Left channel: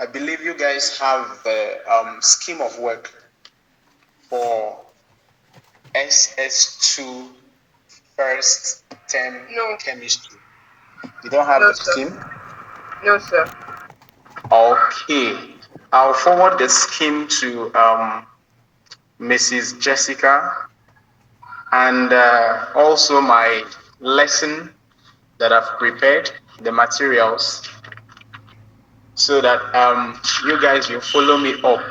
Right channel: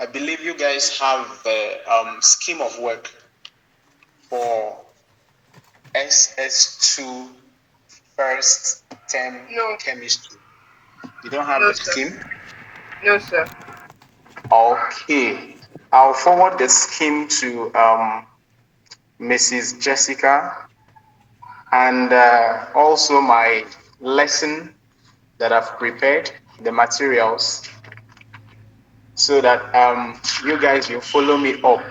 I believe you guys have the scheme of work for SS2 first term chemistry. You don't have No, the sir. scheme? No, sir. Okay. I'll forward the scheme to Mrs. Jessica, and also my lesson that I've prepared, the materials, so that you guys will follow me up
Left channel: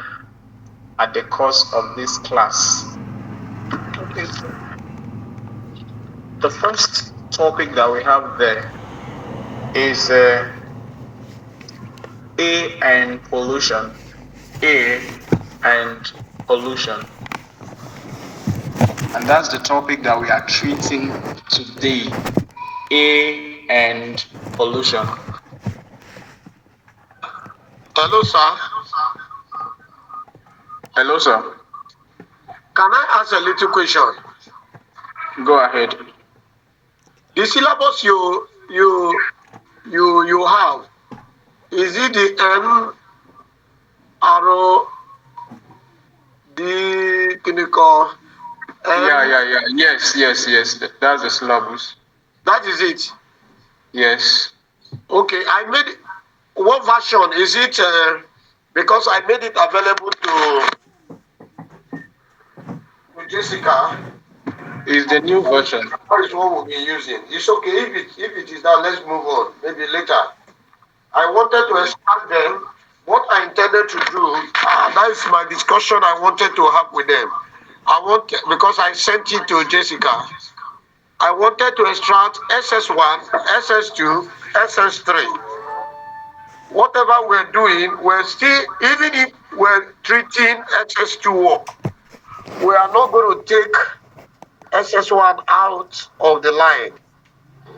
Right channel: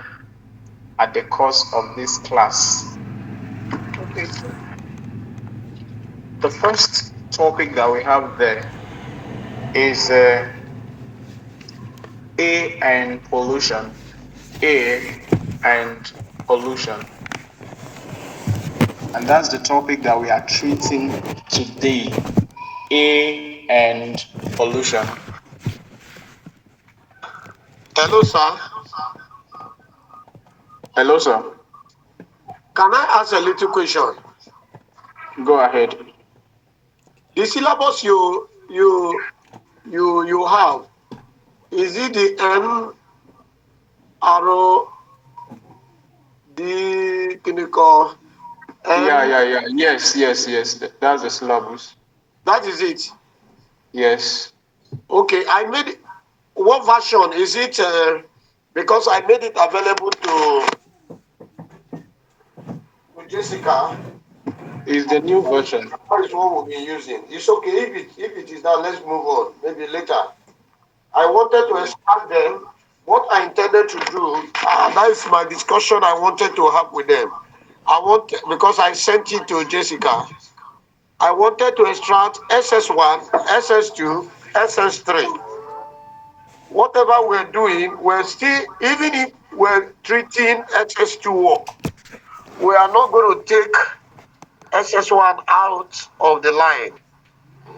at the course of this class. Okay, sir. The first topic that we have there is A and pollution. A and pollution. And that's the topic that we are treating today. A and pollution. Hello, sir. Hello, sir. Can I ask a little question? Go ahead. The syllabus you have, is it the MRO, the clinical? Yeah. Yes. That's the syllabus. That is it. Yes. Okay, I made what version is it? Because I made it available to Jessica. It's the new version. That is what we'll be using. It's okay if it is now. Let's move on. Maybe later. I wanted to extract them. What I intended to do, that is my discussion I wanted to have with them. Because I sent it to Jessica. I wanted to extract SS1, SS2, SS3. Whatever we're doing, we're still, even if we're treating SS2 work, we are not going to take SS1 out of the line.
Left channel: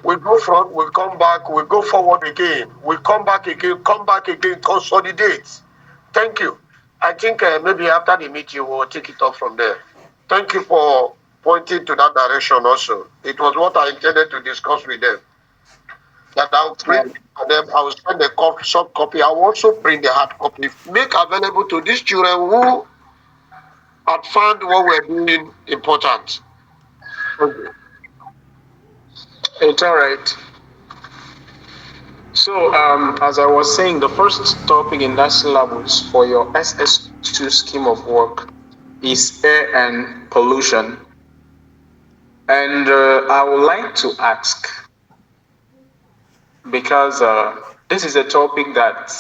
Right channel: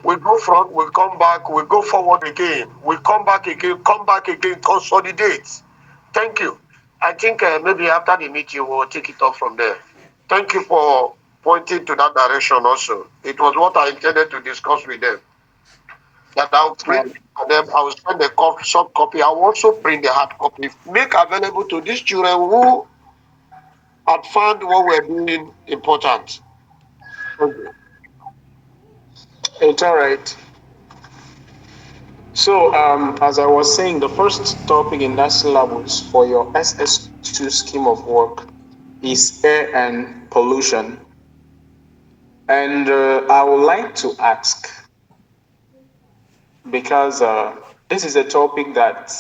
We go front, we come back, we go forward again, we come back again, consolidate. Thank you. I think maybe after the meeting, we'll take it up from there. Thank you for pointing to that direction also. It was what I intended to discuss with them. That I'll print for them, I will send the soft copy. I will also print the hard copy, make available to these children who had found what we're doing important. Okay. It's all right. So, as I was saying, the first topic in that syllabus for your SS2 scheme of work is air and pollution. And I would like to ask, because this is a topic that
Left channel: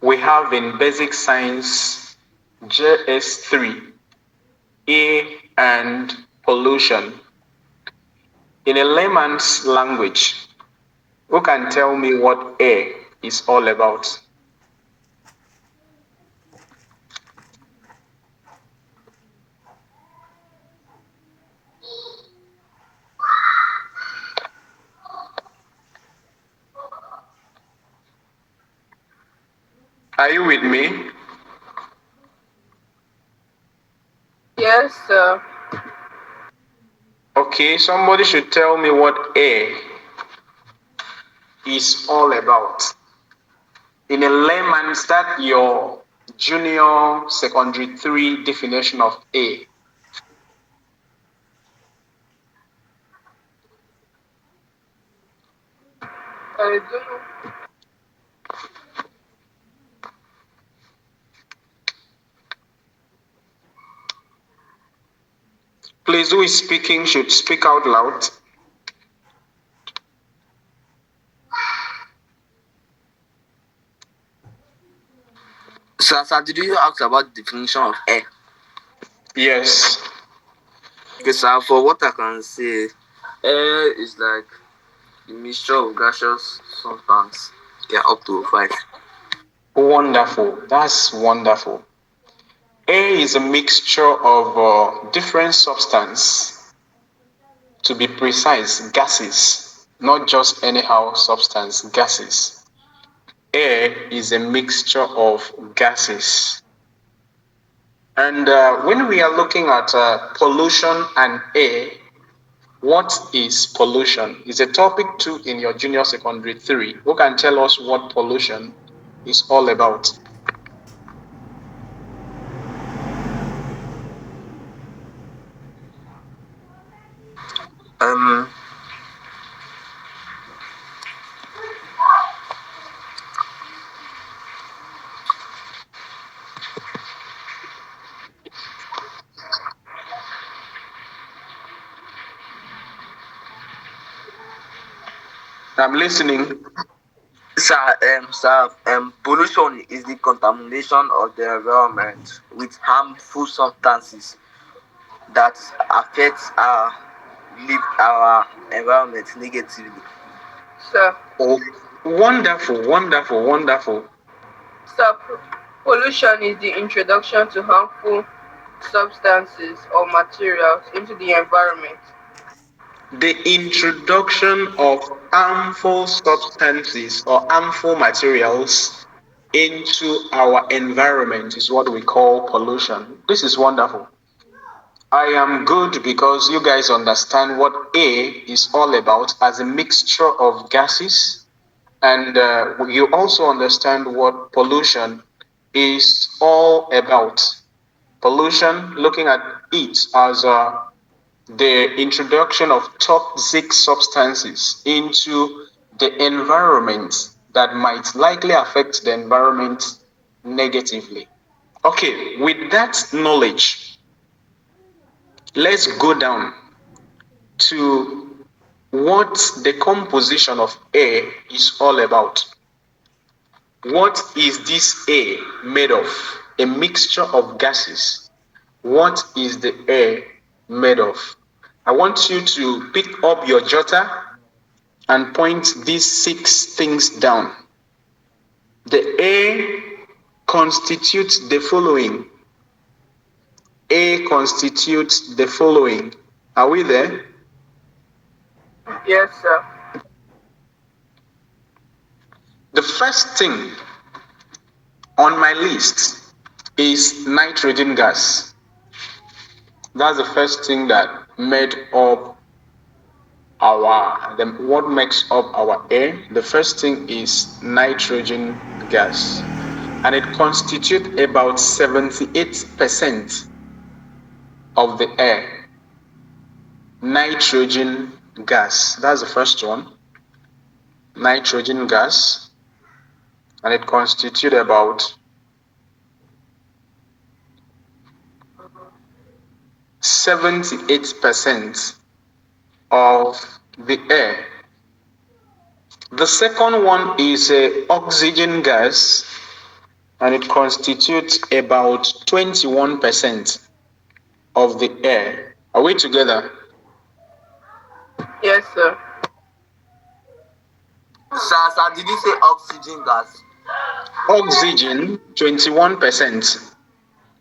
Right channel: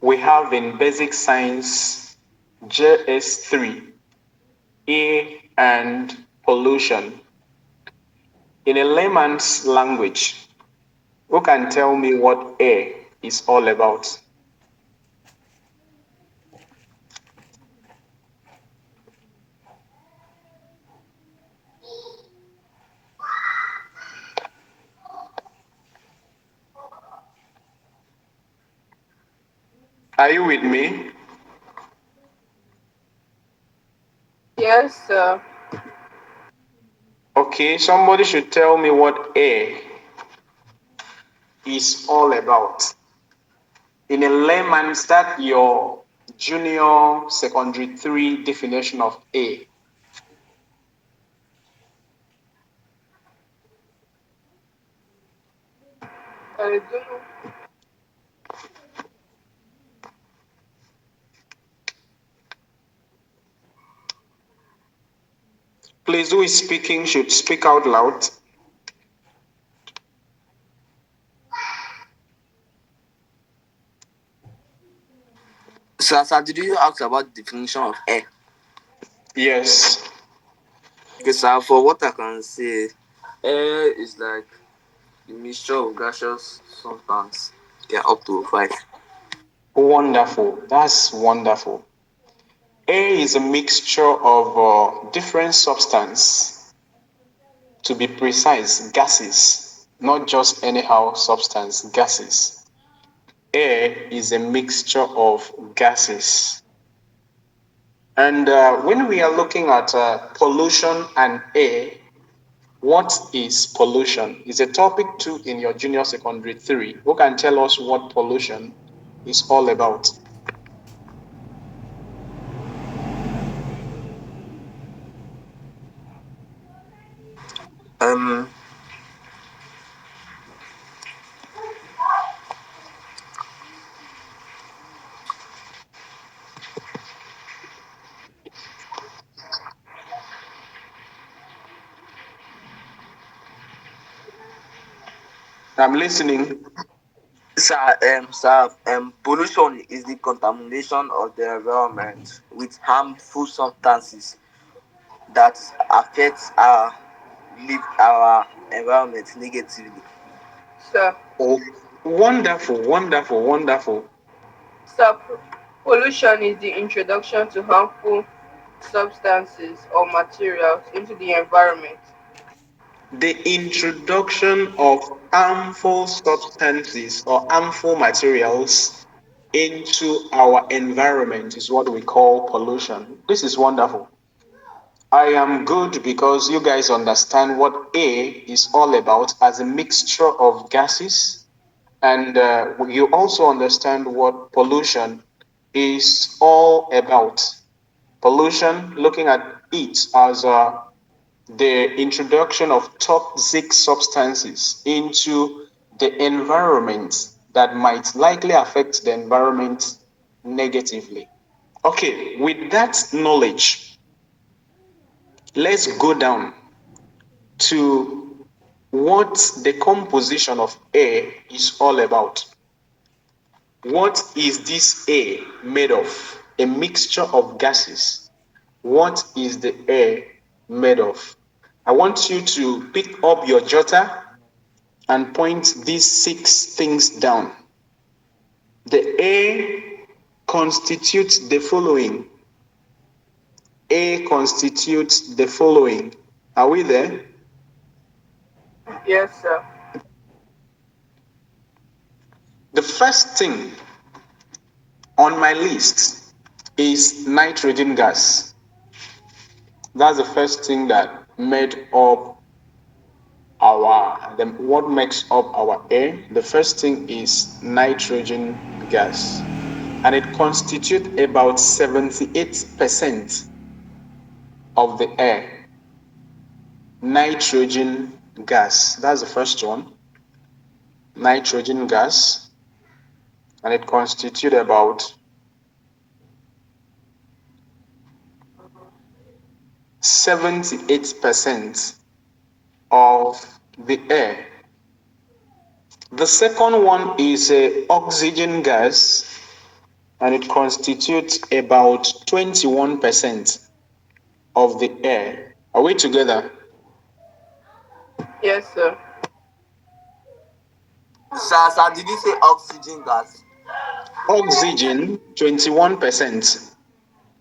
we have in basic science JS3, air and pollution. In a layman's language, who can tell me what air is all about? Are you with me? Yes, sir. Okay, somebody should tell me what air is all about. In a layman's, that your junior secondary 3 definition of air. I don't know. Please, who is speaking should speak out loud. Sir, did you ask about the definition of air? Yes. Okay, sir, for what I can say, air is like a mixture of gaseous substance. Yeah, up to 5. Wonderful. That's wonderful. Air is a mixture of different substance. To be precise, gases, not just anyhow substance, gases. Air is a mixture of gases. And when we are looking at pollution and air, what is pollution? Is a topic 2 in your junior secondary 3. Who can tell us what pollution is all about? I'm listening. Pollution is the contamination of the environment with harmful substances that affects our environment negatively. Sir. Oh, wonderful, wonderful, wonderful. Sir, pollution is the introduction to harmful substances or materials into the environment. The introduction of harmful substances or harmful materials into our environment is what we call pollution. This is wonderful. I am good because you guys understand what A is all about as a mixture of gases, and you also understand what pollution is all about. Pollution, looking at it as the introduction of toxic substances into the environment that might likely affect the environment negatively. Okay, with that knowledge, let's go down to what the composition of air is all about. What is this air made of? A mixture of gases. What is the air made of? I want you to pick up your jotter and point these 6 things down. The air constitutes the following. A constitutes the following. Are we there? Yes, sir. The first thing on my list is nitrogen gas. That's the first thing that made up what makes up our air. The first thing is nitrogen gas, and it constitutes about 78% of the air. Nitrogen gas, that's the first one. Nitrogen gas, and it constitutes about 78% of the air. The second one is oxygen gas, and it constitutes about 21% of the air. Are we together? Yes, sir. Sir, did you say oxygen gas? Oxygen 21%,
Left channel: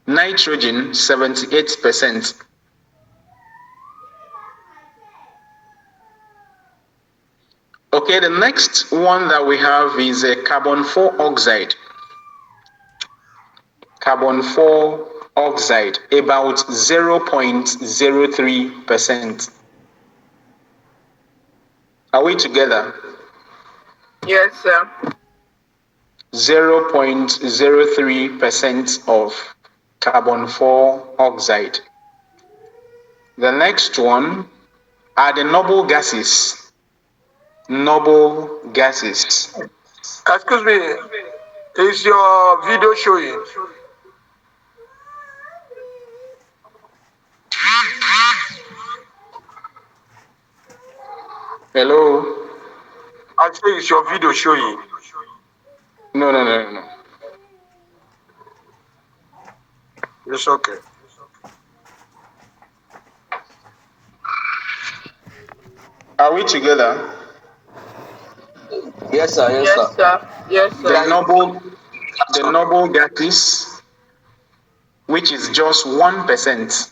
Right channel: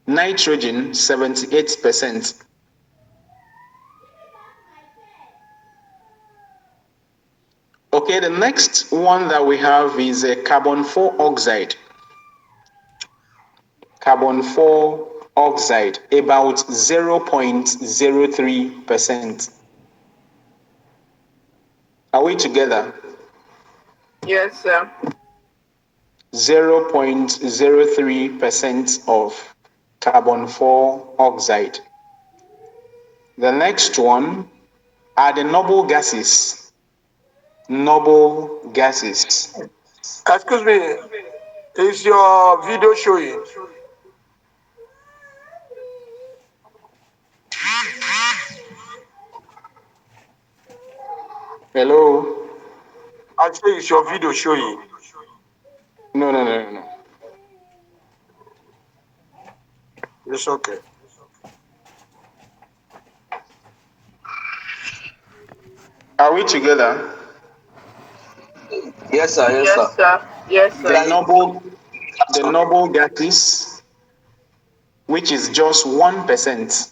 nitrogen 78%. Okay, the next one that we have is a carbon 4 oxide. Carbon 4 oxide, about 0.03%. Are we together? Yes, sir. 0.03% of carbon 4 oxide. The next one are the noble gases. Noble gases. Excuse me, is your video showing? Hello? I say, is your video showing? No. It's okay. Are we together? Yes, sir. Yes, sir. Yes, The sir. noble gases, which is just 1%.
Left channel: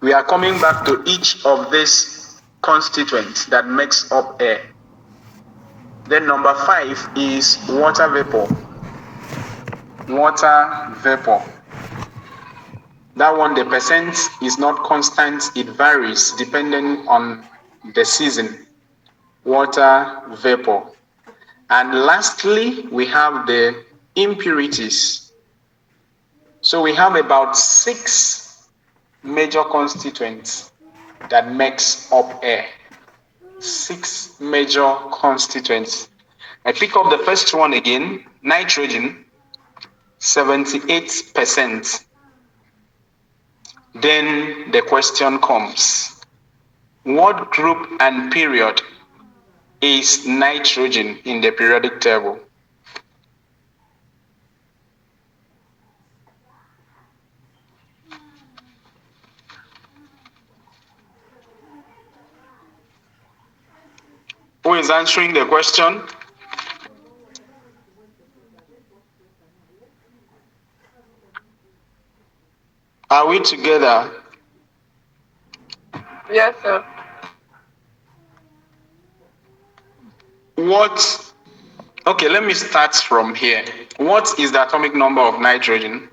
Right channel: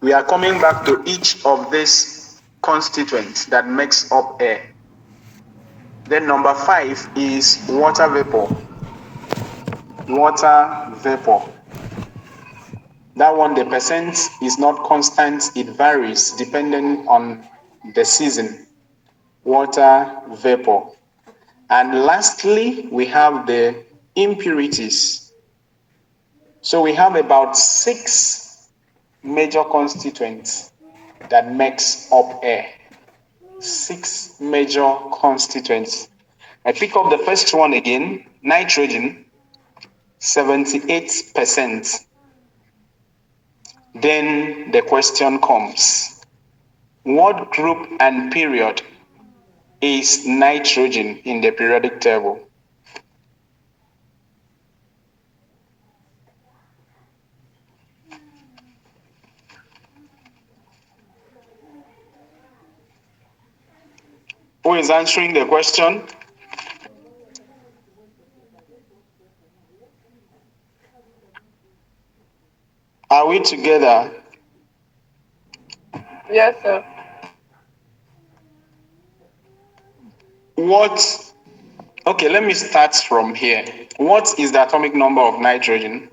We are coming back to each of these constituents that makes up air. Then number 5 is water vapor. Water vapor. That one, the percent is not constant, it varies depending on the season. Water vapor. And lastly, we have the impurities. So we have about 6 major constituents that makes up air. 6 major constituents. I pick up the first one again, nitrogen, 78%. Then the question comes, what group and period is nitrogen in the periodic table? Who is answering the question? Are we together? Yes, sir. Okay, let me start from here. What is the atomic number of nitrogen?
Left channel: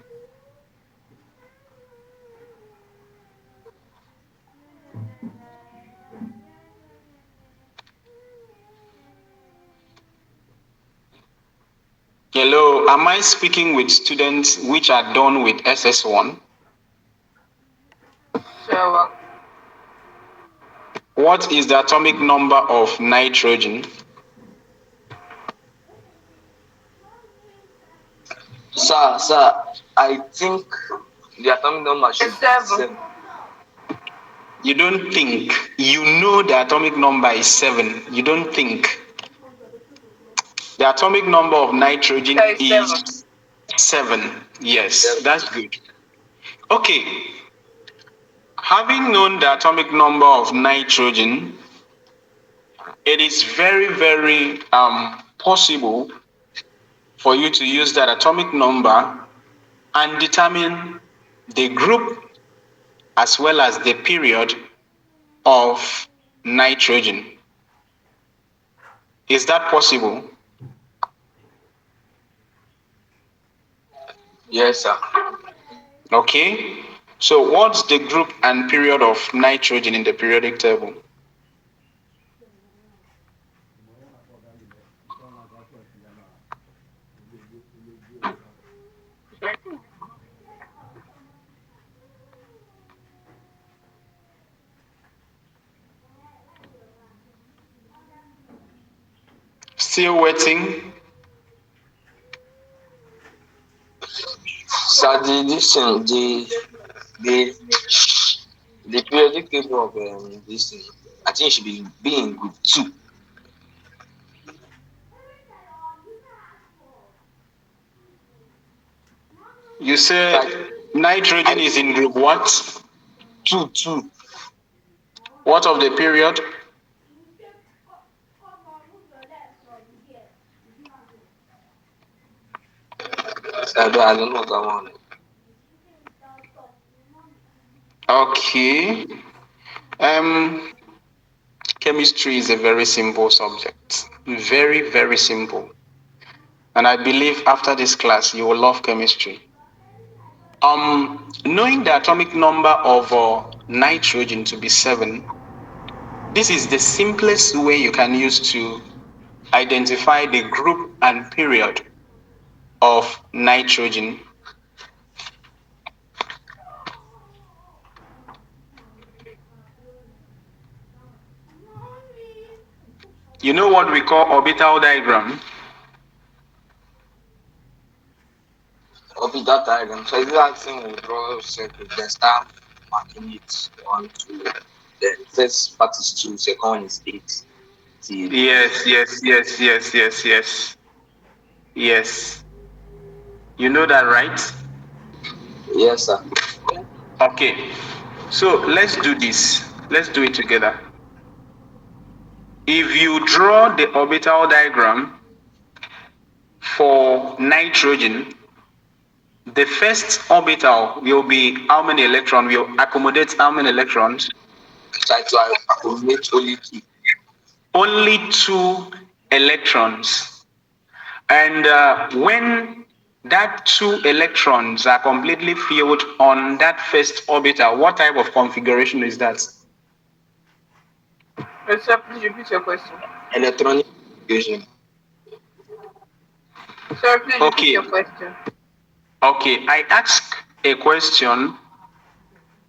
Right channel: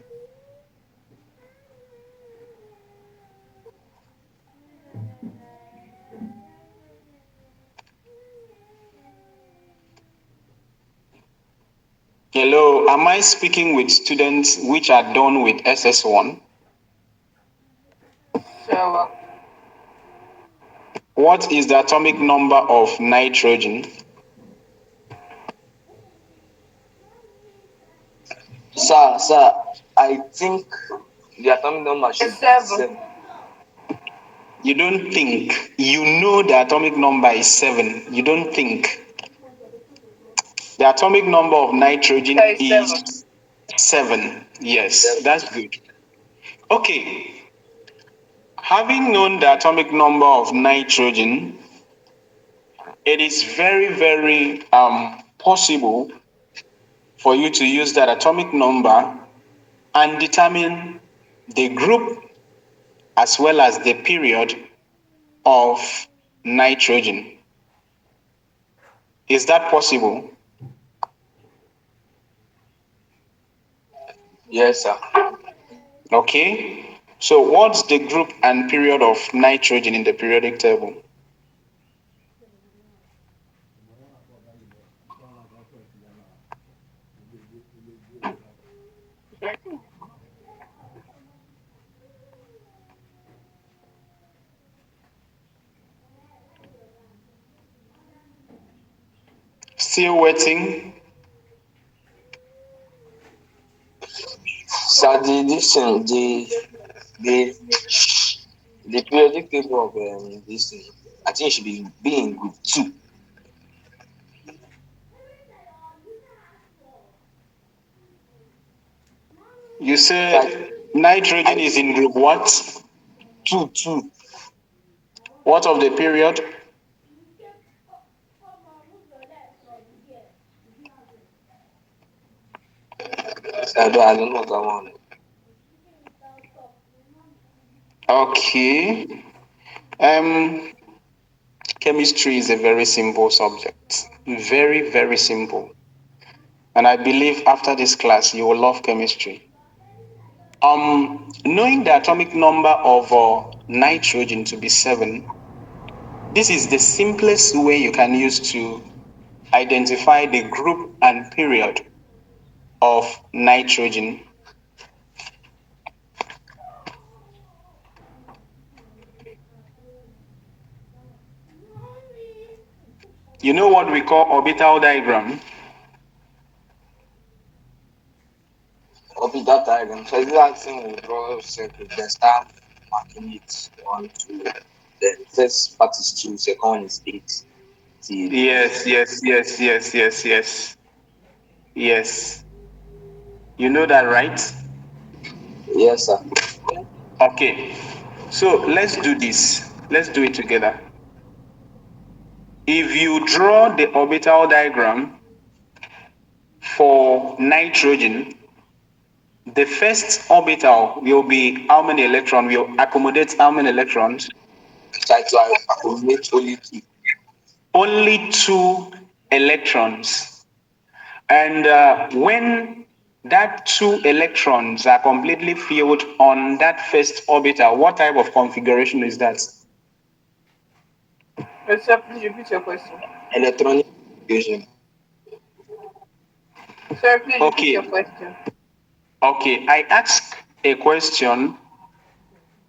Hello, am I speaking with students which are done with SS1? Sure. What is the atomic number of nitrogen? Sir, I think the atomic number should be 7. You don't think. You know the atomic number is 7. You don't think. The atomic number of nitrogen is 7. Yes, that's good. Okay. Having known the atomic number of nitrogen, it is very, very possible for you to use that atomic number and determine the group as well as the period of nitrogen. Is that possible? Yes, sir. Okay. So what's the group and period of nitrogen in the periodic table? Still waiting? Sir, the periodic table of this thing, I think it should be in group 2. You said nitrogen is in group what? 2. What of the period? I don't know that one. Okay. Chemistry is a very simple subject. Very, very simple. And I believe after this class, you will love chemistry. Knowing the atomic number of nitrogen to be 7, this is the simplest way you can use to identify the group and period of nitrogen. You know what we call orbital diagram? Orbital diagram. So it's like saying we draw a circle, then start marking it 1, 2. Then first part is 2, second one is 8. Yes. Yes. You know that, right? Yes, sir. Okay. So let's do this. Let's do it together. If you draw the orbital diagram for nitrogen, the first orbital will be how many electrons? Will accommodate how many electrons? Try to accommodate only 2. Only 2 electrons. And when that 2 electrons are completely filled on that first orbital, what type of configuration is that? Sir, please repeat your question. Electronic configuration. Sir, please repeat Okay. your question. Okay, I ask a question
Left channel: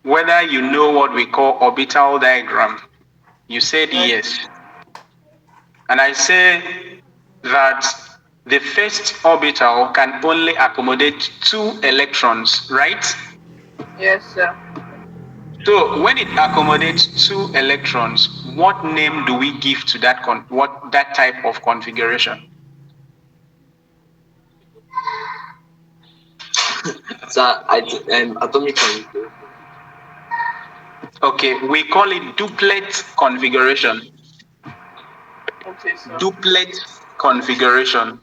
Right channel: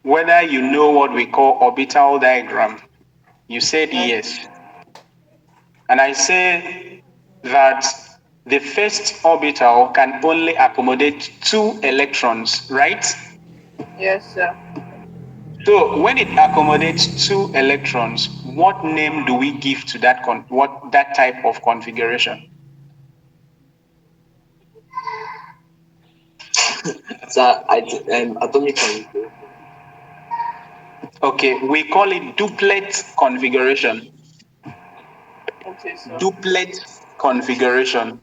whether you know what we call orbital diagram. You said yes. And I say that the first orbital can only accommodate 2 electrons, right? Yes, sir. So when it accommodates 2 electrons, what name do we give to that that type of configuration? So atomic configuration. Okay, we call it duplet configuration. Okay, sir. Duplet configuration.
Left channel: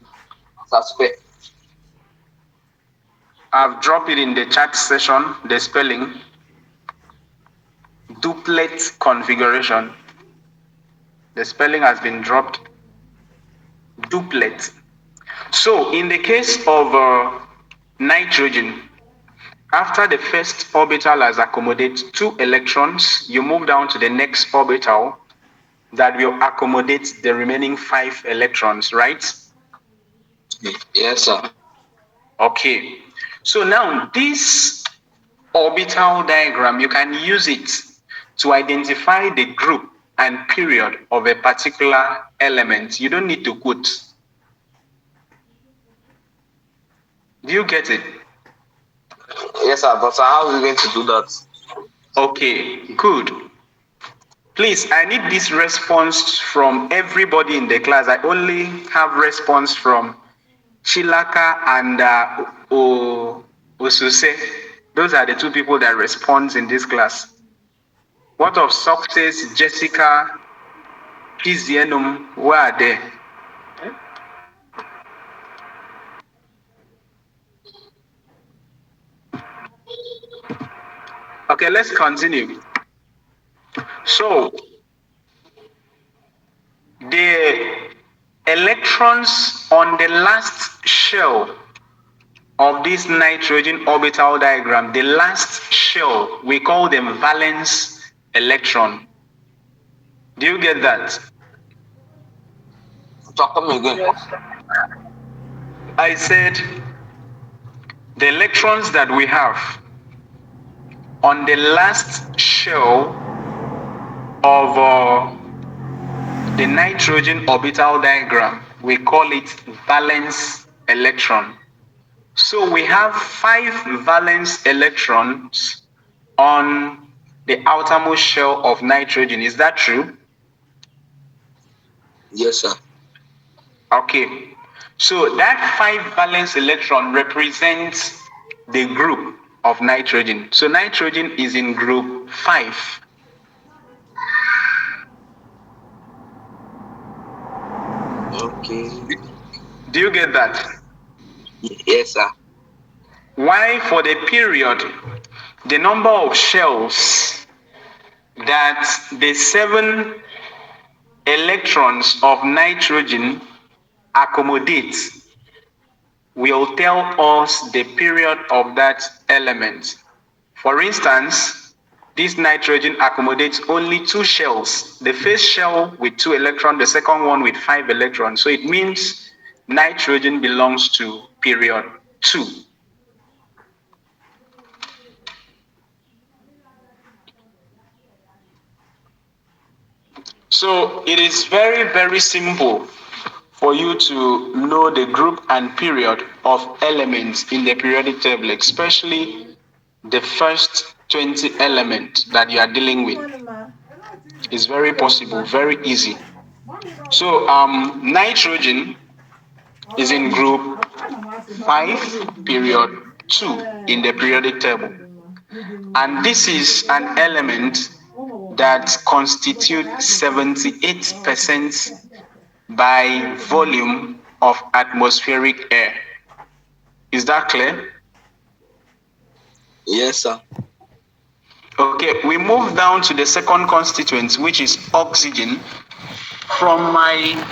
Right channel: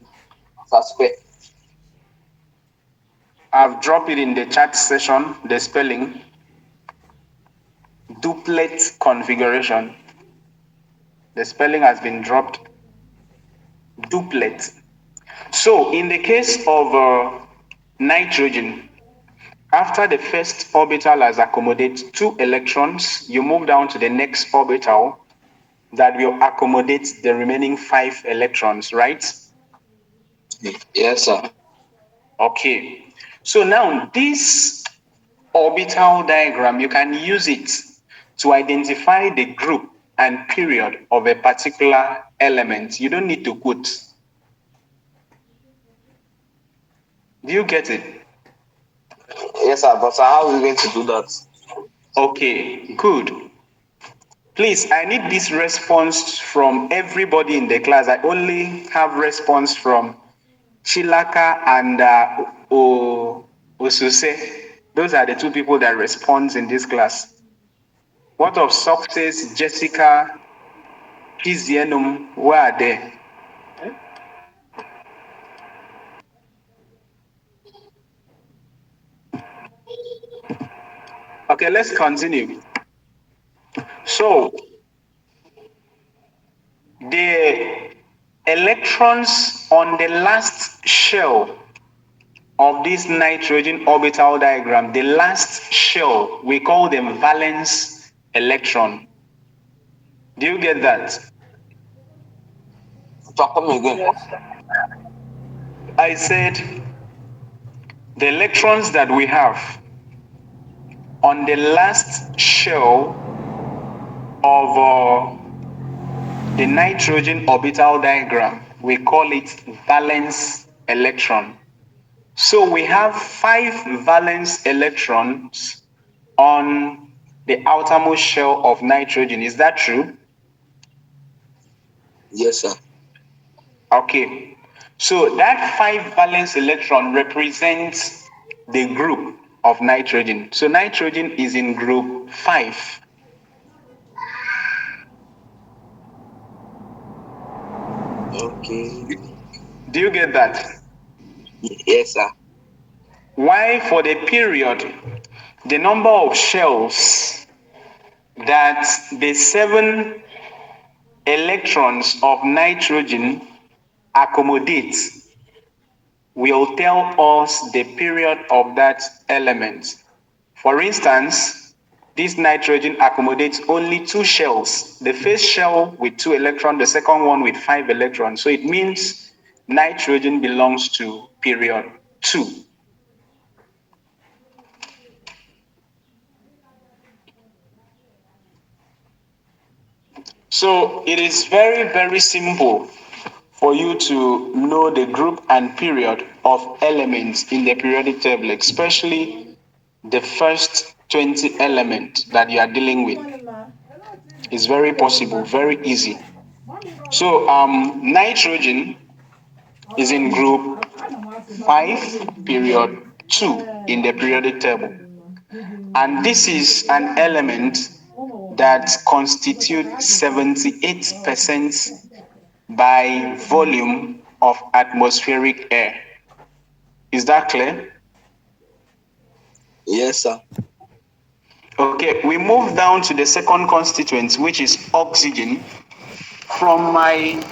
Suspect. I've dropped it in the chat session, the spelling. Duplet configuration. The spelling has been dropped. Duplet. So in the case of nitrogen, after the first orbital has accommodated 2 electrons, you move down to the next orbital that will accommodate the remaining 5 electrons, right? Yes, sir. Okay. So now this orbital diagram, you can use it to identify the group and period of a particular element. You don't need to quote. Do you get it? Yes, sir. But sir, how are we going to do that? Okay, good. Please, I need this response from everybody in the class. I only have response from Chilaka and Osuse. Those are the 2 people that respond in this class. What of Success, Jessica, Kizienum? Where are they? Okay, let's continue. So, the electrons on the last shell of this nitrogen orbital diagram, the last shell, we call them valence electron. Do you get that? Come again. Yes, sir. I said the electrons that we have on the last shell of the nitrogen orbital diagram, we call it valence electron. So we have 5 valence electrons on the outermost shell of nitrogen. Is that true? Yes, sir. Okay. So that 5 valence electron represents the group of nitrogen. So nitrogen is in group 5. Okay. Do you get that? Yes, sir. Why, for the period, the number of shells that the 7 electrons of nitrogen accommodate will tell us the period of that element. For instance, this nitrogen accommodates only 2 shells. The first shell with 2 electrons, the second one with 5 electrons. So it means nitrogen belongs to period 2. So it is very, very simple for you to know the group and period of elements in the periodic table, especially the first 20 elements that you are dealing with. It's very possible, very easy. So nitrogen is in group 5, period 2 in the periodic table. And this is an element that constitutes 78% by volume of atmospheric air. Is that clear? Yes, sir. Okay, we move down to the second constituent, which is oxygen. From my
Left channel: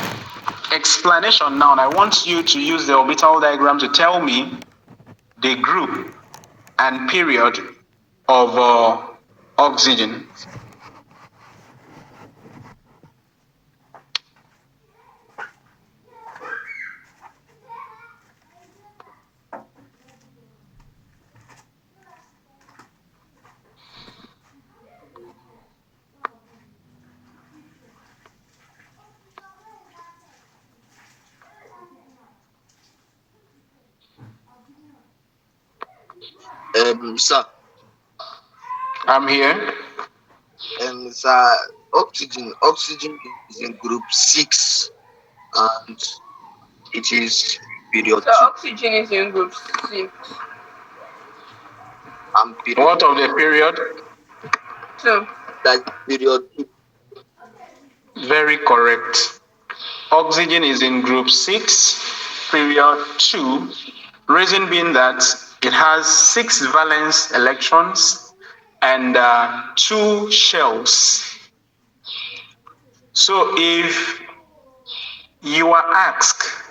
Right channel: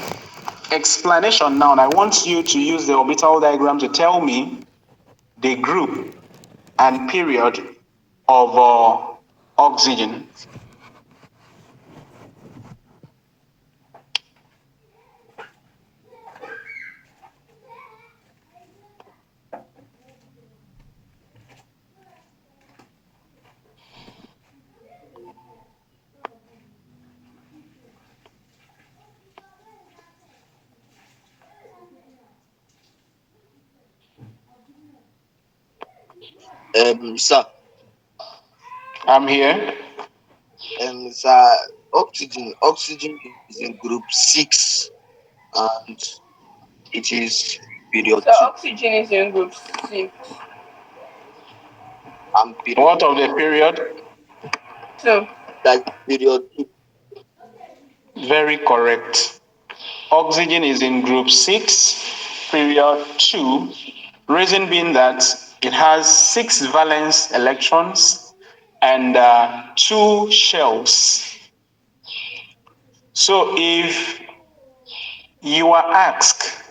explanation now, I want you to use the orbital diagram to tell me the group and period of oxygen. Sir. I'm here. Sir, oxygen is in group 6, and it is period So 2. oxygen is in group 6. And period What of the period? 2. Like period 2. Very correct. Oxygen is in group 6, period 2. Reason being that it has 6 valence electrons and 2 shells. So if you are asked,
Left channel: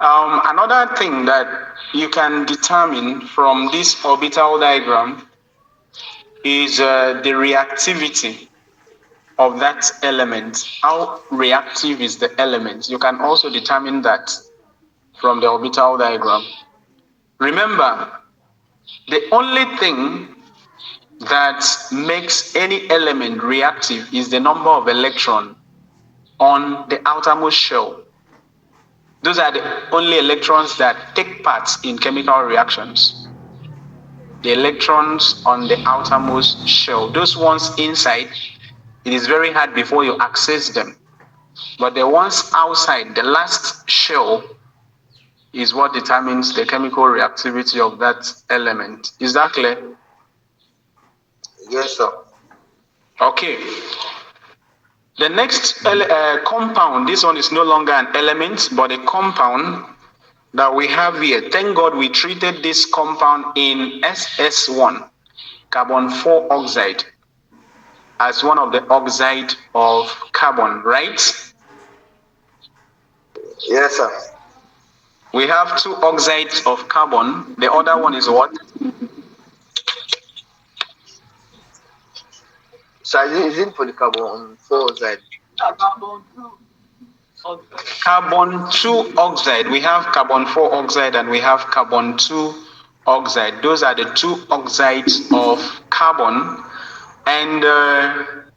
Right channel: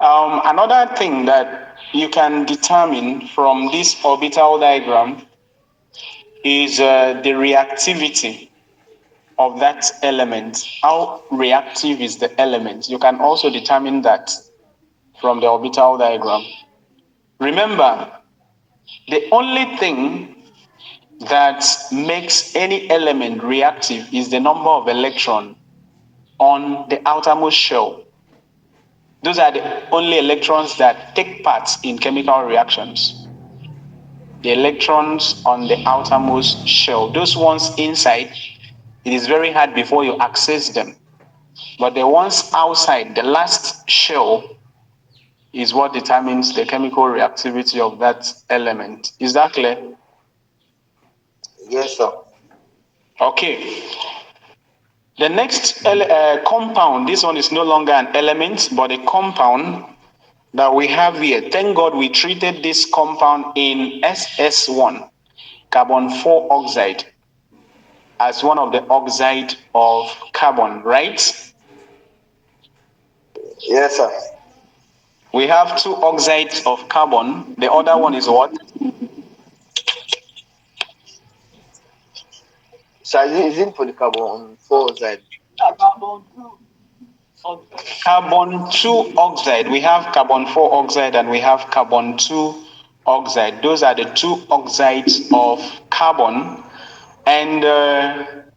another thing that you can determine from this orbital diagram is the reactivity of that element. How reactive is the element? You can also determine that from the orbital diagram. Remember, the only thing that makes any element reactive is the number of electrons on the outermost shell. Those are the only electrons that take part in chemical reactions. The electrons on the outermost shell. Those ones inside, it is very hard before you access them. But the ones outside, the last shell, is what determines the chemical reactivity of that element. Is that clear? Yes, sir. Okay. The next compound, this one is no longer an element, but a compound that we have here. Thank God we treated this compound in SS1, carbon 4 oxide, as one of the oxide of carbon, right? Yes, sir. We have 2 oxides of carbon. The other one is what? So is it for the carbon 4 oxide? Carbon 2 oxide. We have carbon 4 oxide and we have carbon 2 oxide. Those are the 2 oxides of carbon. And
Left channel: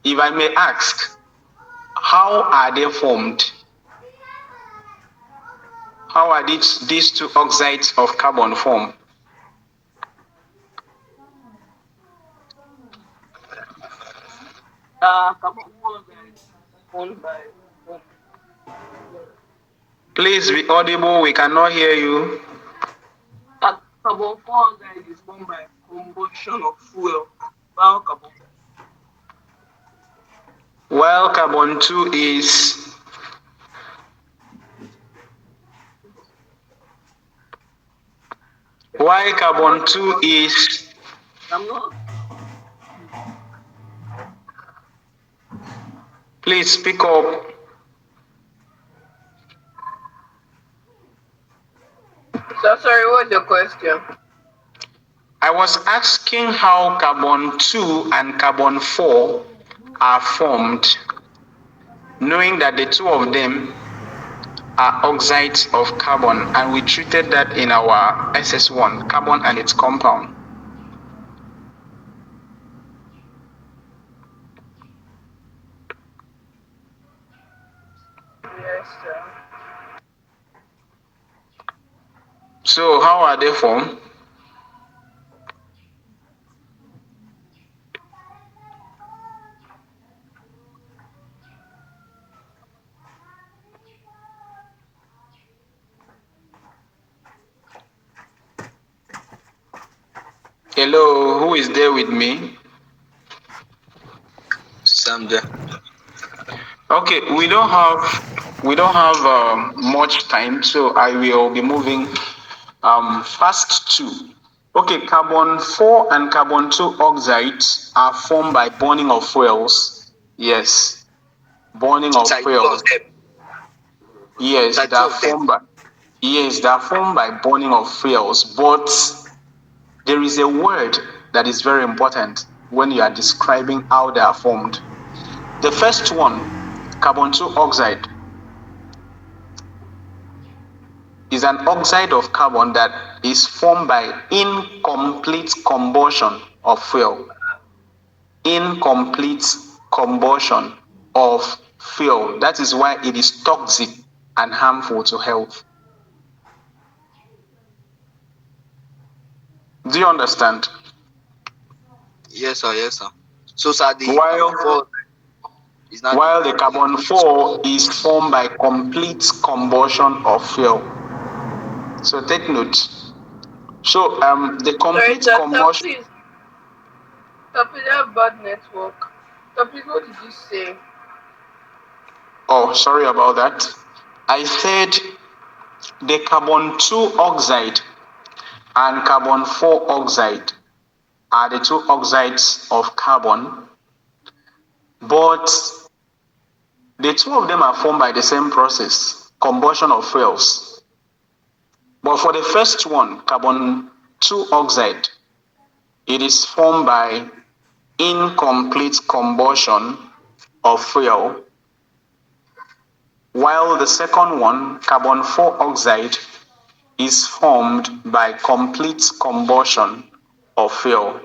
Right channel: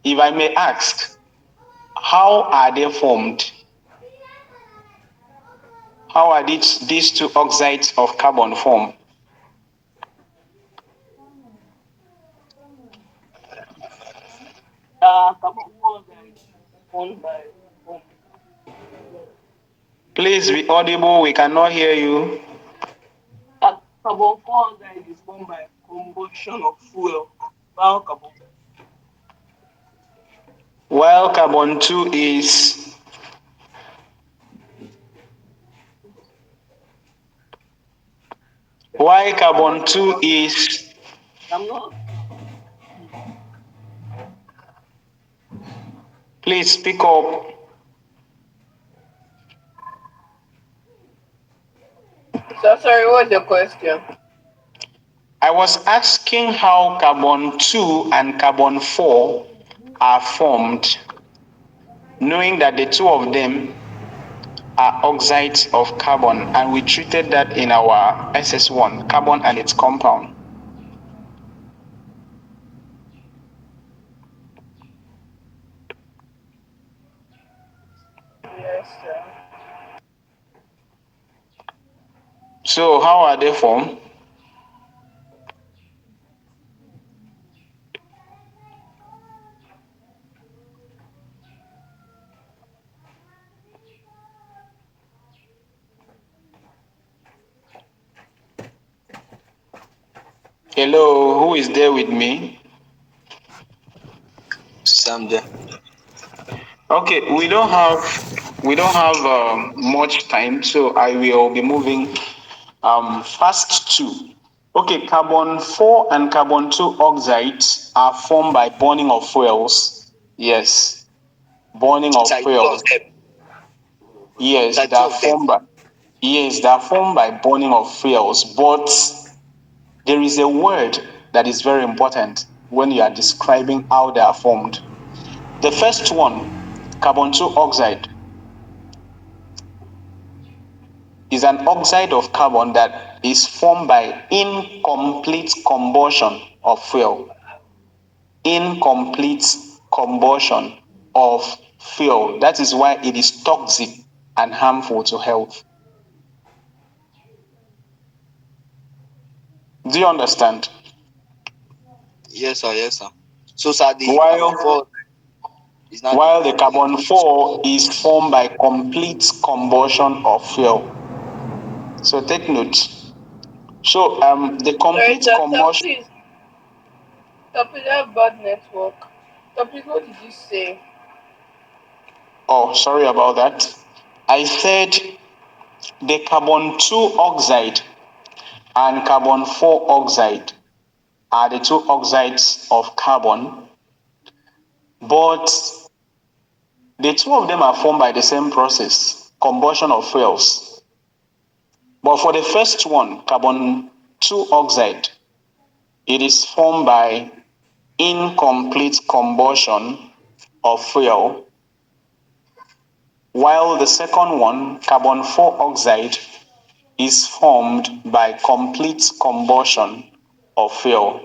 if I may ask, how are they formed? How are these 2 oxides of carbon formed? Carbon monoxide formed by foam. Please be audible. We cannot hear you. Carbon monoxide is formed by combustion of fuel. While carbon 2 is why carbon 2 is I'm not. Please speak up. So sorry, what's your question? I was asking how carbon 2 and carbon 4 are formed, knowing that the 2 of them are oxides of carbon, and we treated that in our SS1, carbon and its compound. Yes, sir. So how are they formed? Hello, who is there with me? Sam there. Okay, we don't have much time, so I will be moving fast too. Okay, carbon 4 and carbon 2 oxides are formed by burning of fuels. Yes, burning of fuels. Yes, they are formed by burning of fuels. But there is a word that is very important when you are describing how they are formed. The first one, carbon 2 oxide, is an oxide of carbon that is formed by incomplete combustion of fuel. Incomplete combustion of fuel. That is why it is toxic and harmful to health. Do you understand? Yes, sir. Yes, sir. So, sir, the While carbon 4 is not the. while the carbon 4 is formed by complete combustion of fuel. So take note. So the Sorry, complete sir, combustion. please. Sir, please, I have bad network. Sir, please, what did you say? Oh, sorry about that. I said the carbon 2 oxide and carbon 4 oxide are the two oxides of carbon, but the two of them are formed by the same process, combustion of fuels. But for the first one, carbon 2 oxide, it is formed by incomplete combustion of fuel, while the second one, carbon 4 oxide, is formed by complete combustion of fuel.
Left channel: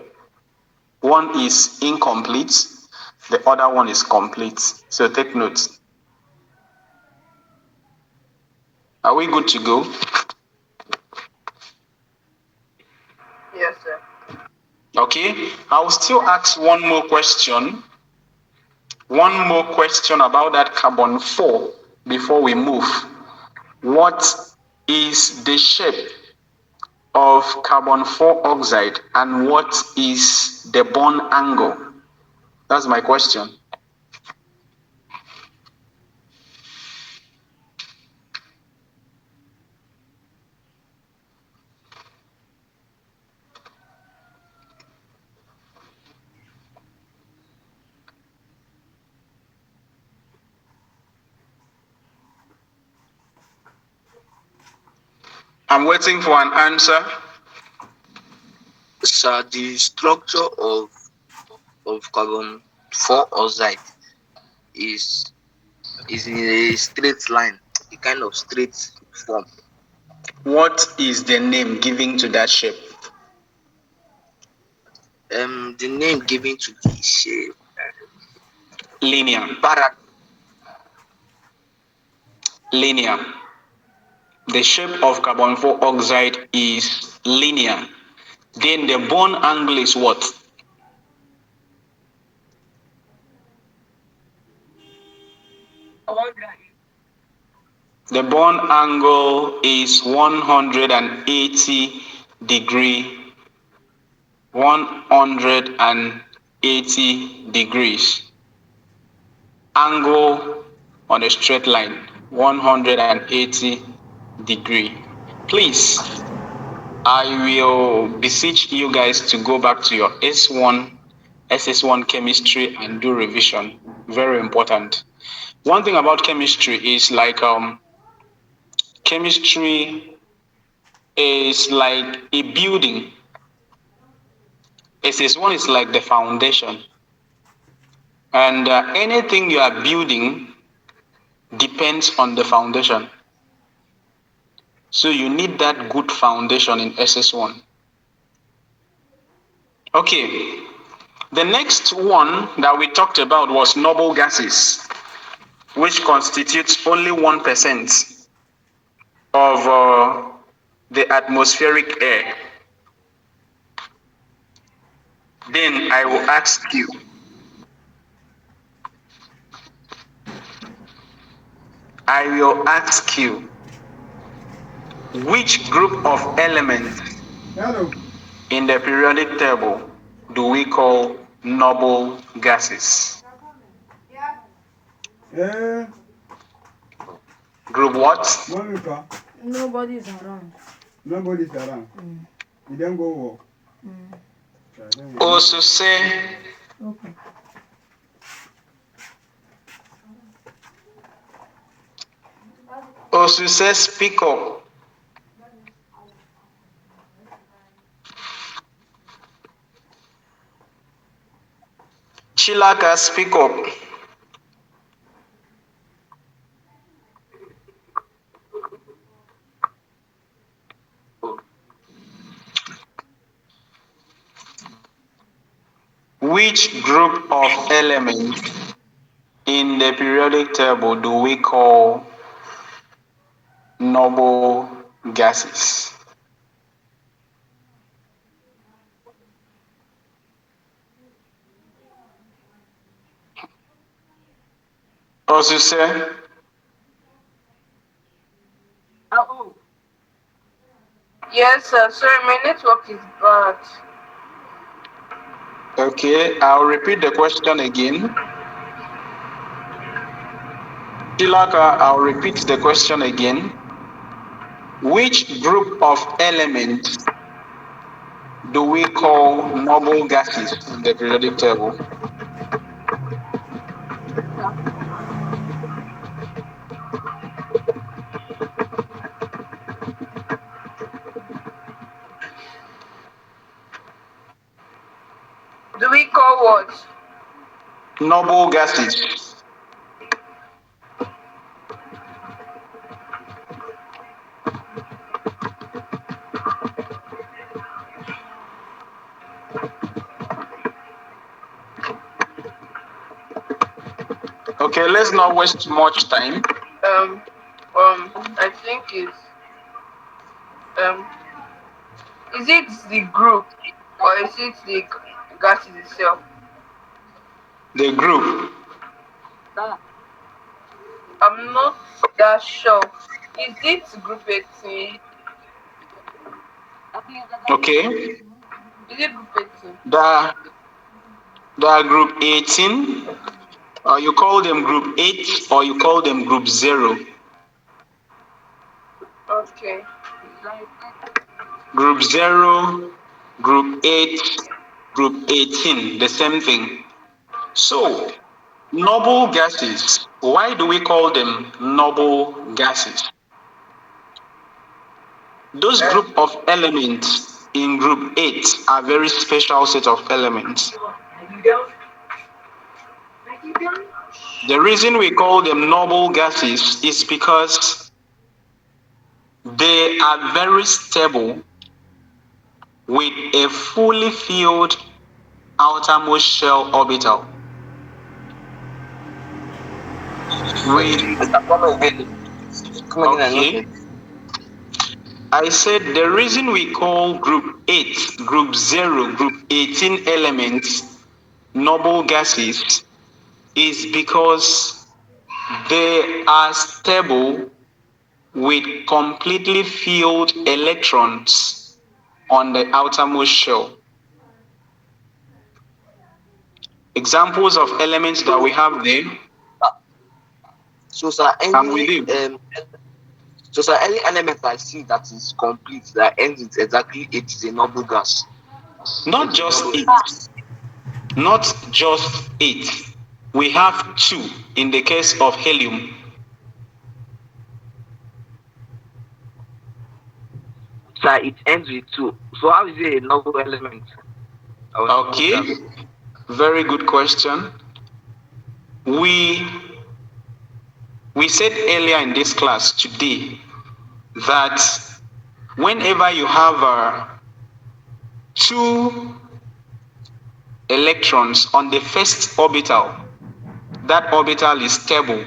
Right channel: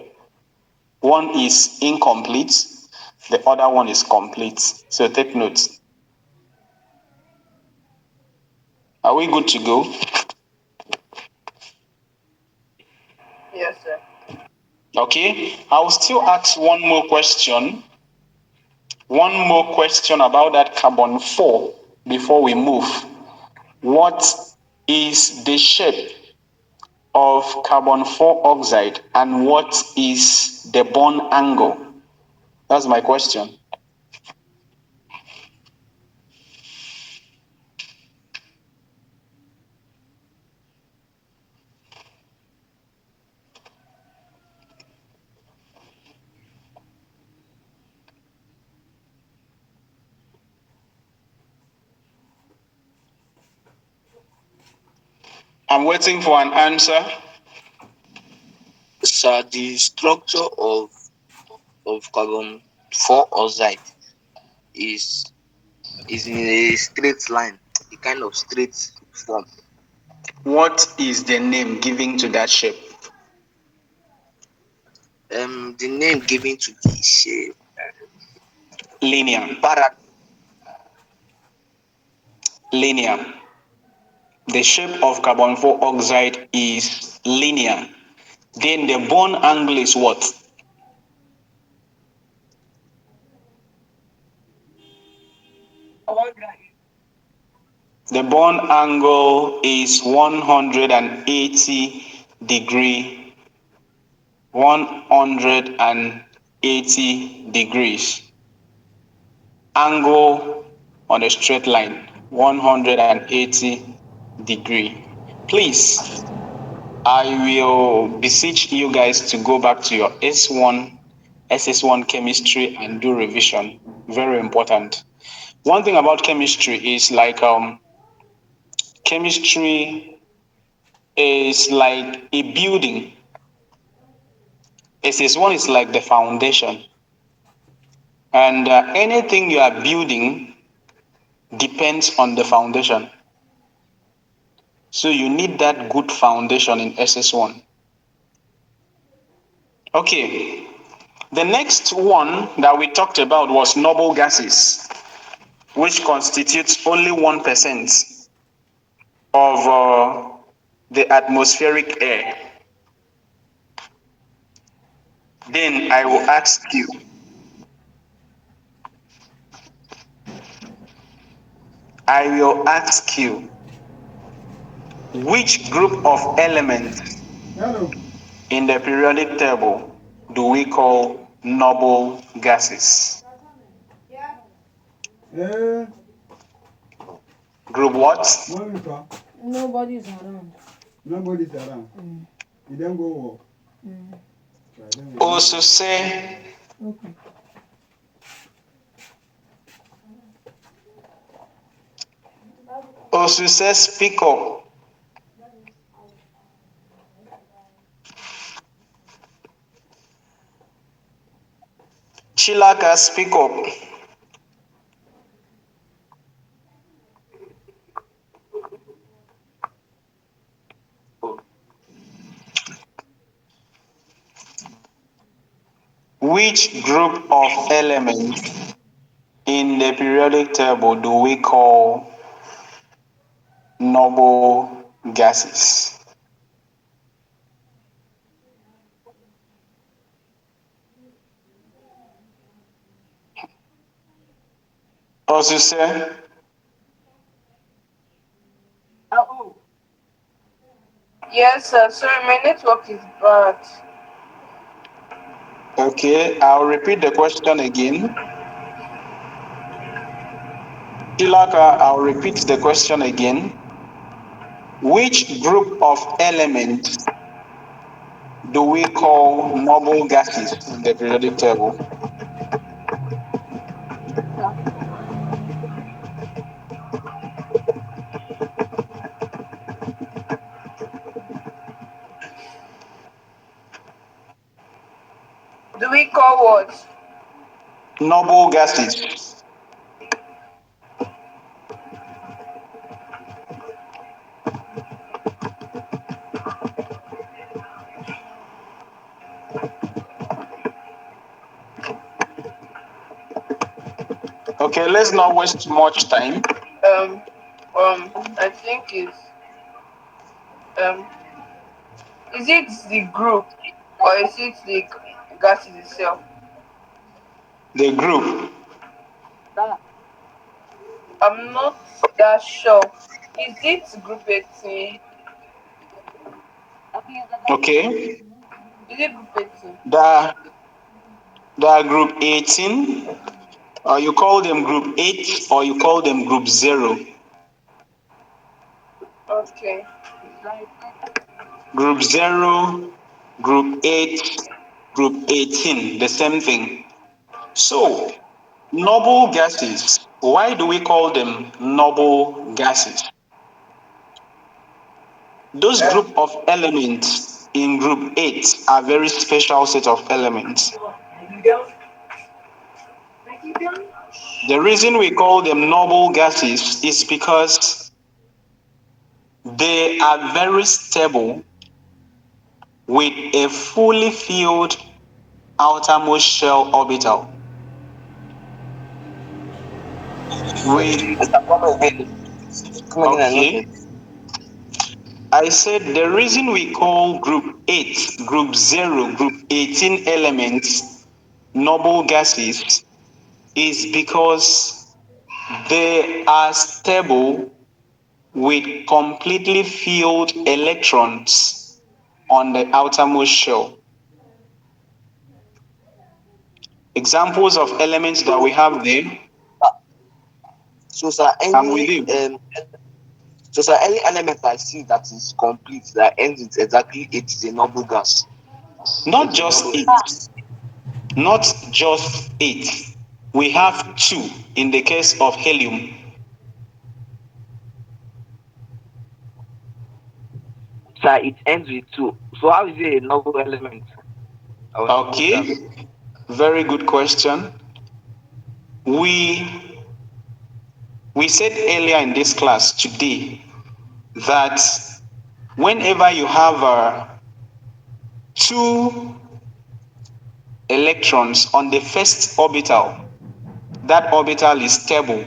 One is incomplete, the other one is complete. So take note. Are we good to go? Yes, sir. Okay, I'll still ask one more question. One more question about that carbon 4 before we move. What is the shape of carbon 4 oxide and what is the bond angle? That's my question. I'm waiting for an answer. Sir, the structure of carbon 4 oxide is in a straight line, a kind of straight form. What is the name given to that shape? The name given to the shape, Linear. Linear. The shape of carbon 4 oxide is linear. Then the bond angle is what? The bond angle is 180 degree. 180 degrees. Angle on a straight line, 180 degree. Please, I will beseech you guys to go back to your S1, SS1 chemistry and do revision. Very important. One thing about chemistry is like chemistry is like a building. SS1 is like the foundation. And anything you are building depends on the foundation. So you need that good foundation in SS1. Okay, the next one that we talked about was noble gases, which constitutes only 1% of the atmospheric air. Then I will ask you, which group of elements in the periodic table do we call noble gases? Group what? Nobody's around. Nobody's around. You don't go walk. Also say, Okay. speak up. Chilaka, speak up. Which group of elements in the periodic table do we call noble gases? Osise, Oh, Yes, sir. Sorry, my network is bad. okay, I'll repeat the question again. Tilaka, I'll repeat the question again. Which group of elements do we call noble gases in the periodic table? Do we call what? Noble gases. Okay, let's not waste much time. I think is it the group or is it the gases itself? The group. I'm not that sure. Is it group 18? Okay. Is it group 18? The group 18, or you call them group 8, or you call them group 0. Okay. Group 0, group 8, group 18, the same thing. So, noble gases, why do we call them noble gases? Those group of elements in group 8 are very special set of elements. The reason we call them noble gases is because they are very stable with a fully filled outermost shell orbital. Okay. I said the reason we call group 8, group 0, group 18 elements noble gases is because they are stable with completely filled electrons on the outermost shell. Examples of elements that we have there. So, sir, any element I see that is complete, that ends with exactly 8 is a noble gas. Not just 8. Not just 8. We have 2 in the case of helium. Sir, it ends with 2. So how is it a noble element? Okay, very good question. We said earlier in this class today that whenever you have 2 electrons on the first orbital, that orbital is stable.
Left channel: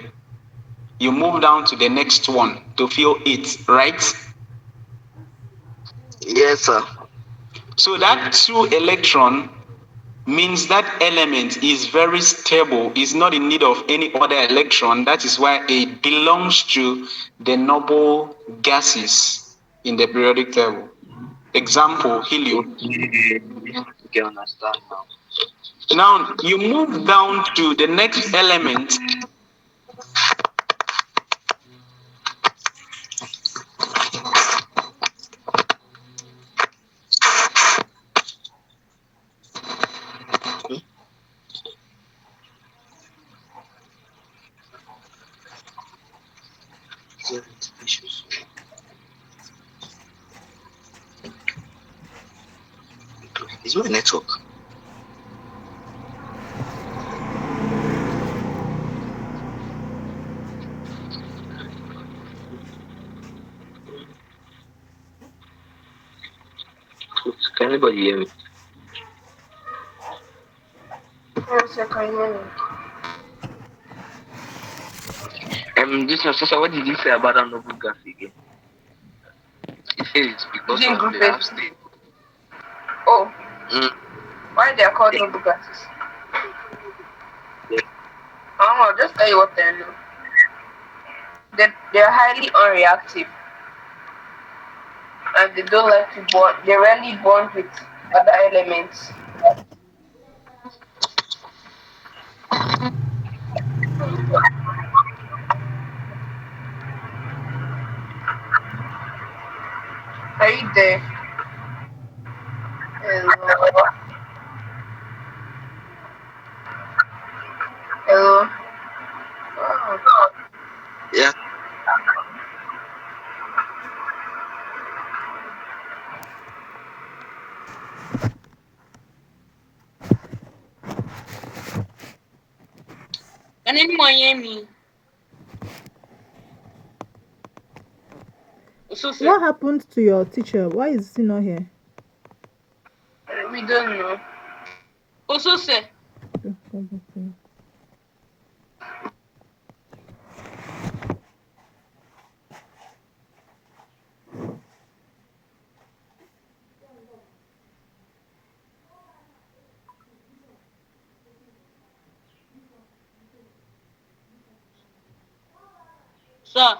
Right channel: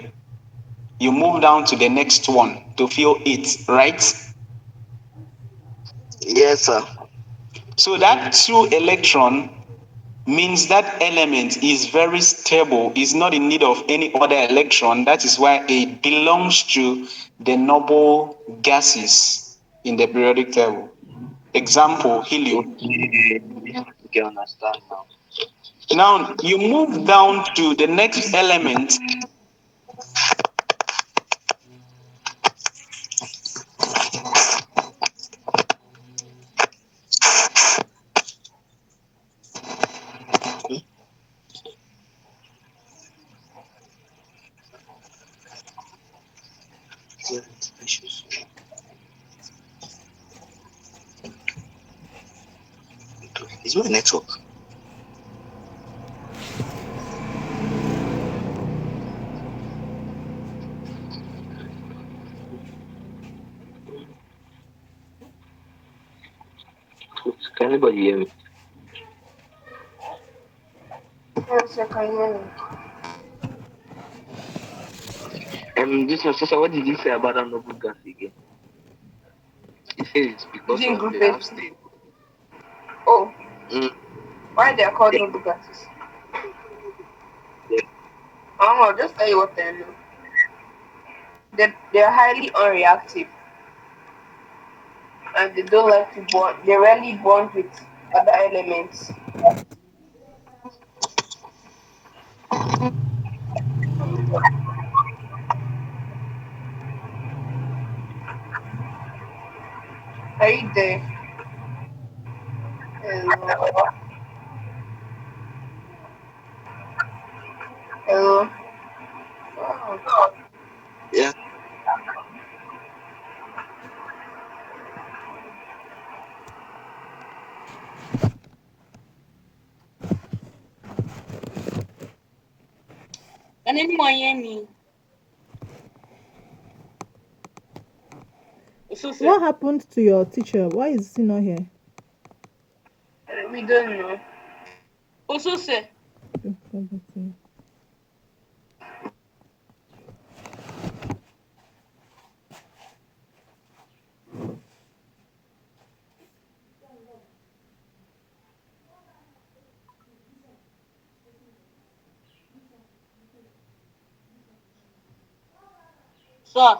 You move down to the next one to fill it, right? Yes, sir. So that 2 electron means that element is very stable, is not in need of any other electron. That is why it belongs to the noble gases in the periodic table. Example, helium. You can understand now. Now you move down to the next element. It's my network. Can anybody hear me? Yes, I can hear you. This is so what did you say about that noble gas again? It says it's because Is it of group the 18? Oh, Mm. why they are called noble gases? Yeah. I'll just tell you what I know. They're highly unreactive and they don't like to bond. They rarely bond with other elements. Are you there? Hello? Hello? Oh. Yeah. Can anyone hear me? What happened to your teacher? Why is he not here? We don't know. Also, sir. Sir.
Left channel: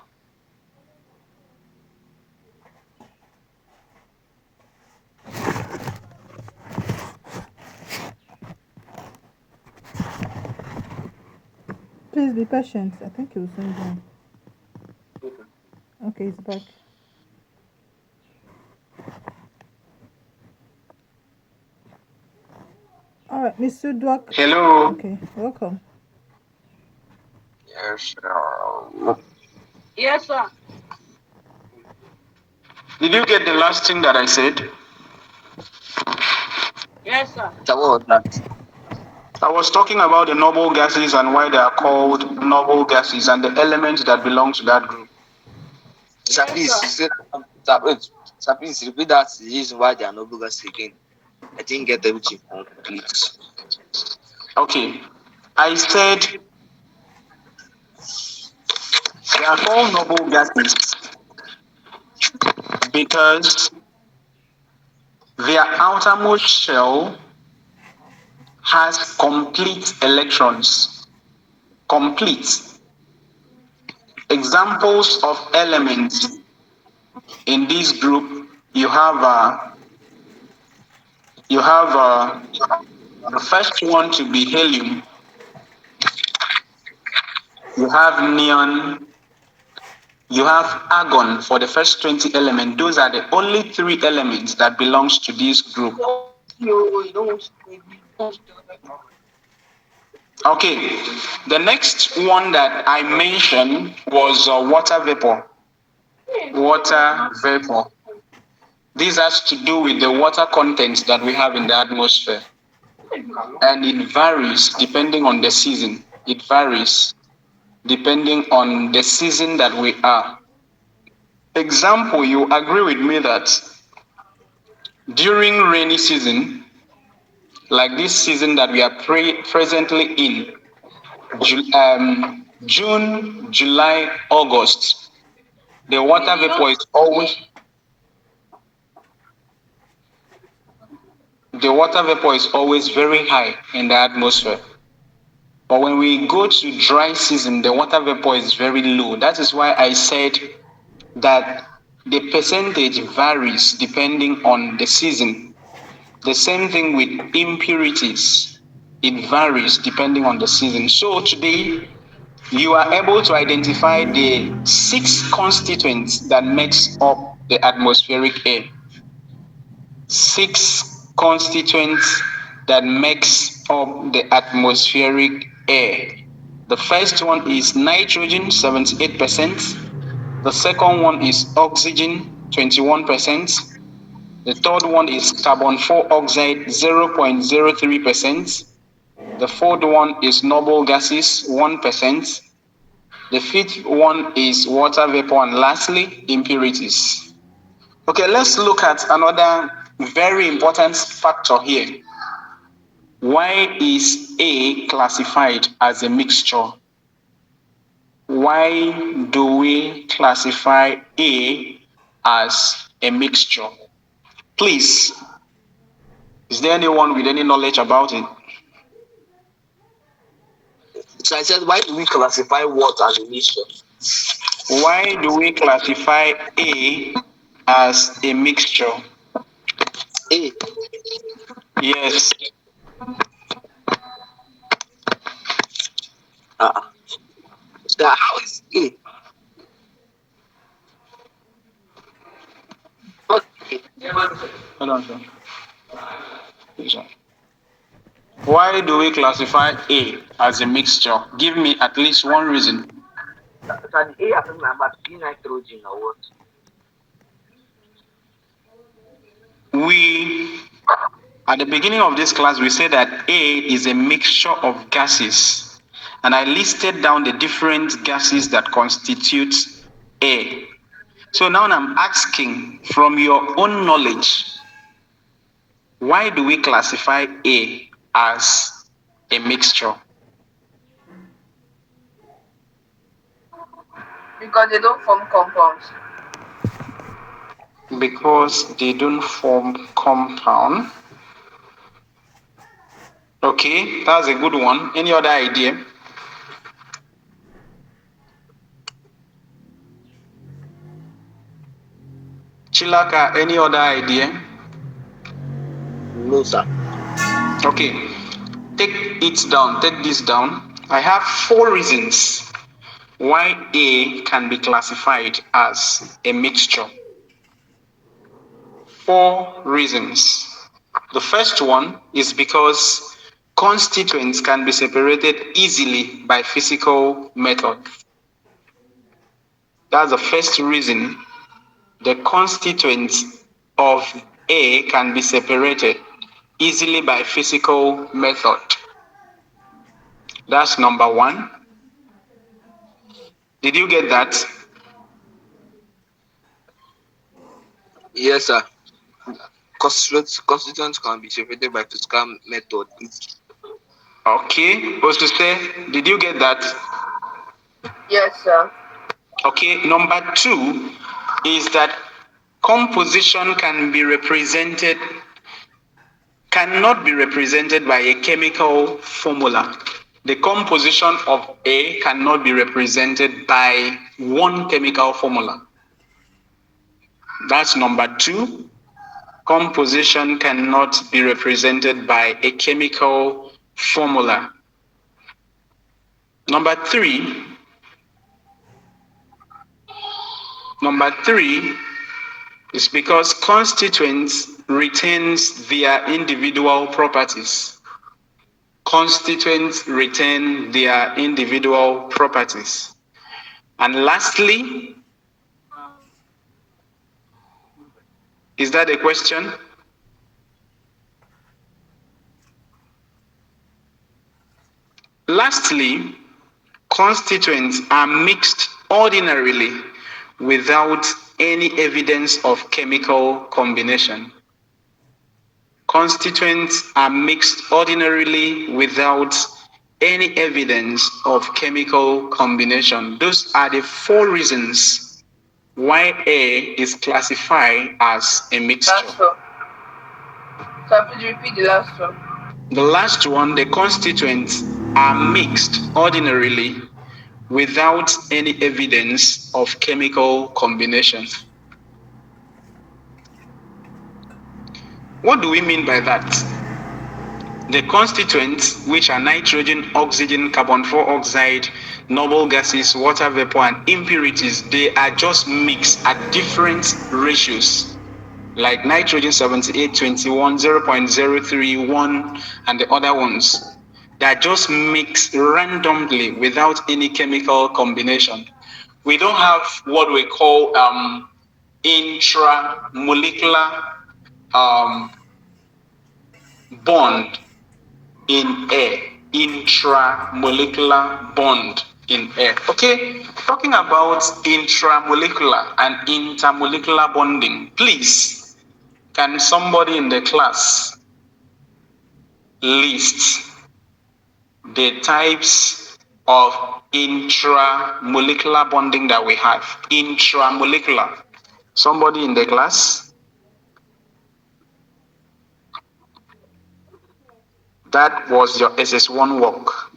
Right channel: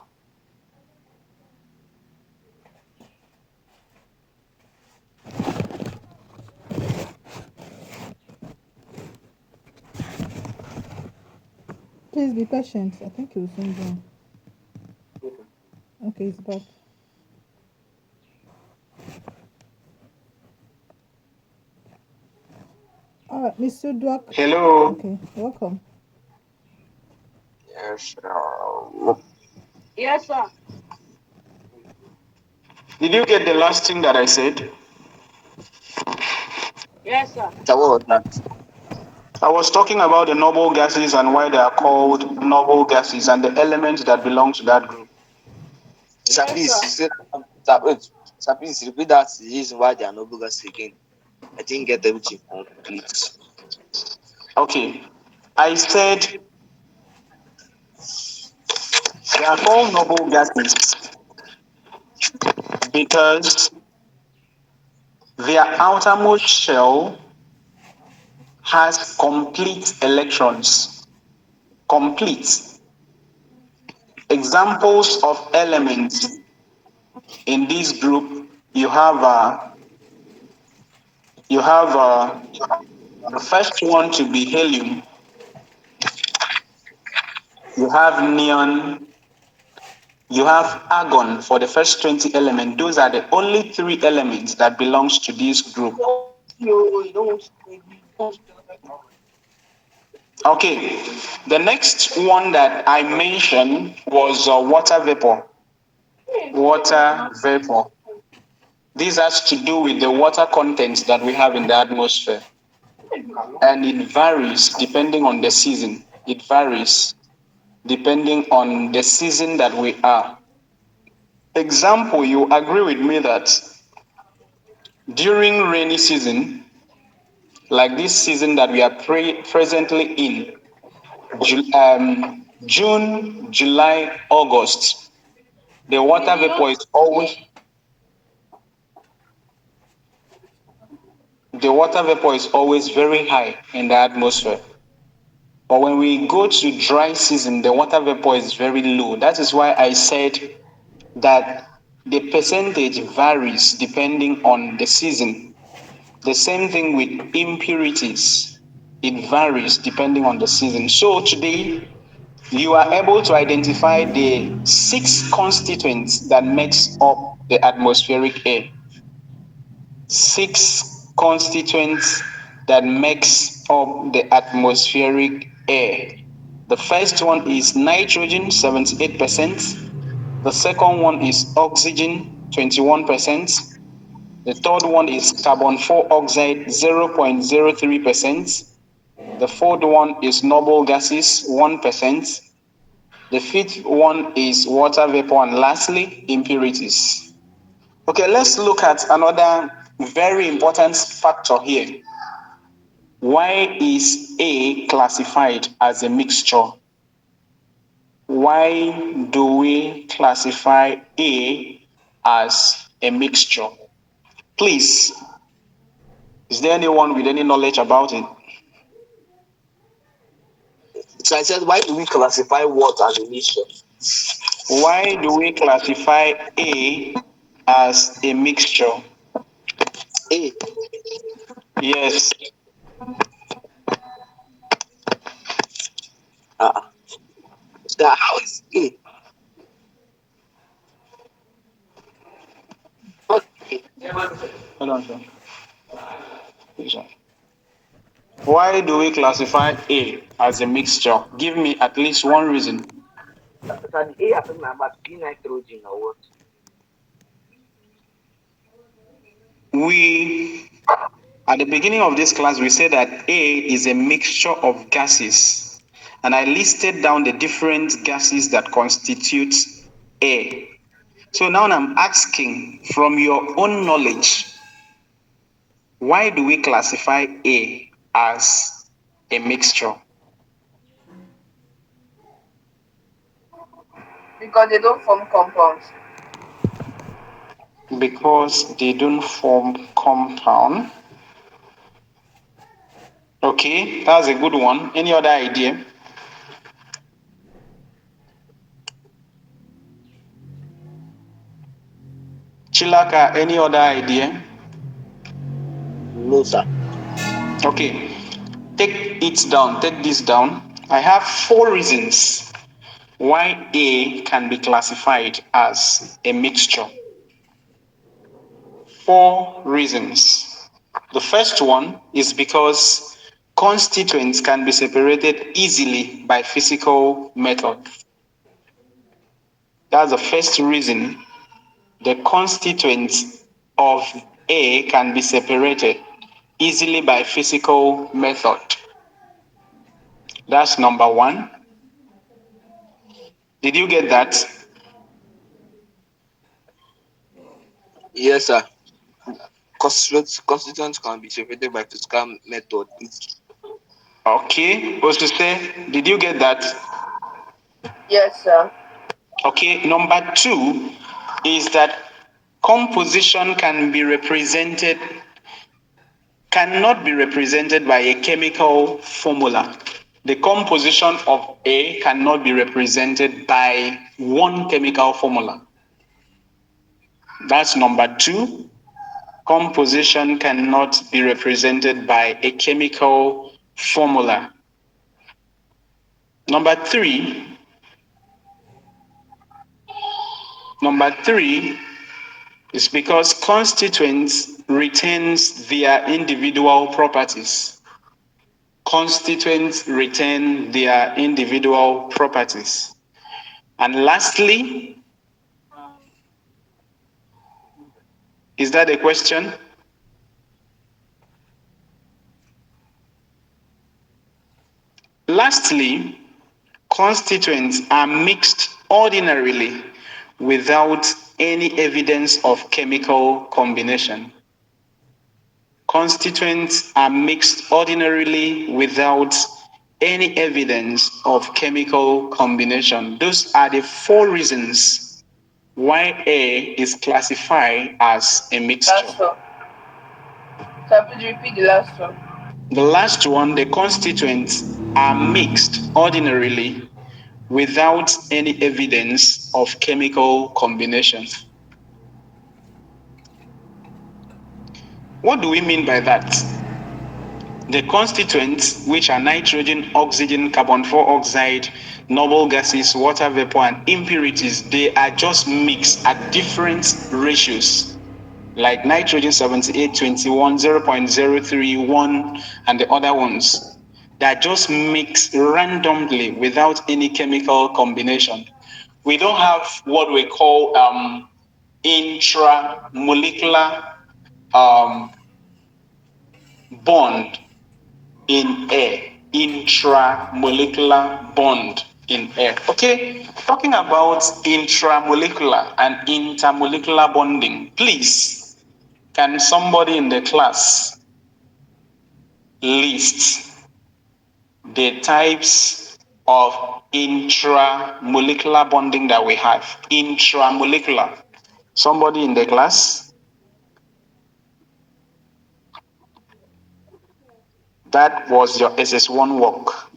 Please be patient. I think he will soon join. Okay, he's back. All right, Mr. Dwak. Hello. Okay, welcome. Yes. Yes, sir. Did you get the last thing that I said? Yes, sir. So what was that? I was talking about the noble gases and why they are called noble gases and the elements that belong to that group. Sir, Yes, please, sir. sir, please repeat that reason why they are noble gases again. I didn't get everything complete. Okay. I said they are called noble gases because their outermost shell has complete electrons. Complete. Examples of elements in this group, you have the first one to be helium. You have neon. You have argon for the first 20 elements. Those are the only 3 elements that belongs to this group. Okay, the next one that I mentioned was water vapor. Water vapor. This has to do with the water content that we have in the atmosphere. And it varies depending on the season. It varies depending on the season that we are. Example, you agree with me that during rainy season, like this season that we are presently in, June, July, August, the water vapor is always very high in the atmosphere. But when we go to dry season, the water vapor is very low. That is why I said that the percentage varies depending on the season. The same thing with impurities. It varies depending on the season. So today, you are able to identify the 6 constituents that makes up the atmospheric air. 6 constituents that makes up the atmospheric air. The first one is nitrogen, 78%. The second one is oxygen, 21%. The third one is carbon 4 oxide, 0.03%. The fourth one is noble gases, 1%. The fifth one is water vapor, and lastly, impurities. Okay, let's look at another very important factor here. Why is A classified as a mixture? Why do we classify A as a mixture? Please, is there anyone with any knowledge about it? So I said, why do we classify what as a mixture? Why do we classify A as a mixture? A. Yes. So how is A? Okay. Hold on, sir. Yes, sir. Why do we classify A as a mixture? Give me at least one reason. So the A are talking about nitrogen or what? At the beginning of this class, we said that A is a mixture of gases. And I listed down the different gases that constitute A. So now I'm asking, from your own knowledge, why do we classify A as a mixture? Because they don't form compounds. Because they don't form compound. Okay, that's a good one. Any other idea? Chilaka, any other idea? No, sir. Okay, take this down. I have 4 reasons why A can be classified as a mixture. 4 reasons. The first one is because constituents can be separated easily by physical method. That's the first reason. The constituents of A can be separated easily by physical method. That's number 1. Did you get that? Yes, sir. Constituents can be separated by physical method. Okay, Osuse, did you get that? Yes, sir. Okay, number 2 is that composition cannot be represented by a chemical formula. The composition of A cannot be represented by one chemical formula. That's number 2. Composition cannot be represented by a chemical formula. Number 3 is because constituents retains their individual properties. Constituents retain their individual properties. And lastly, is that a question? Lastly, constituents are mixed ordinarily without any evidence of chemical combination. Constituents are mixed ordinarily without any evidence of chemical combination. Those are the 4 reasons why A is classified as a mixture. Last one. So please repeat the last one. The last one, the constituents are mixed ordinarily without any evidence of chemical combination. What do we mean by that? The constituents, which are nitrogen, oxygen, carbon dioxide, noble gases, water vapor, and impurities, they are just mixed at different ratios, like nitrogen 78:21, 0.031, and the other ones. They are just mixed randomly without any chemical combination. We don't have what we call intramolecular bond in air. Intramolecular bond in air. Okay, talking about intramolecular and intermolecular bonding, please, can somebody in the class list the types of intramolecular bonding that we have? Intramolecular. Somebody in the class? That was your SS1 work.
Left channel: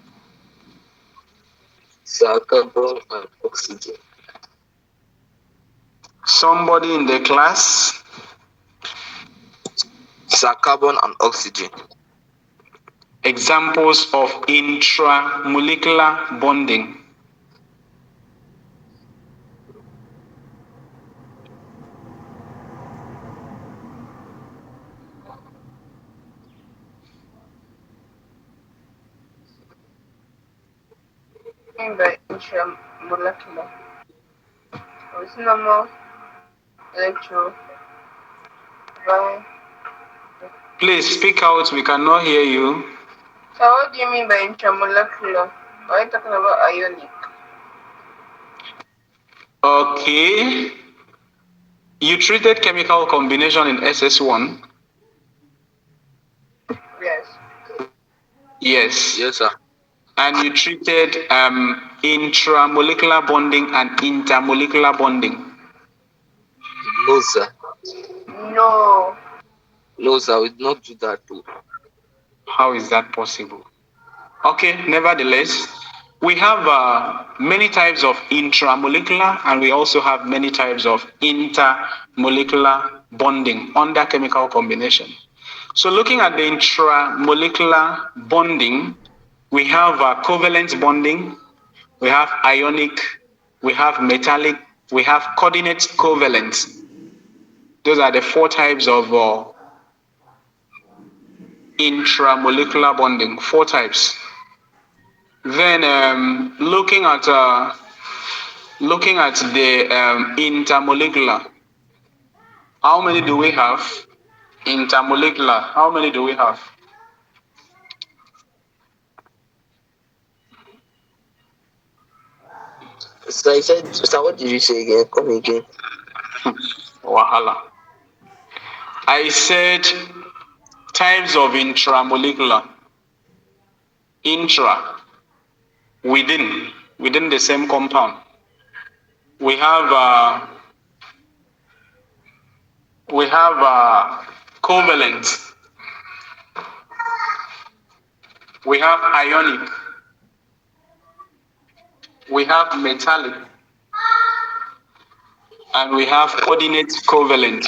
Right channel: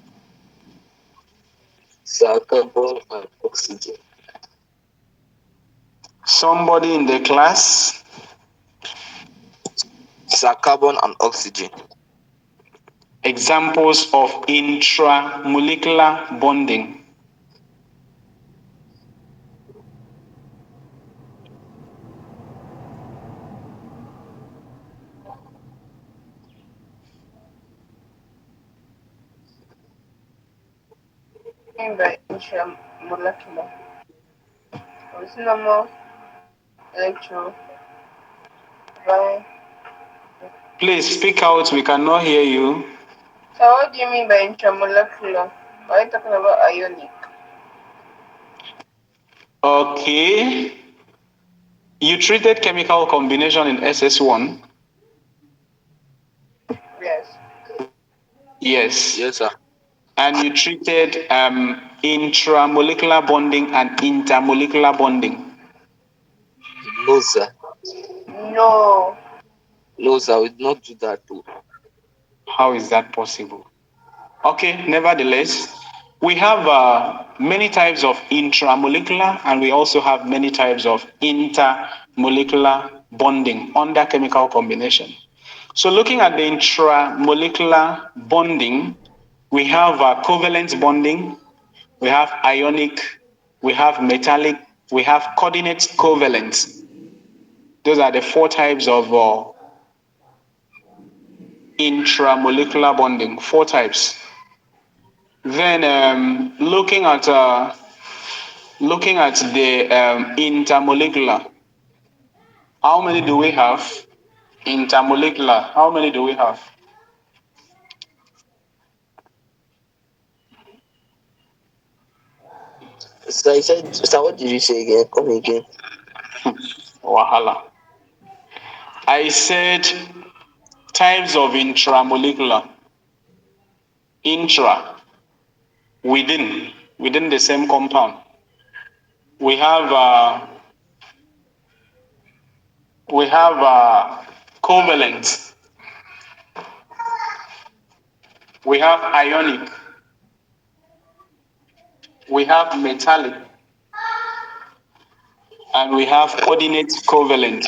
Sir, carbon and oxygen. Somebody in the class? Sir, carbon and oxygen. Examples of intramolecular bonding. By intramolecular. It's normal electro. Please speak out, we cannot hear you. So what do you mean by intramolecular? Are you talking about ionic? Okay. You treated chemical combination in SS1? Yes. Yes. Yes, sir. And you treated intramolecular bonding and intermolecular bonding? No, sir. No. No, sir, we did not do that too. How is that possible? Okay, nevertheless, we have many types of intramolecular and we also have many types of intermolecular bonding under chemical combination. So looking at the intramolecular bonding, we have covalent bonding, we have ionic, we have metallic, we have coordinate covalent. Those are the 4 types of intramolecular bonding, 4 types. Then looking at the intermolecular, how many do we have? Intermolecular, how many do we have? Sir, what did you say again? Come again. Wahala. I said types of intramolecular. Intra, within the same compound. We have covalent. We have ionic. We have metallic. And we have coordinate covalent.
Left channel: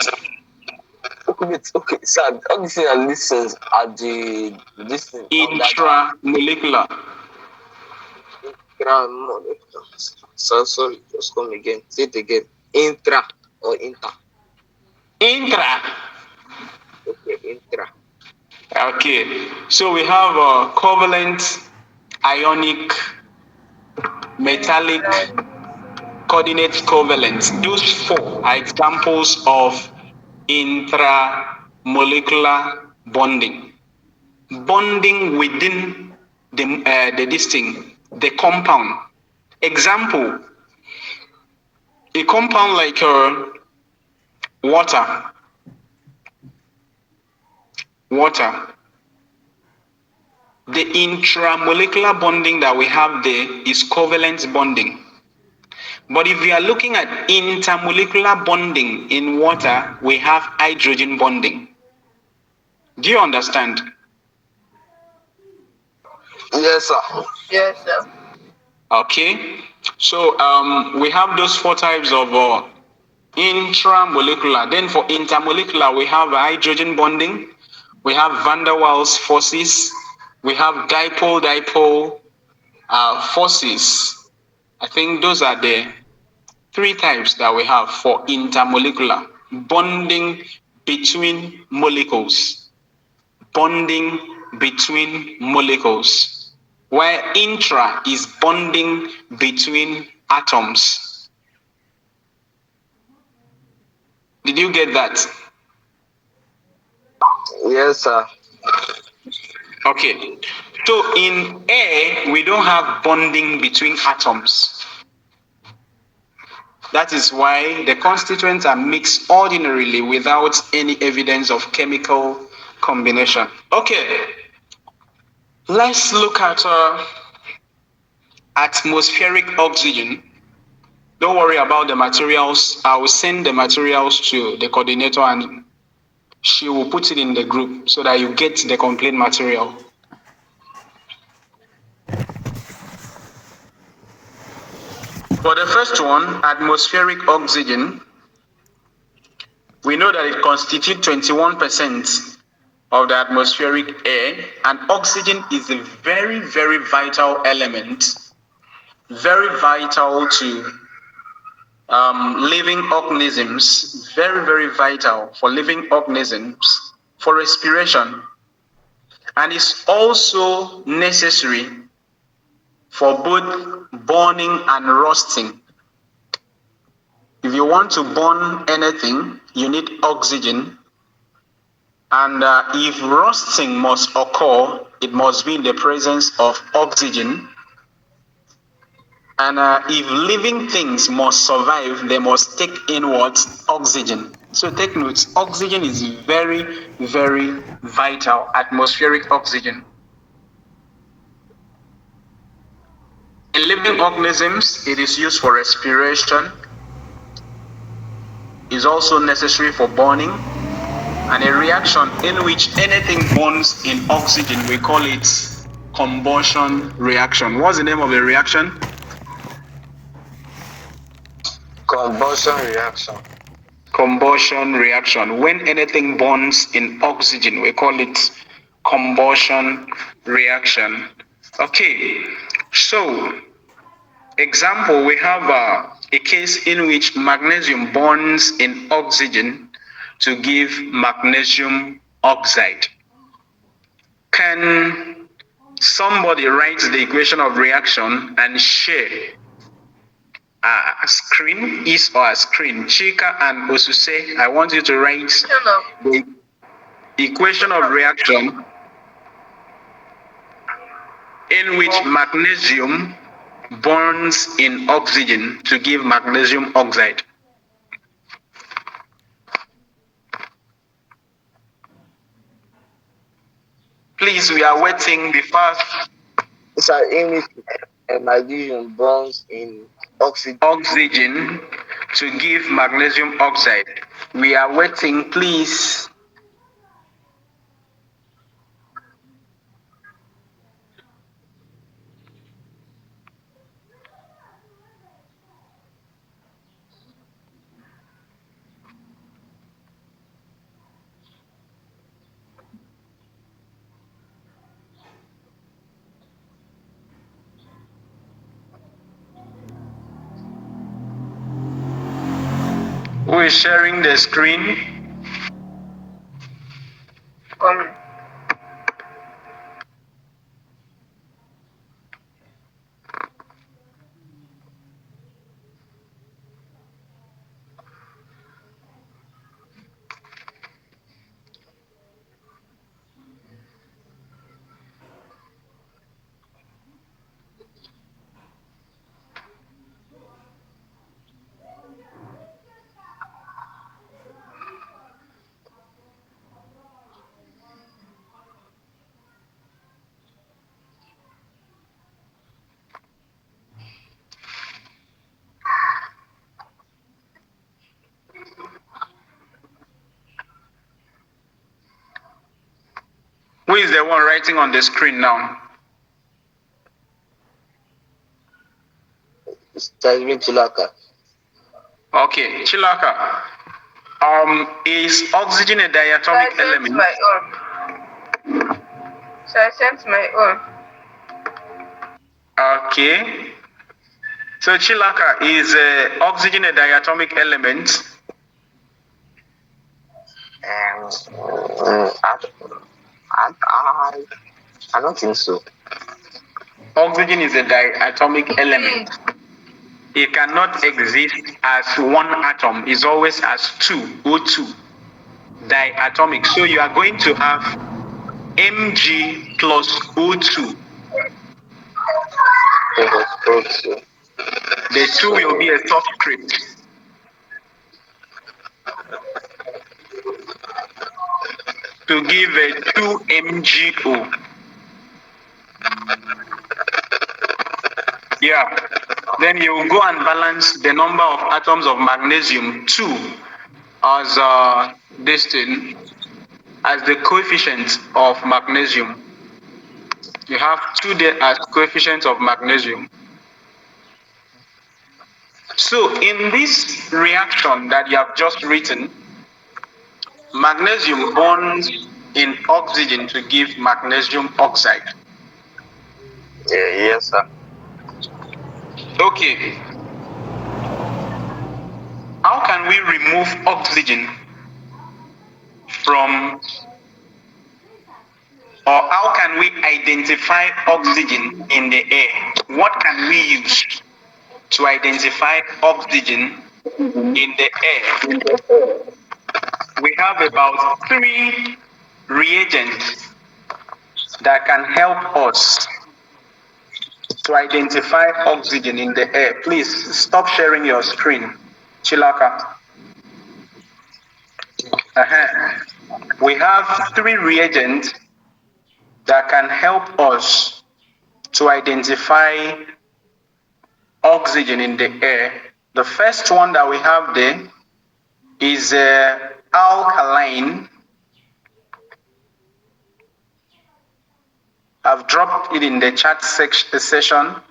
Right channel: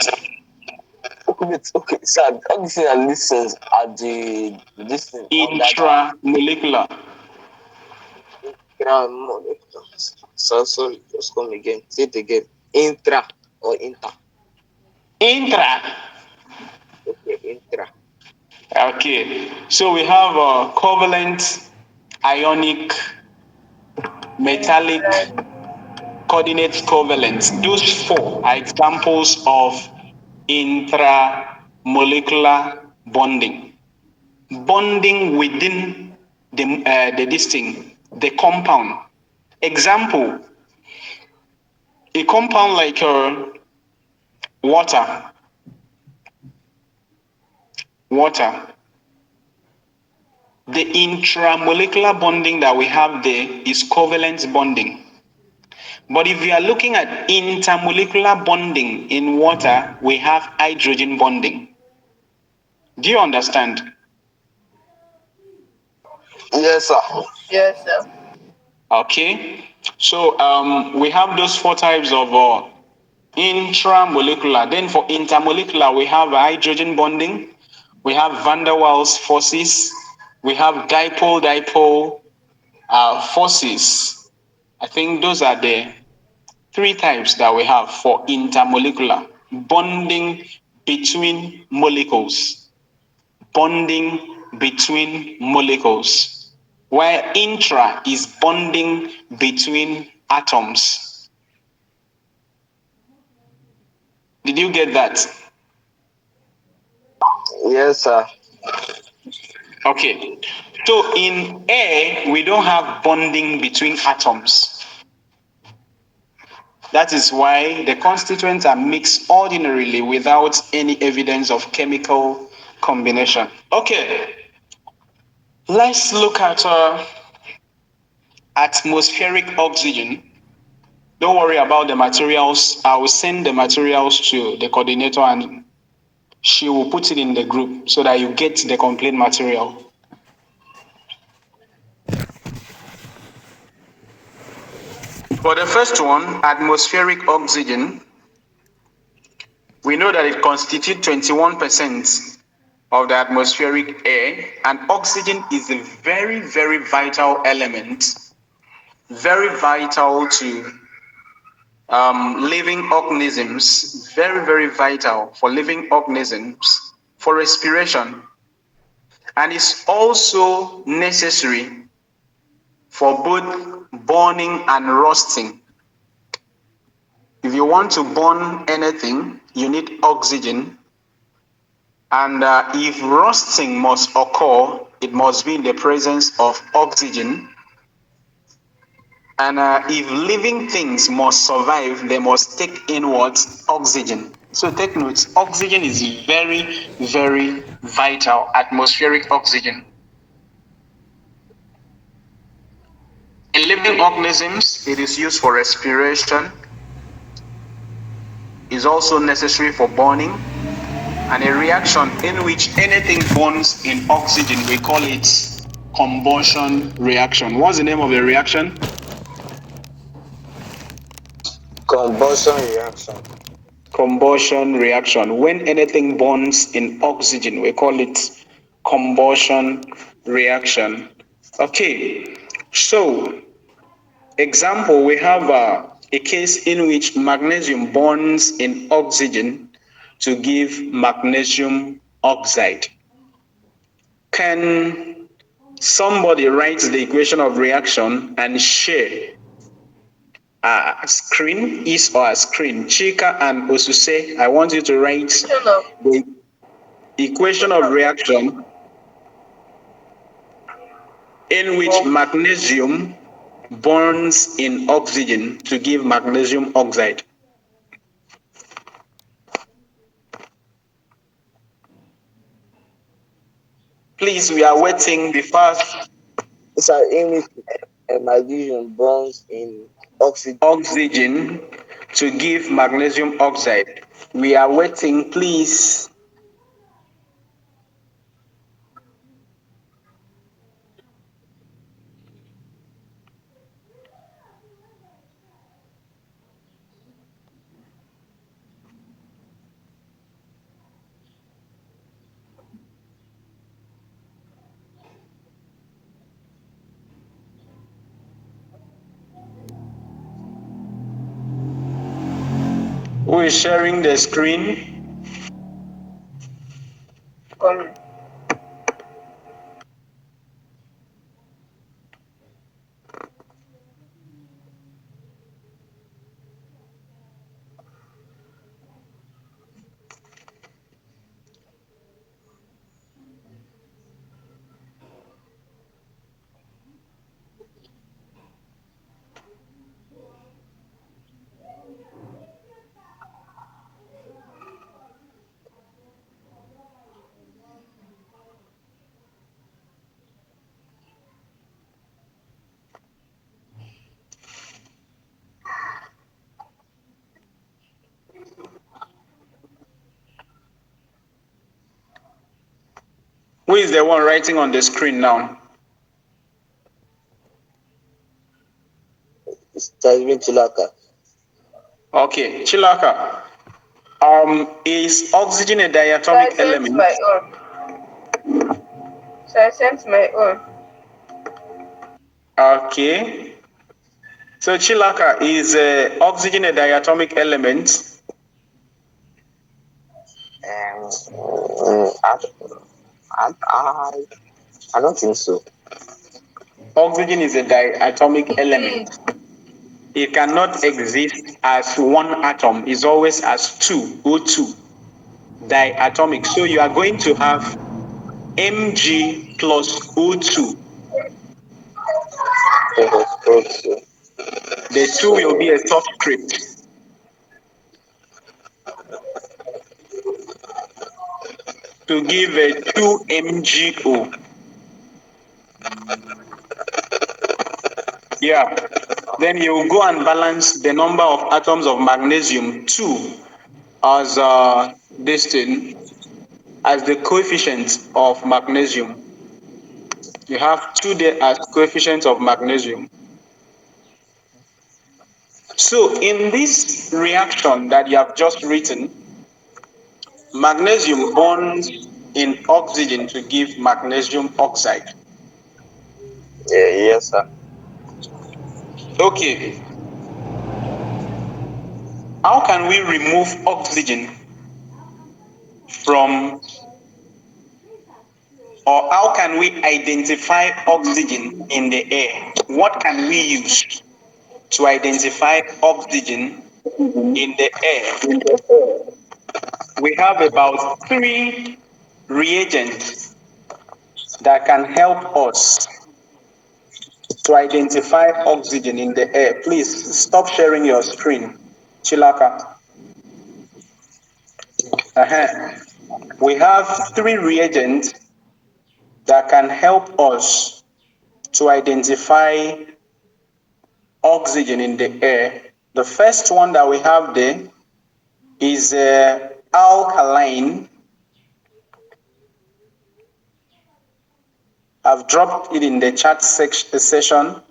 Okay, sir. All these things are listens at the Intramolecular. So sorry, just come again. Say it again. Intra or inter? Intra. Okay, intra. Okay, so we have covalent, ionic, metallic, coordinate covalent. Those 4 are examples of intramolecular bonding. Bonding within the compound. Example, a compound like water. The intramolecular bonding that we have there is covalent bonding. But if we are looking at intermolecular bonding in water, we have hydrogen bonding. Do you understand? Yes, sir. Yes, sir. Okay. So we have those 4 types of intramolecular. Then for intermolecular, we have hydrogen bonding, we have van der Waals forces, we have dipole forces. I think those are the 3 types that we have for intermolecular bonding between molecules. Bonding between molecules, where intra is bonding between atoms. Did you get that? Yes, sir. Okay. So in air, we don't have bonding between atoms. That is why the constituents are mixed ordinarily without any evidence of chemical combination. Okay. Let's look at atmospheric oxygen. Don't worry about the materials. I will send the materials to the coordinator and she will put it in the group so that you get the complete material. For the first one, atmospheric oxygen, we know that it constitutes 21% of the atmospheric air, and oxygen is a very, very vital element, very vital to living organisms, very, very vital for living organisms, for respiration, and is also necessary for both burning and roasting. If you want to burn anything, you need oxygen. And if roasting must occur, it must be in the presence of oxygen. And if living things must survive, they must take in what? Oxygen. So take note, oxygen is very, very vital, atmospheric oxygen. In living organisms, it is used for respiration, is also necessary for burning, and a reaction in which anything burns in oxygen, we call it combustion reaction. What's the name of the reaction? Combustion reaction. Combustion reaction. When anything burns in oxygen, we call it combustion reaction. Okay, so example, we have a case in which magnesium burns in oxygen to give magnesium oxide. Can somebody write the equation of reaction and share a screen, is or a screen? Chika and Osuse, I want you to write the equation of reaction in which magnesium burns in oxygen to give magnesium oxide. Please, we are waiting the fast. It's an image. Magnesium burns in Oxygen to give magnesium oxide. We are waiting, please. Who is sharing the screen? Who is the one writing on the screen now? It's Chilaka. Okay, Chilaka. Is oxygen a diatomic element? So I sent my own. Okay. So Chilaka, is oxygen a diatomic element? I don't think so. Oxygen is a diatomic element. It cannot exist as one atom. It's always as two, O2, diatomic. So you are going to have Mg plus O2. The two will be a subscript to give a 2MgO. Yeah. Then you will go and balance the number of atoms of magnesium 2 as this thing, as the coefficient of magnesium. You have 2 there as coefficient of magnesium. So in this reaction that you have just written, magnesium bonds in oxygen to give magnesium oxide. Yes, sir. Okay. How can we remove oxygen from, or how can we identify oxygen in the air? What can we use to identify oxygen in the air? We have about 3 reagents that can help us to identify oxygen in the air. Please stop sharing your screen, Chilaka. We have 3 reagents that can help us to identify oxygen in the air. The first one that we have there is alkaline. I've dropped it in the chat session.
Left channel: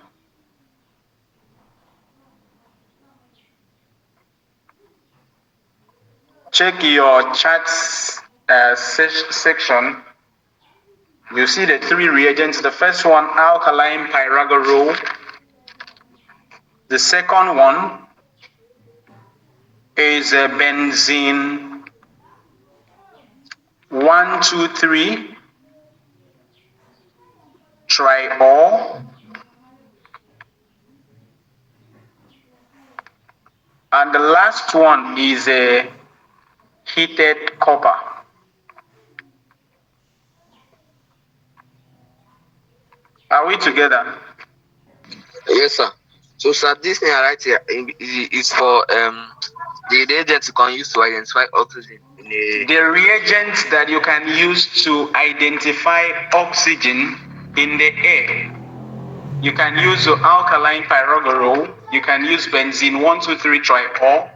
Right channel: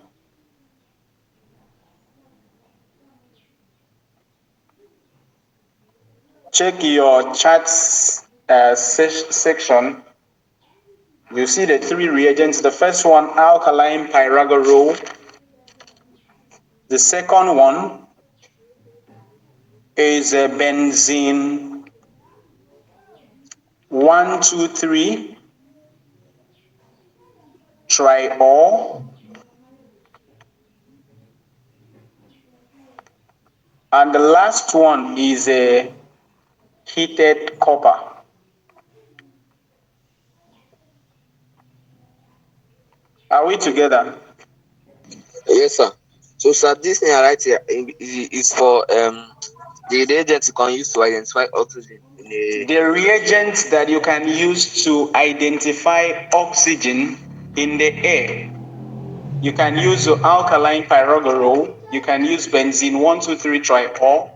Check your chats section. You see the 3 reagents. The first one, alkaline pyragorol. The second one is benzene 1,2,3 triol. And the last one is heated copper. Are we together? Yes, sir. So, sir, this thing right here is for the reagents you can use to identify oxygen in a. The reagents that you can use to identify oxygen in the air. You can use alkaline pyrogorol, you can use benzene 1,2,3 triol,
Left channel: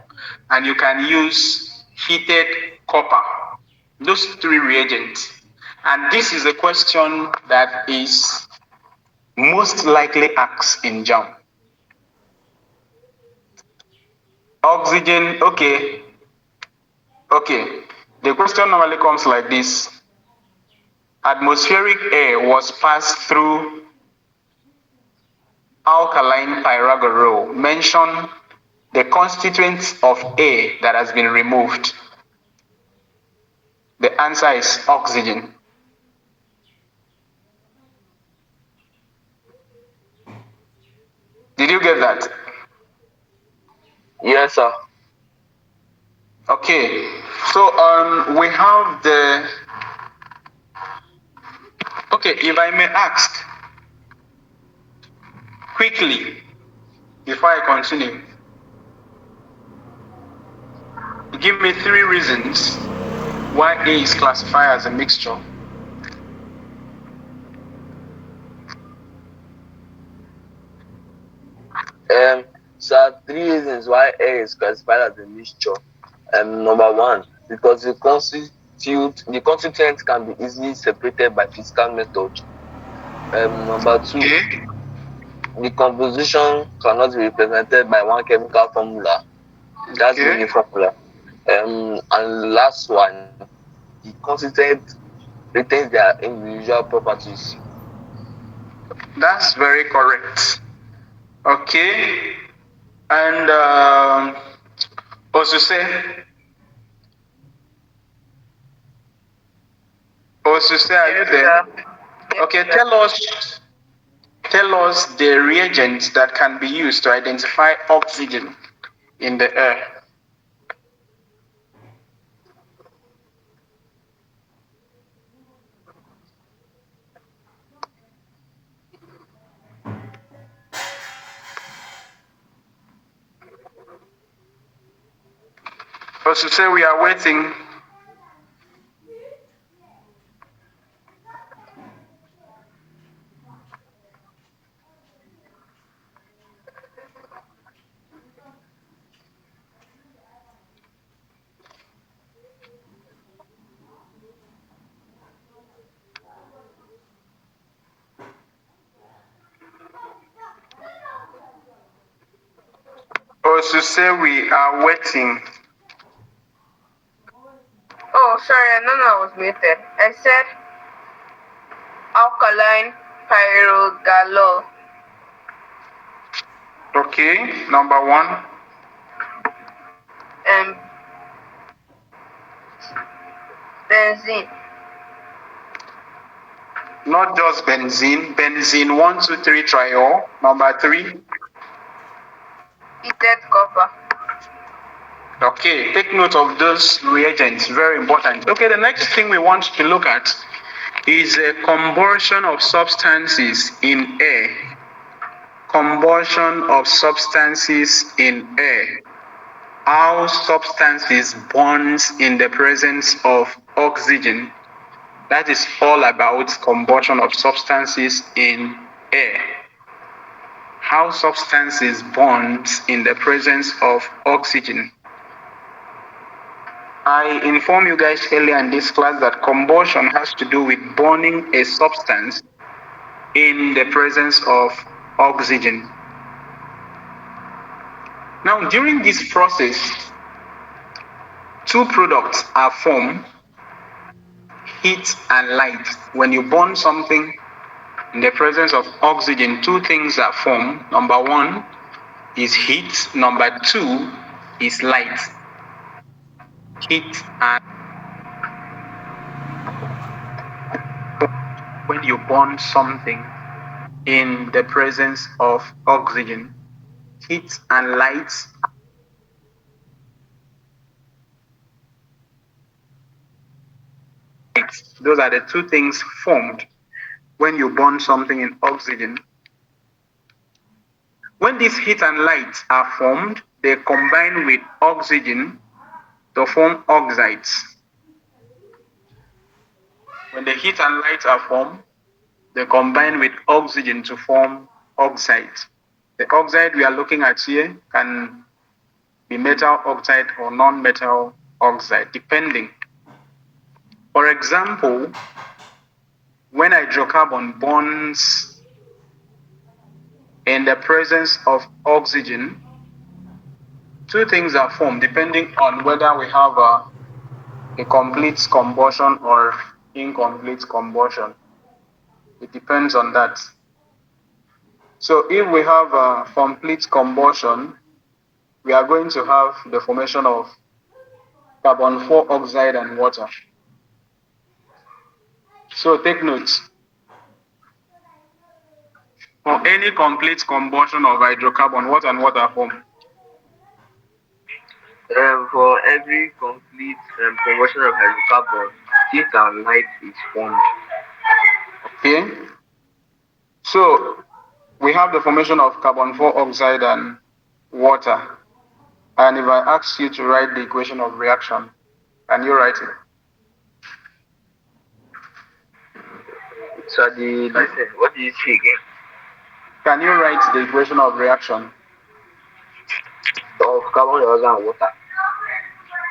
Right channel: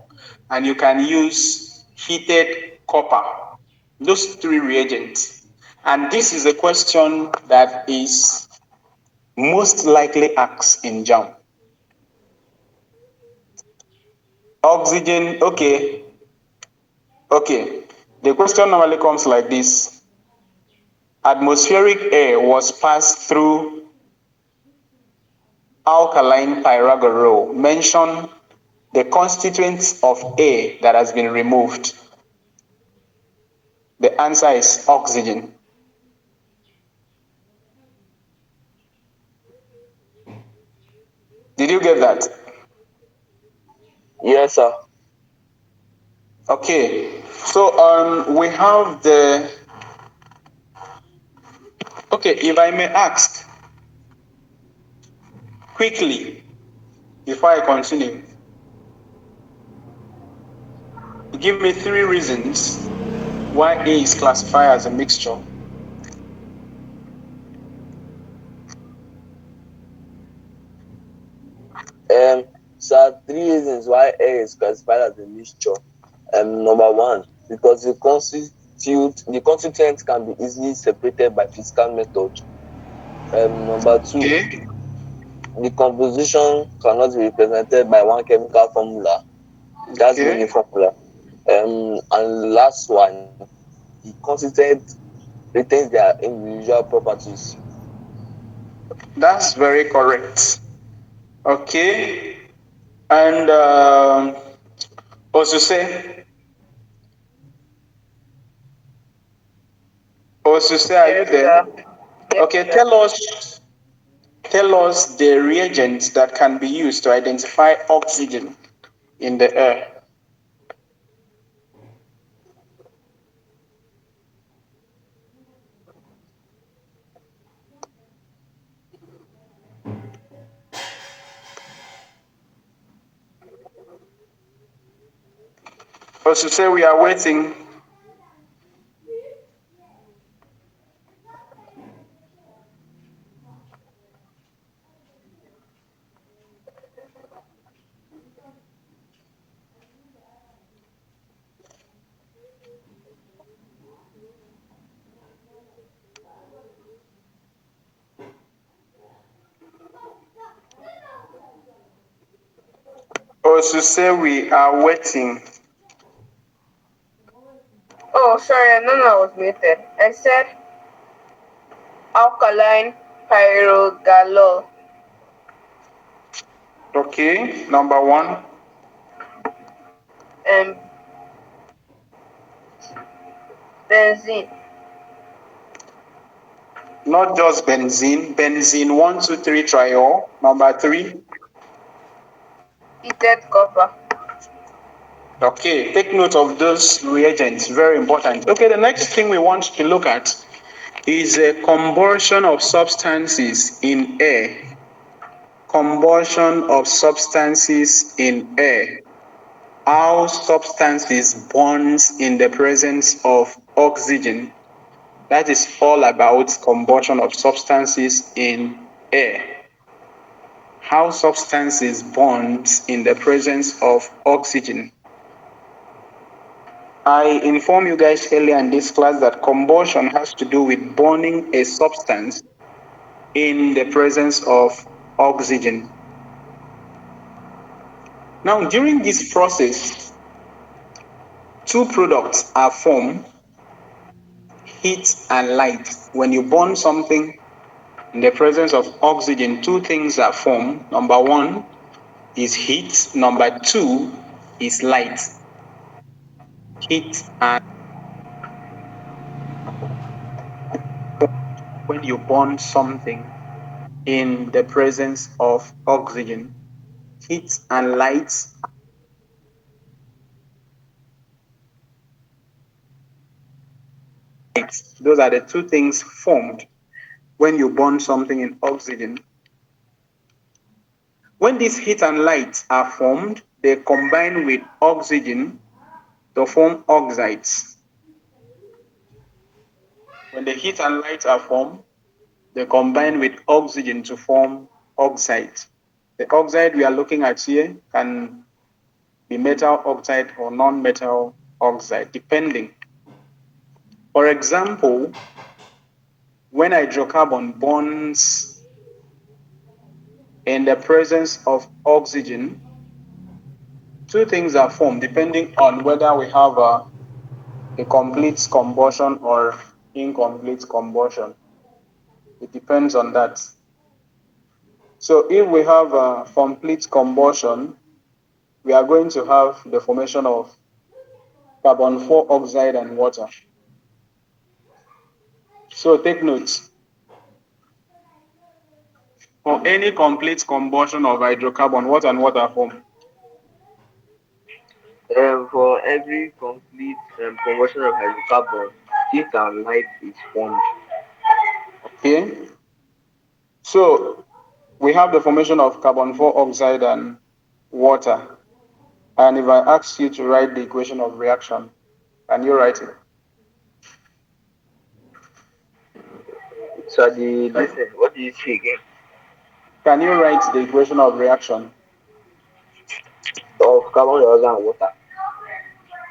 and you can use heated copper. Those 3 reagents. And this is a question that is most likely asked in JAMB. Oxygen, okay. The question normally comes like this. Atmospheric air was passed through alkaline pyrogorol. Mention the constituents of air that has been removed. The answer is oxygen. Did you get that? Yes, sir. Okay, so we have the, okay, if I may ask quickly before I continue, give me 3 reasons why A is classified as a mixture. Sir, 3 reasons why air is classified as a mixture. Number 1, because the constituents can be easily separated by physical method. Number 2, Okay. the composition cannot be represented by one chemical formula. That's many formula. And last one, the constituent retains their individual properties. That's very correct. Okay. And also say, are you there? Okay, tell us the reagents that can be used to identify oxygen in the air. Also say we are waiting. to say we are waiting. Oh, sorry, I know I was muted. I said alkaline pyrogalol. Okay, number 1. And benzene. Not just benzene. Benzene 1, 2, 3 triol. Number 3. Heated copper. Okay, take note of those reagents, very important. Okay, the next thing we want to look at is a combustion of substances in air. Combustion of substances in air. How substances burns in the presence of oxygen. That is all about combustion of substances in air. How substances burns in the presence of oxygen. I informed you guys earlier in this class that combustion has to do with burning a substance in the presence of oxygen. Now, during this process, 2 products are formed, heat and light. When you burn something in the presence of oxygen, 2 things are formed. Number 1 is heat. Number 2 is light. Heat and when you burn something in the presence of oxygen. Heat and light those are the 2 things formed when you burn something in oxygen. When these heat and light are formed, they combine with oxygen to form oxides. When the heat and light are formed, they combine with oxygen to form oxides. The oxide we are looking at here can be metal oxide or non-metal oxide, depending. For example, when hydrocarbon burns in the presence of oxygen, 2 things are formed depending on whether we have a complete combustion or incomplete combustion. It depends on that. So if we have a complete combustion, we are going to have the formation of carbon 4 oxide and water. So take note. For any complete combustion of hydrocarbon, what and what are formed? For every complete combustion of hydrocarbon, heat and light is formed. Okay. So we have the formation of carbon 4 oxide and water. And if I ask you to write the equation of reaction, can you write it? So listen, what do you say again? Can you write the equation of reaction? Of carbon dioxide and water.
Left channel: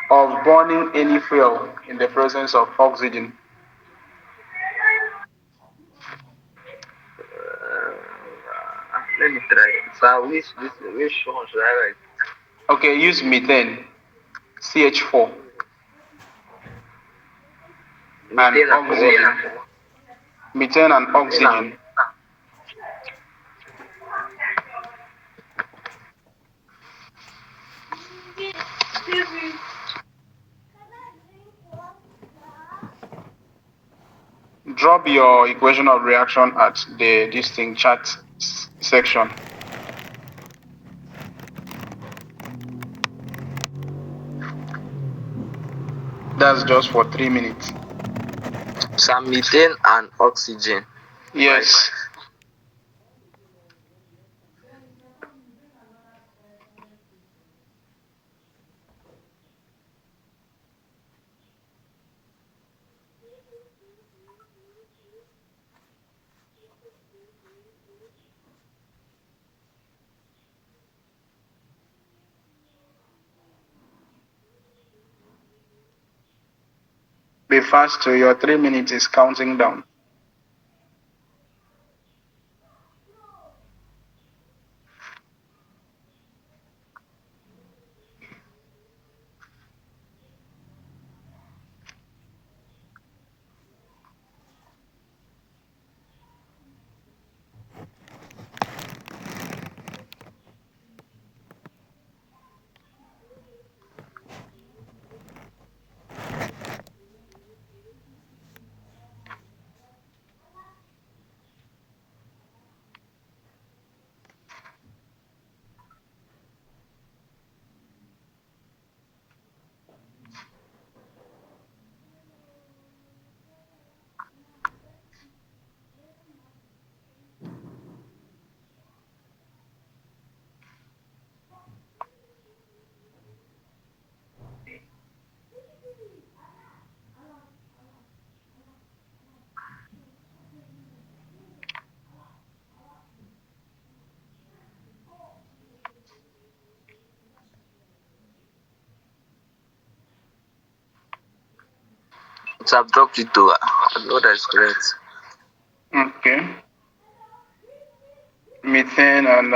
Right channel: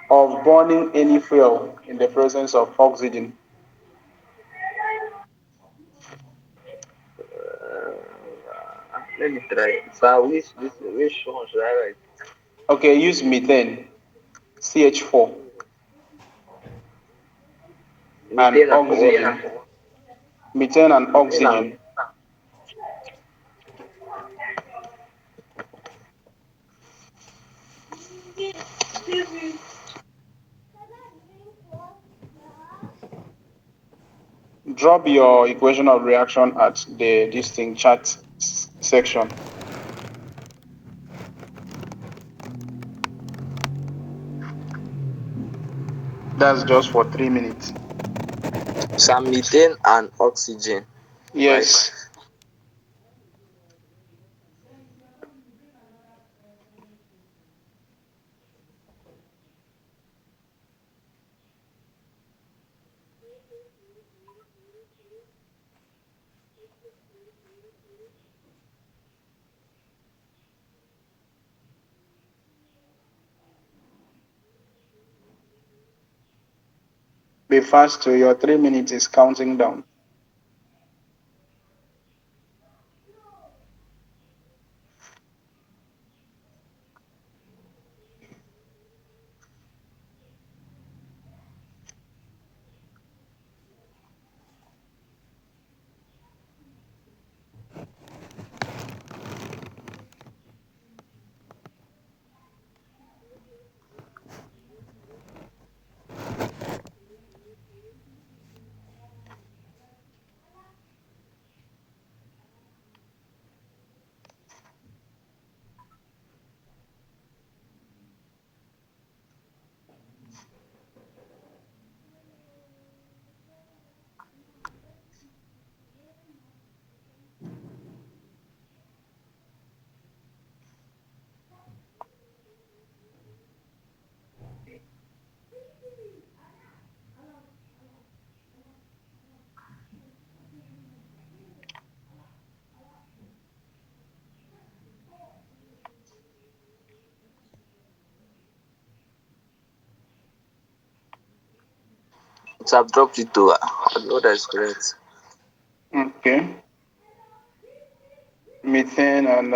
Of burning any fuel in the presence of oxygen. Let me try. So which one should I write? Okay, use methane, CH4. Methane and oxygen. Methane and oxygen. Drop your equation of reaction at the distinct chat section. That's just for 3 minutes. Some methane and oxygen. Yes. Right. Be fast, to your 3 minutes is counting down. I've dropped it too. I know that is correct. Okay. Methane and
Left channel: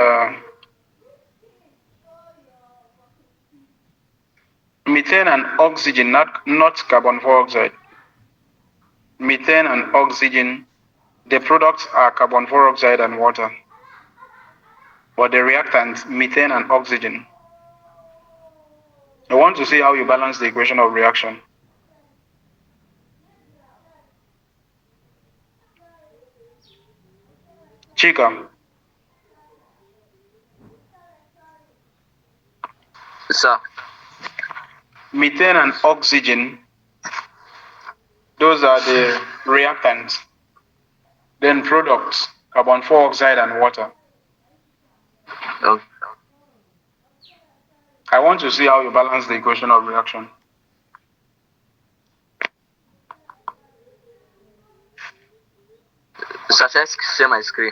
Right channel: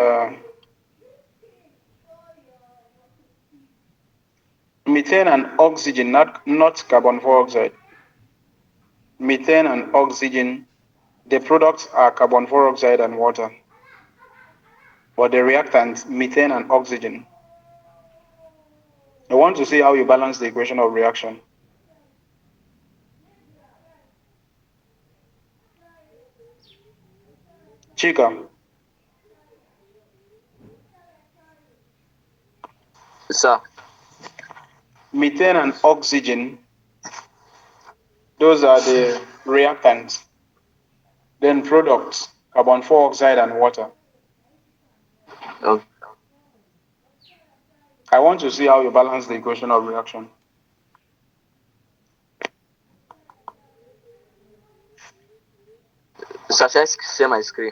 oxygen, not carbon dioxide. Methane and oxygen, the products are carbon dioxide and water. But the reactants, methane and oxygen. I want to see how you balance the equation of reaction. Chika. Sir. Methane and oxygen, those are the reactants. Then products, carbon dioxide and water. Okay. I want to see how you balance the equation of reaction. Sir, shall I share my screen?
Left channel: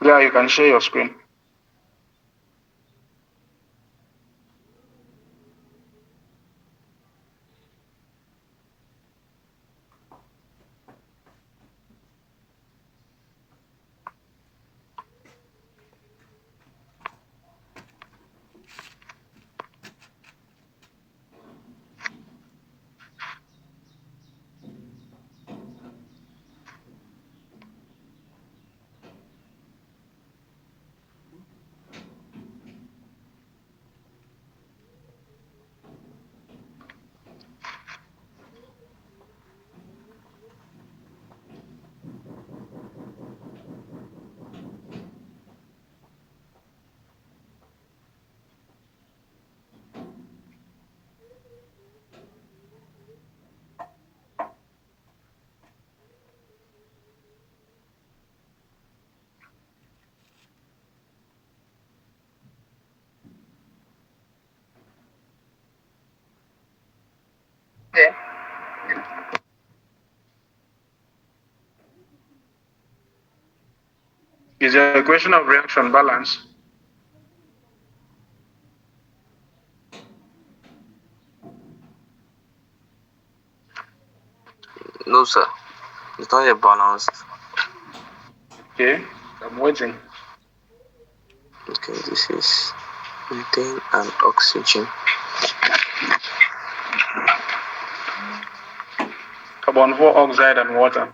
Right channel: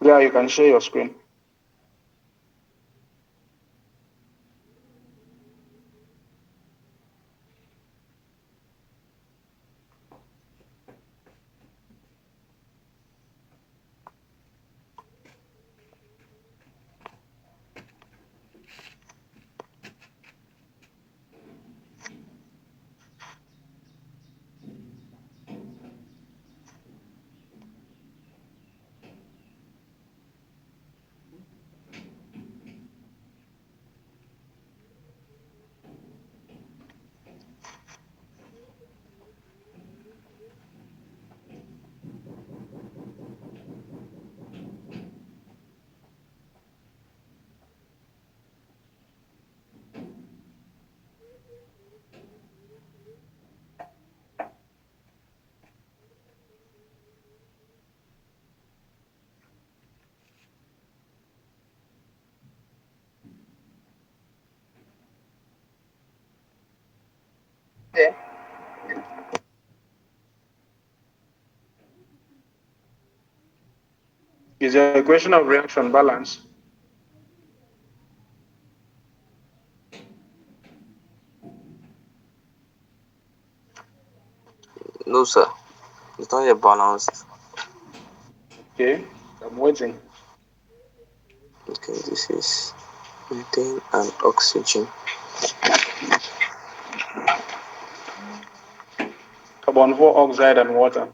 Yeah, you can share your screen. Yeah. Is the equation of reaction balanced? No, sir. It's not yet balanced. Okay, I'm waiting. Okay, this is methane and oxygen. Carbon dioxide and water.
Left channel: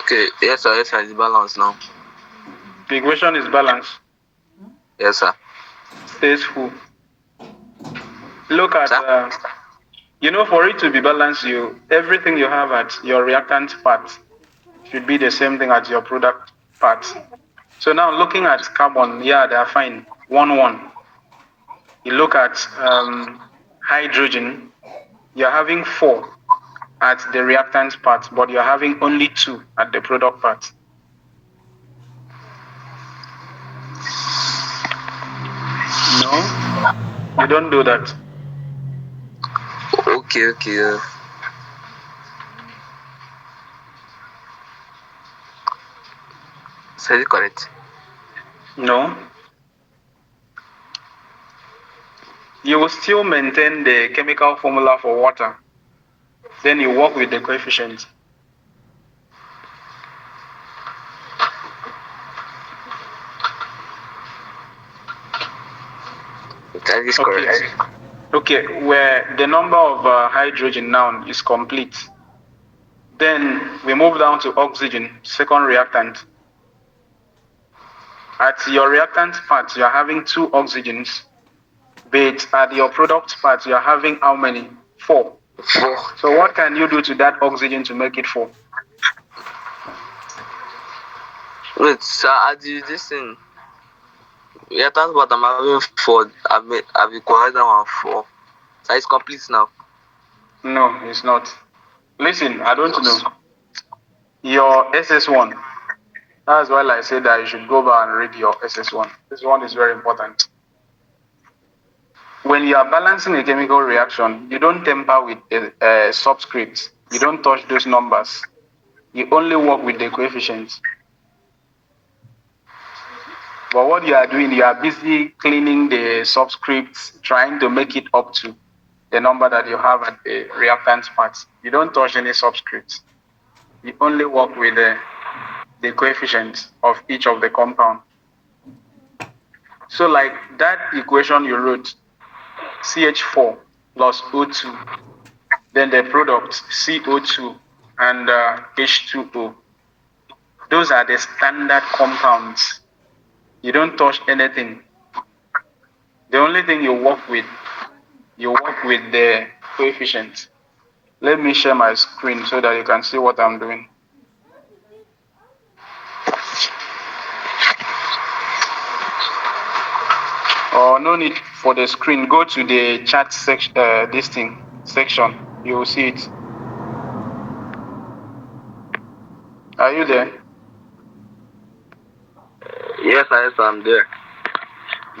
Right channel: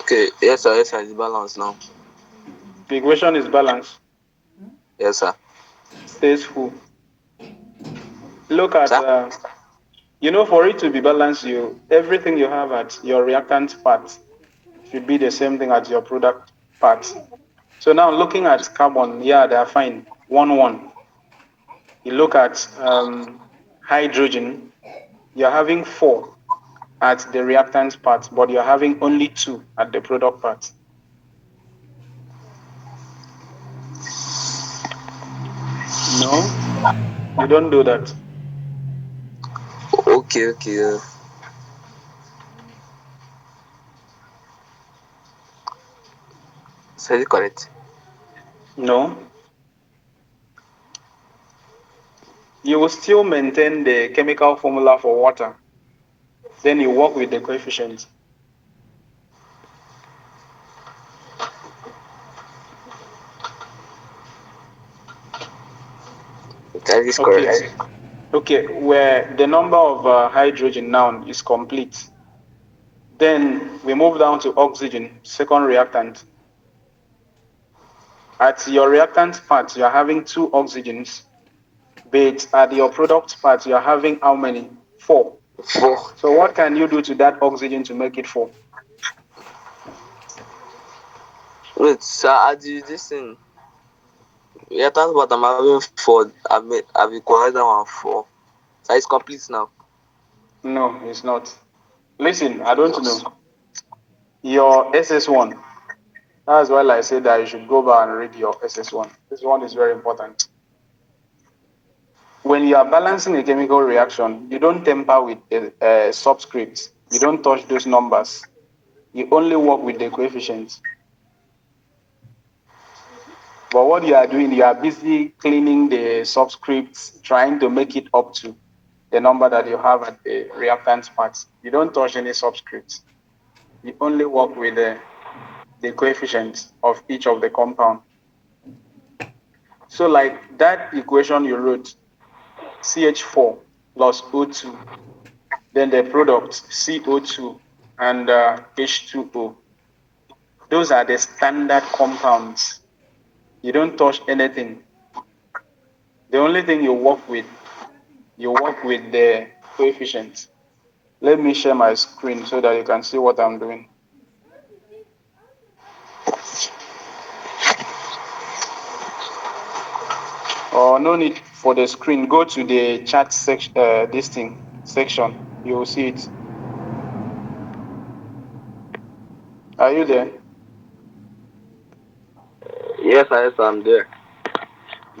Okay, yes, sir, it's balanced now. The equation is balanced. Yes, sir. Stays full. Look at, for it to be balanced, everything you have at your reactant part should be the same thing at your product part. So now looking at carbon, yeah, they are fine. 1-1. You look at hydrogen, you're having 4 at the reactant part, but you're having only 2 at the product part. No, you don't do that. Okay. So is it correct? No. You will still maintain the chemical formula for water. Then you work with the coefficient. That is correct. Okay, where the number of hydrogen now is complete. Then we move down to oxygen, second reactant. At your reactant part, you are having 2 oxygens, but at your product part, you are having how many? 4. 4. So what can you do to that oxygen to make it 4? Wait, sir, I did this thing. Reactant part, I'm having 4. I've equalized that one 4. So it's complete now. No, it's not. Listen, I don't know. Your SS1. That's why I said that you should go back and read your SS1. This one is very important. When you are balancing a chemical reaction, you don't tamper with subscripts. You don't touch those numbers. You only work with the coefficients. But what you are doing, you are busy cleaning the subscripts, trying to make it up to the number that you have at the reactants part. You don't touch any subscripts. You only work with the coefficients of each of the compound. So like that equation you wrote, CH4 plus O2, then the product CO2 and H2O. Those are the standard compounds. You don't touch anything. The only thing you work with the coefficients. Let me share my screen so that you can see what I'm doing. Oh, no need for the screen. Go to the chat section, section. You will see it. Are you there? Yes, I'm there.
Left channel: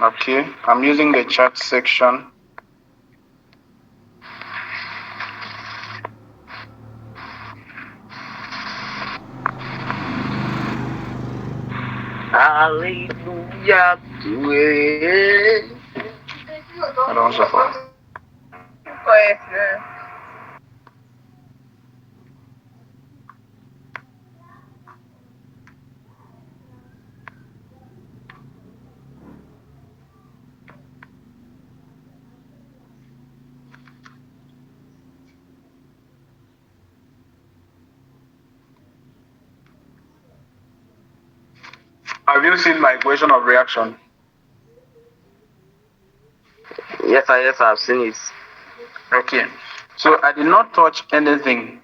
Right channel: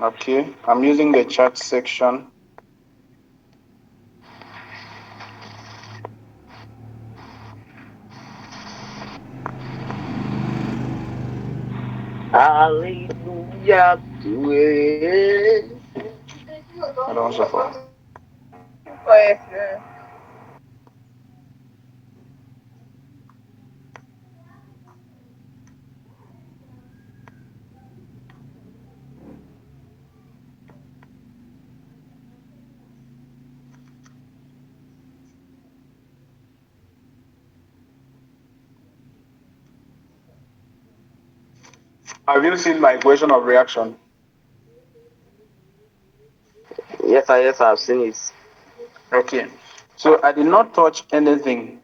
Okay, I'm using the chat section. Hallelujah to it. I don't suffer. Have you seen my equation of reaction? Yes, I've seen it. Okay. So I did not touch anything,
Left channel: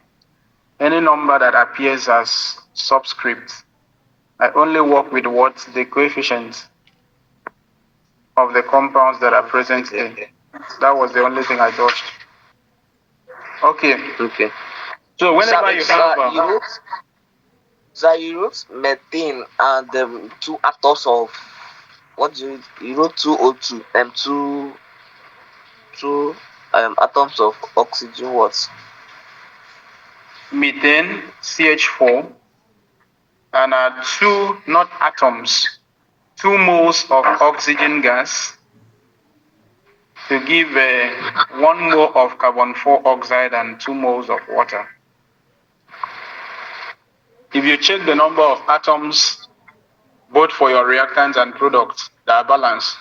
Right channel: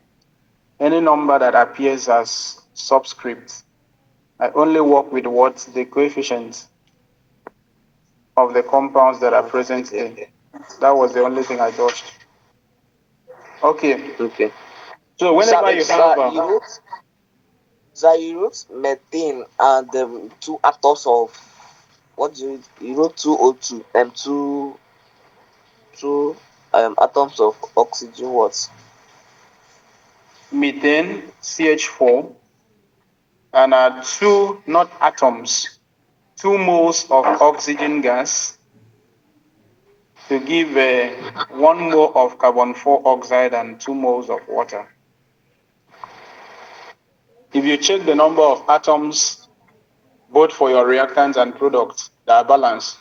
any number that appears as subscript. I only work with what the coefficients of the compounds that are present here. That was the only thing I touched. Okay. Okay. So whenever you have you wrote methane and two atoms of what do you wrote 2O2 and two atoms of oxygen. What? methane, CH4, and two, not atoms, 2 moles of oxygen gas to give 1 mole of carbon 4 oxide and 2 moles of water. If you check the number of atoms, both for your reactants and products, they are balanced.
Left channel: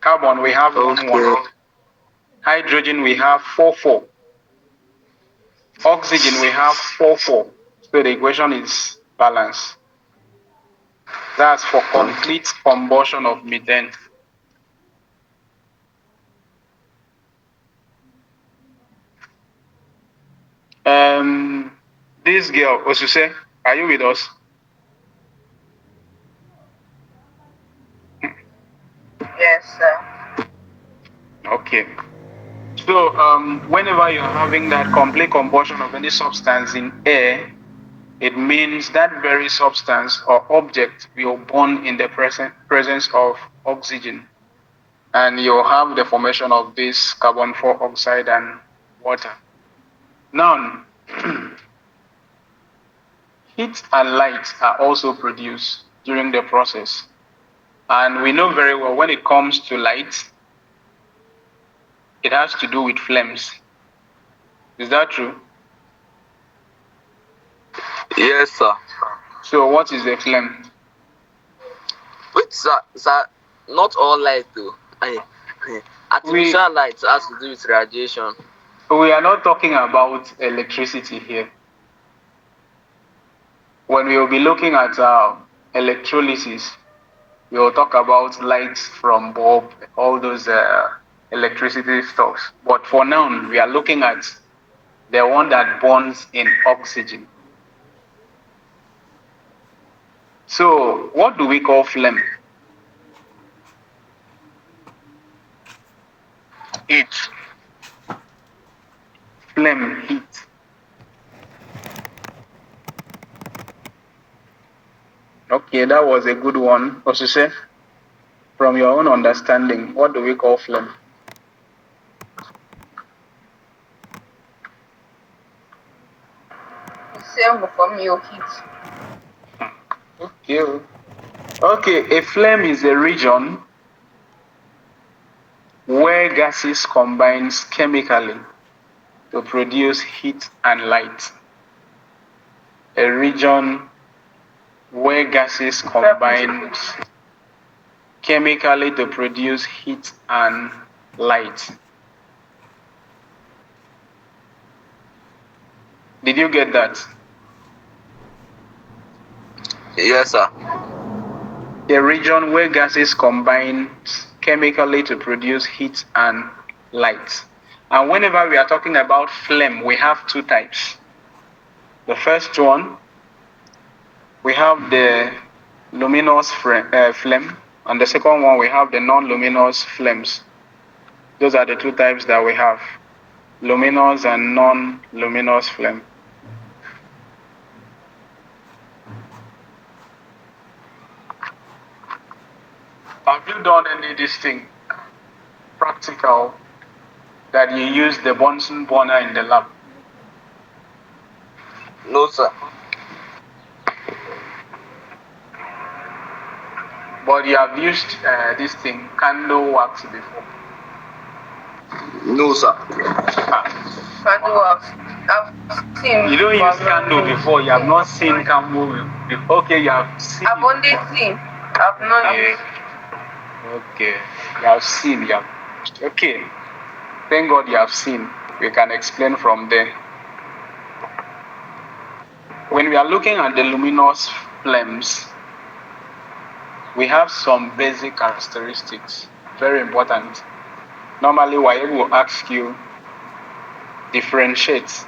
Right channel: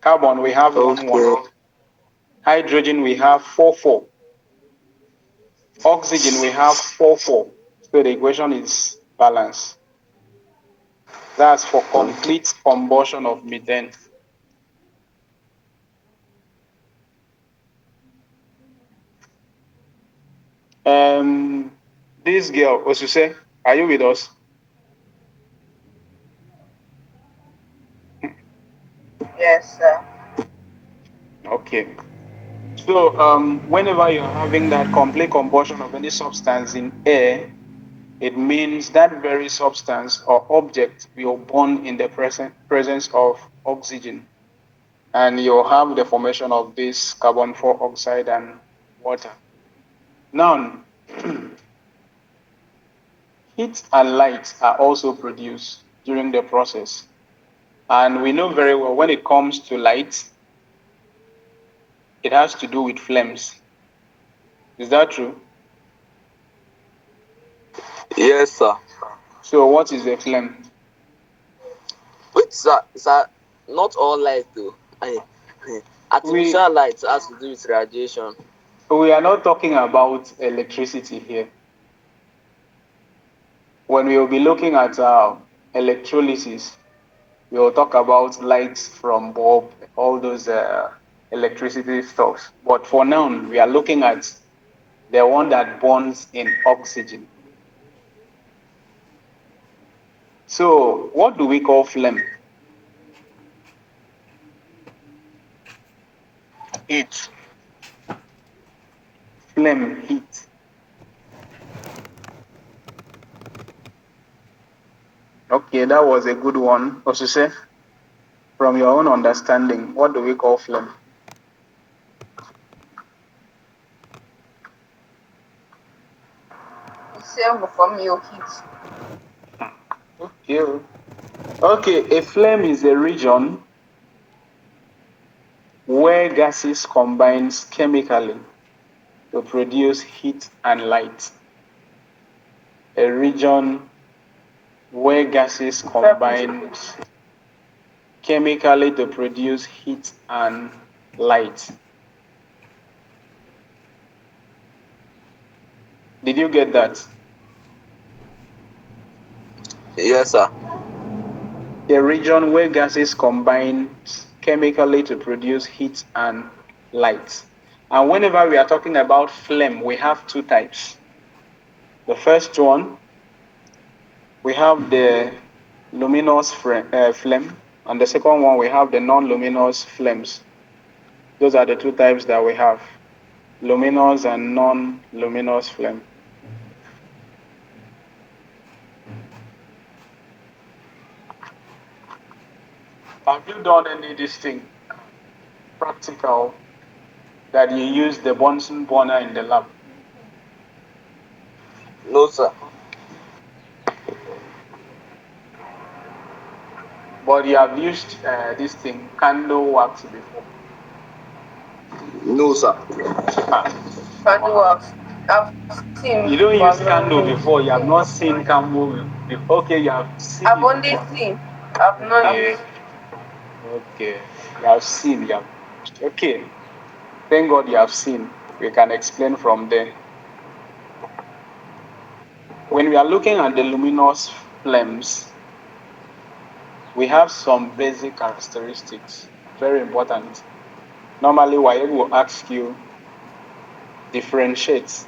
Carbon, we have 1. Hydrogen, we have 4. Oxygen, we have 4. So the equation is balanced. That's for complete combustion of methane. This girl, Osuse, are you with us? Yes, sir. Okay. So whenever you're having that complete combustion of any substance in air, it means that very substance or object will burn in the presence of oxygen. And you'll have the formation of this carbon 4 oxide and water. Now, heat and light are also produced during the process. And we know very well when it comes to light, it has to do with flames. Is that true? Yes, sir. So what is a flame? Wait, sir, not all light though. Artificial light has to do with radiation. We are not talking about electricity here. When we will be looking at electrolysis, we will talk about lights from bulb, all those electricity stuffs. But for now, we are looking at the one that burns in oxygen. So what do we call flame? Heat. Flame, heat. Okay, that was a good one. Osuse, from your own understanding, what do we call flame? Same from your heat. Okay. Okay, a flame is a region where gases combine chemically to produce heat and light. A region where gases combine chemically to produce heat and light. Did you get that? Yes, sir. A region where gases combine chemically to produce heat and light. And whenever we are talking about flame, we have two types. The first one, we have the luminous flame, and the second one, we have the non-luminous flames. Those are the two types that we have, luminous and non-luminous flame. Have you done any of this thing, practical, that you use the Bunsen burner in the lab? No, sir. But you have used this thing, candle wax, before? No, sir. Candle wax. I've seen. You don't use candle before. You have not seen candle before. Okay, you have seen. I've only seen. I've not used. Okay, you have seen. You have. Okay, thank God you have seen. We can explain from there. When we are looking at the luminous flames, we have some basic characteristics, very important. Normally, WAEC will ask you differentiate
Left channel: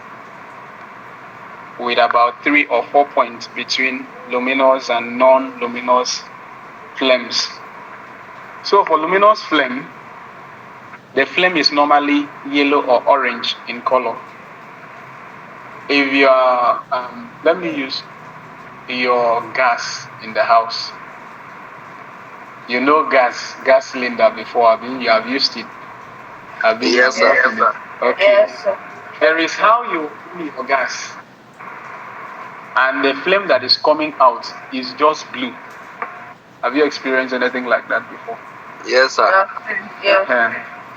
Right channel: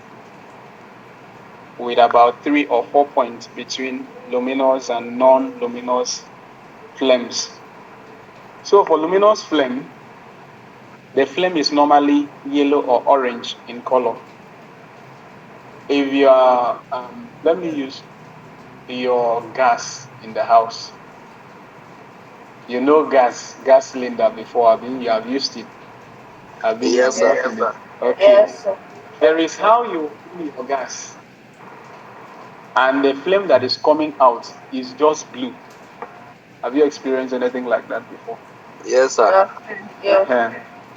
with about 3 or 4 points between luminous and non-luminous flames. So for luminous flame, the flame is normally yellow or orange in color. If you are, let me use your gas in the house. You know gas cylinder before, you have used it. Yes, sir. Okay. Yes, sir. There is how you fill your gas, and the flame that is coming out is just blue. Have you experienced anything like that before? Yes, sir. Yes.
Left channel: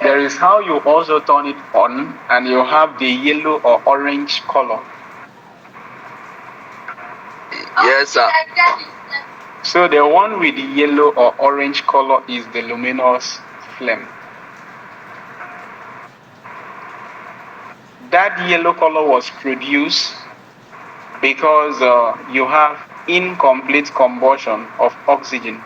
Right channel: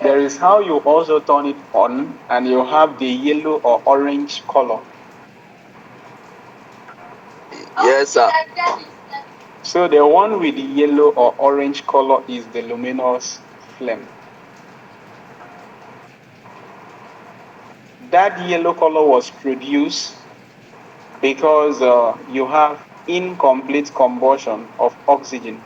There is how you also turn it on, and you have the yellow or orange color. Yes, sir. So the one with the yellow or orange color is the luminous flame. That yellow color was produced because you have incomplete combustion of oxygen.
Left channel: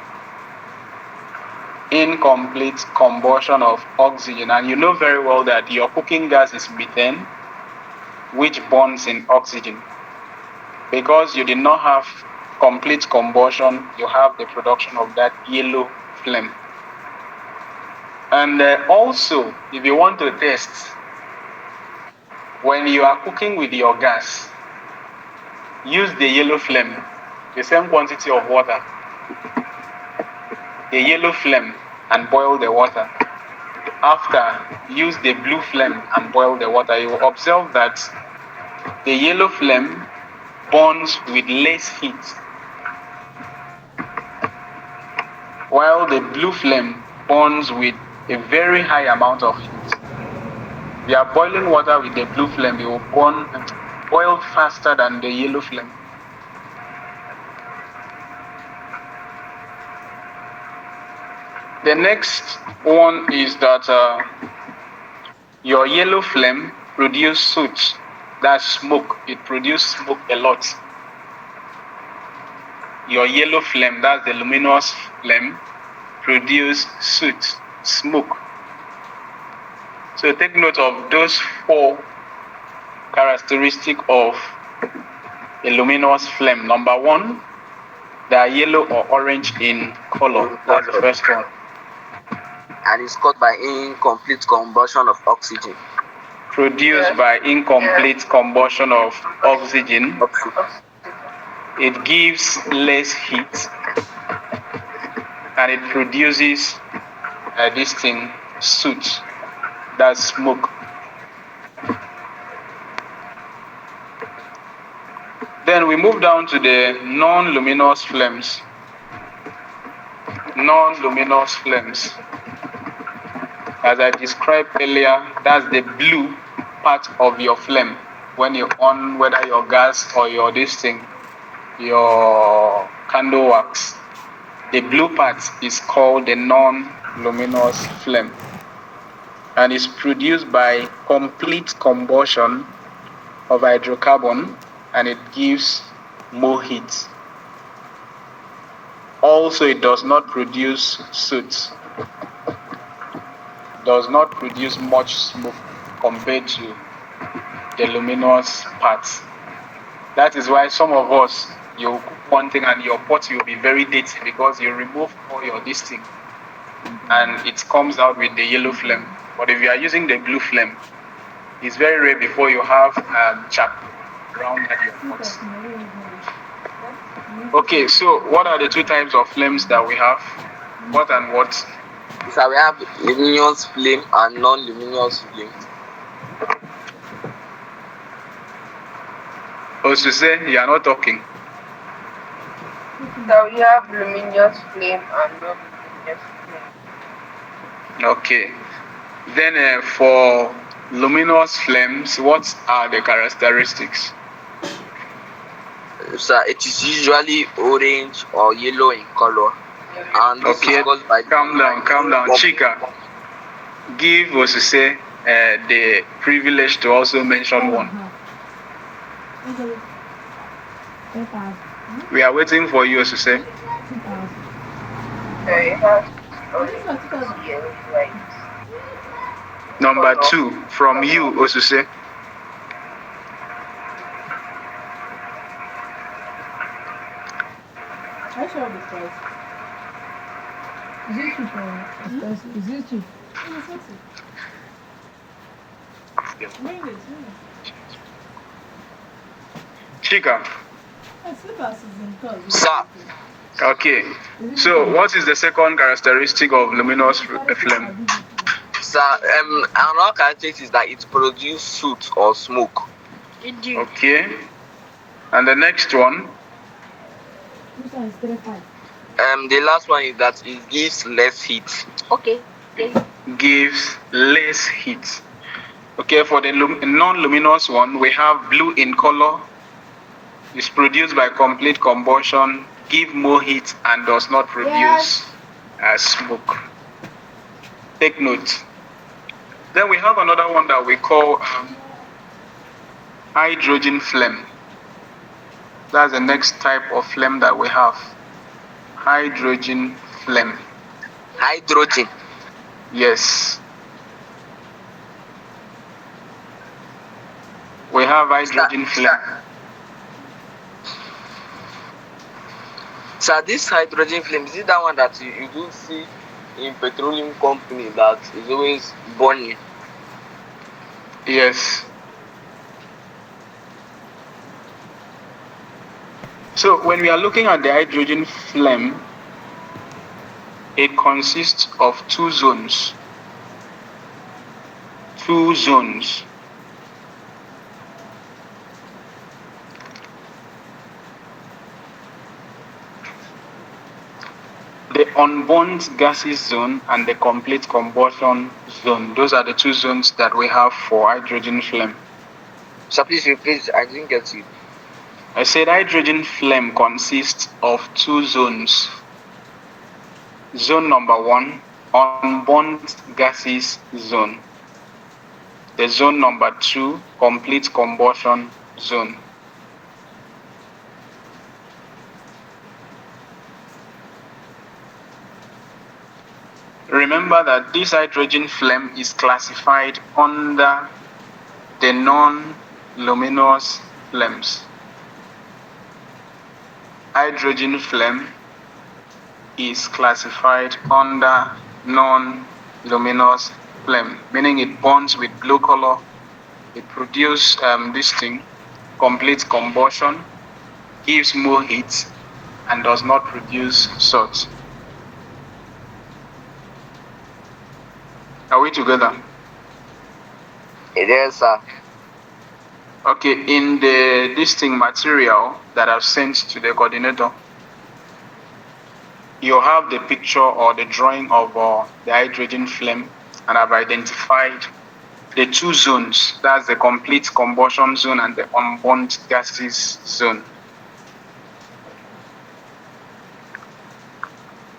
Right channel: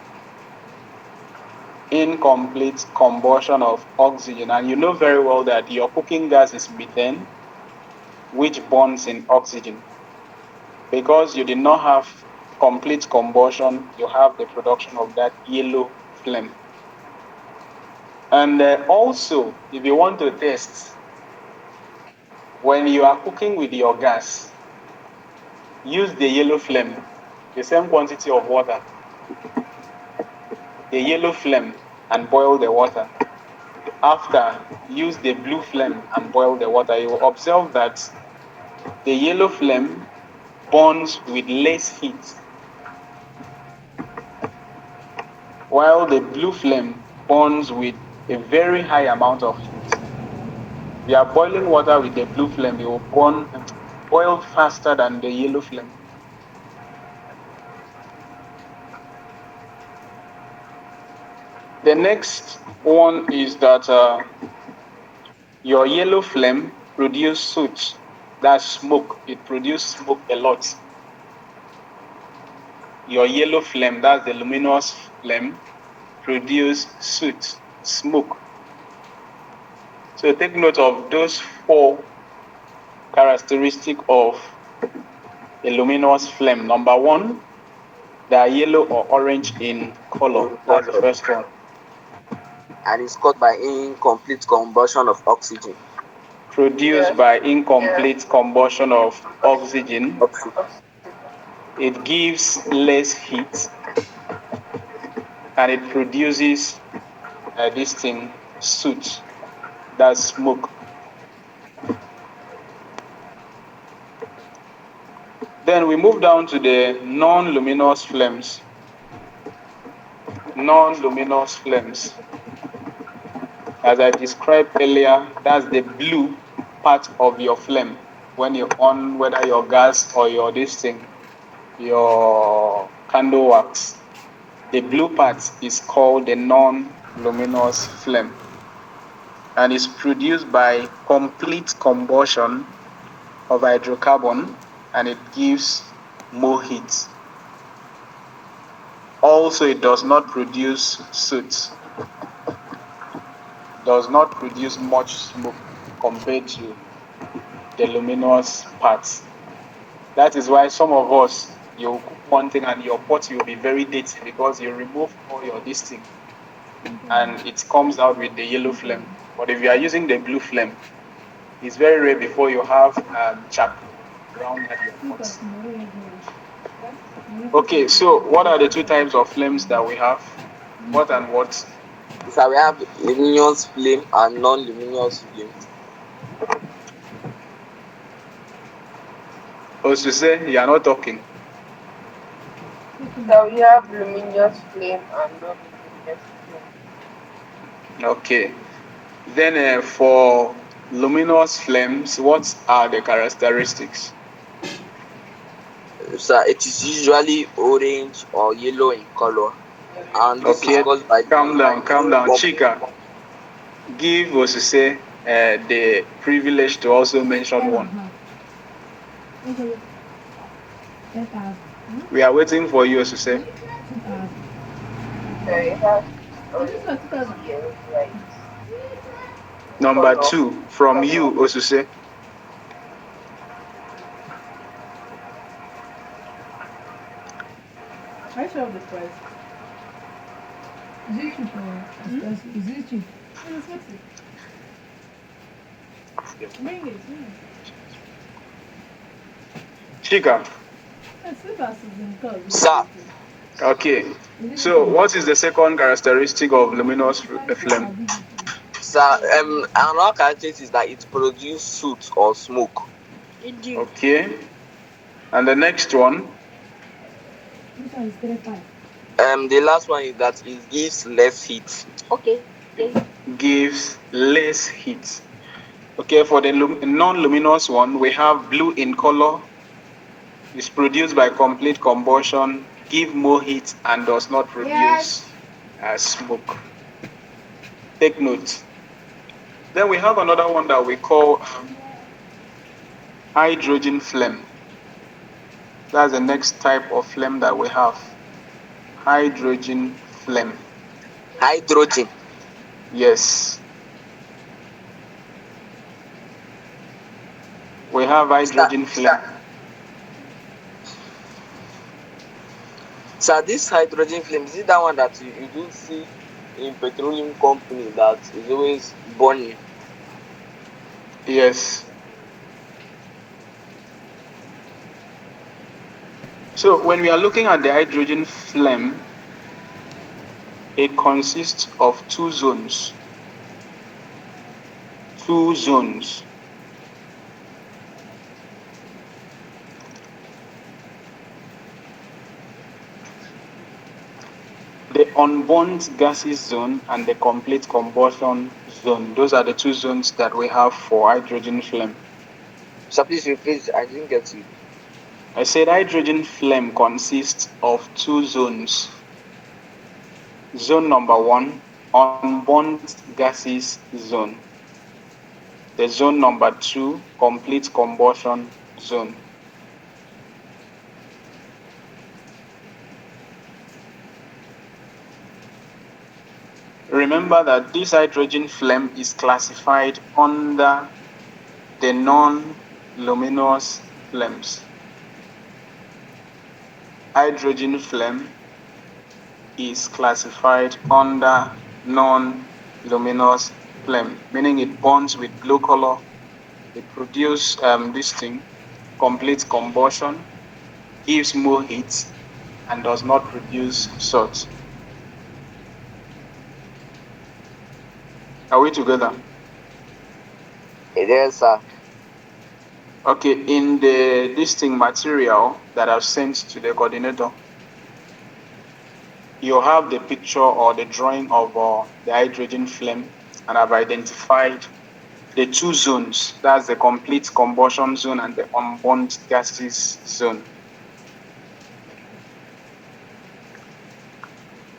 Incomplete combustion of oxygen. And you know very well that your cooking gas is methane, which burns in oxygen. Because you did not have complete combustion, you have the production of that yellow flame. And also, if you want to test, when you are cooking with your gas, use the yellow flame, the same quantity of water, the yellow flame, and boil the water. After, use the blue flame and boil the water. You will observe that the yellow flame burns with less heat, while the blue flame burns with a very high amount of heat. If you are boiling water with the blue flame, it will boil faster than the yellow flame. The next one is that your yellow flame produces soot, that's smoke. It produces smoke a lot. Your yellow flame, that's the luminous flame, produce soot, smoke. So take note of those 4 characteristics of a luminous flame. Number 1, they are yellow or orange in color. That's the first one. And it's caused by incomplete combustion of oxygen. Produced by incomplete combustion of oxygen. It gives less heat, and it produces this thing, soot, that's smoke. Then we move down to the non-luminous flames. non-luminous flames. As I described earlier, that's the blue part of your flame when you're on, whether your gas or your your candle wax. The blue part is called the non-luminous flame, and is produced by complete combustion of hydrocarbon, and it gives more heat. Also, it does not produce soot, does not produce much smoke compared to the luminous parts. That is why some of us, you cook one thing and your pot will be very dirty because you remove all your this thing and it comes out with the yellow flame. But if you are using the blue flame, it's very rare before you have chat around at your pot. Okay, so what are the two types of flames that we have? What and what? So we have luminous flame and non-luminous flame. Also say you are not talking. So we have luminous flame and non-luminous flame. Okay. Then for luminous flames, what are the characteristics? So it is usually orange or yellow in color. And this okay, is caused by calm down. Chika, give Osise the privilege to also mention one. We are waiting for you, Osise. Number 2, from you, Osise. I show the price. Is it cheap or expensive? Is it cheap? Chika. Sir. Okay. So what is the second characteristic of luminous flame? Sir, another characteristic is that it produces soot or smoke. Okay. And the next one? The last one is that it gives less heat. Okay. Gives less heat. Okay, for the non-luminous one, we have blue in color. It's produced by complete combustion, give more heat, and does not produce smoke. Take note. Then we have another one that we call hydrogen flame. That's the next type of flame that we have. Hydrogen flame. Hydrogen? Yes. We have hydrogen flame. So this hydrogen flame, is it that one that you do see in petroleum company that is always burning? Yes. So when we are looking at the hydrogen flame, it consists of two zones. Two zones. The unburnt gases zone and the complete combustion zone. Those are the two zones that we have for hydrogen flame. So please repeat, I didn't get you. I said hydrogen flame consists of two zones. Zone number 1, unburnt gases zone. The zone number 2, complete combustion zone. Remember that this hydrogen flame is classified under the non-luminous flames. Hydrogen flame is classified under non-luminous flame, meaning it burns with blue color. It produces this thing, complete combustion, gives more heat, and does not produce soot. Are we together? Yes, sir. Okay, in the listing material that I've sent to the coordinator, you have the picture or the drawing of the hydrogen flame, and I've identified the two zones. That's the complete combustion zone and the unburnt gases zone.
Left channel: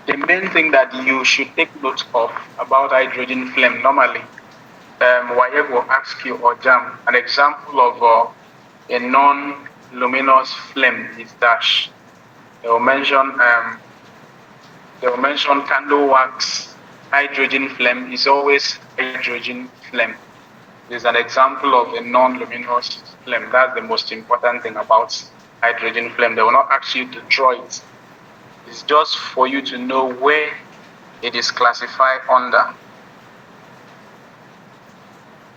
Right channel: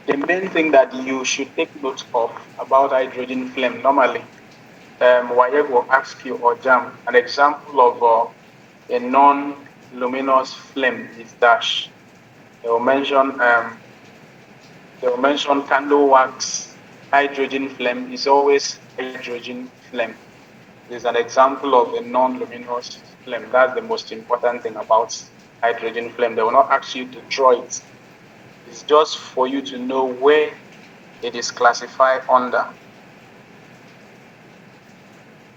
The main thing that you should take note of about hydrogen flame, normally, WAEC will ask you, or JAMB, an example of a non-luminous flame is dash. They will mention candle wax. Hydrogen flame is always hydrogen flame. It's an example of a non-luminous flame. That's the most important thing about hydrogen flame. They will not ask you to draw it. It's just for you to know where it is classified under.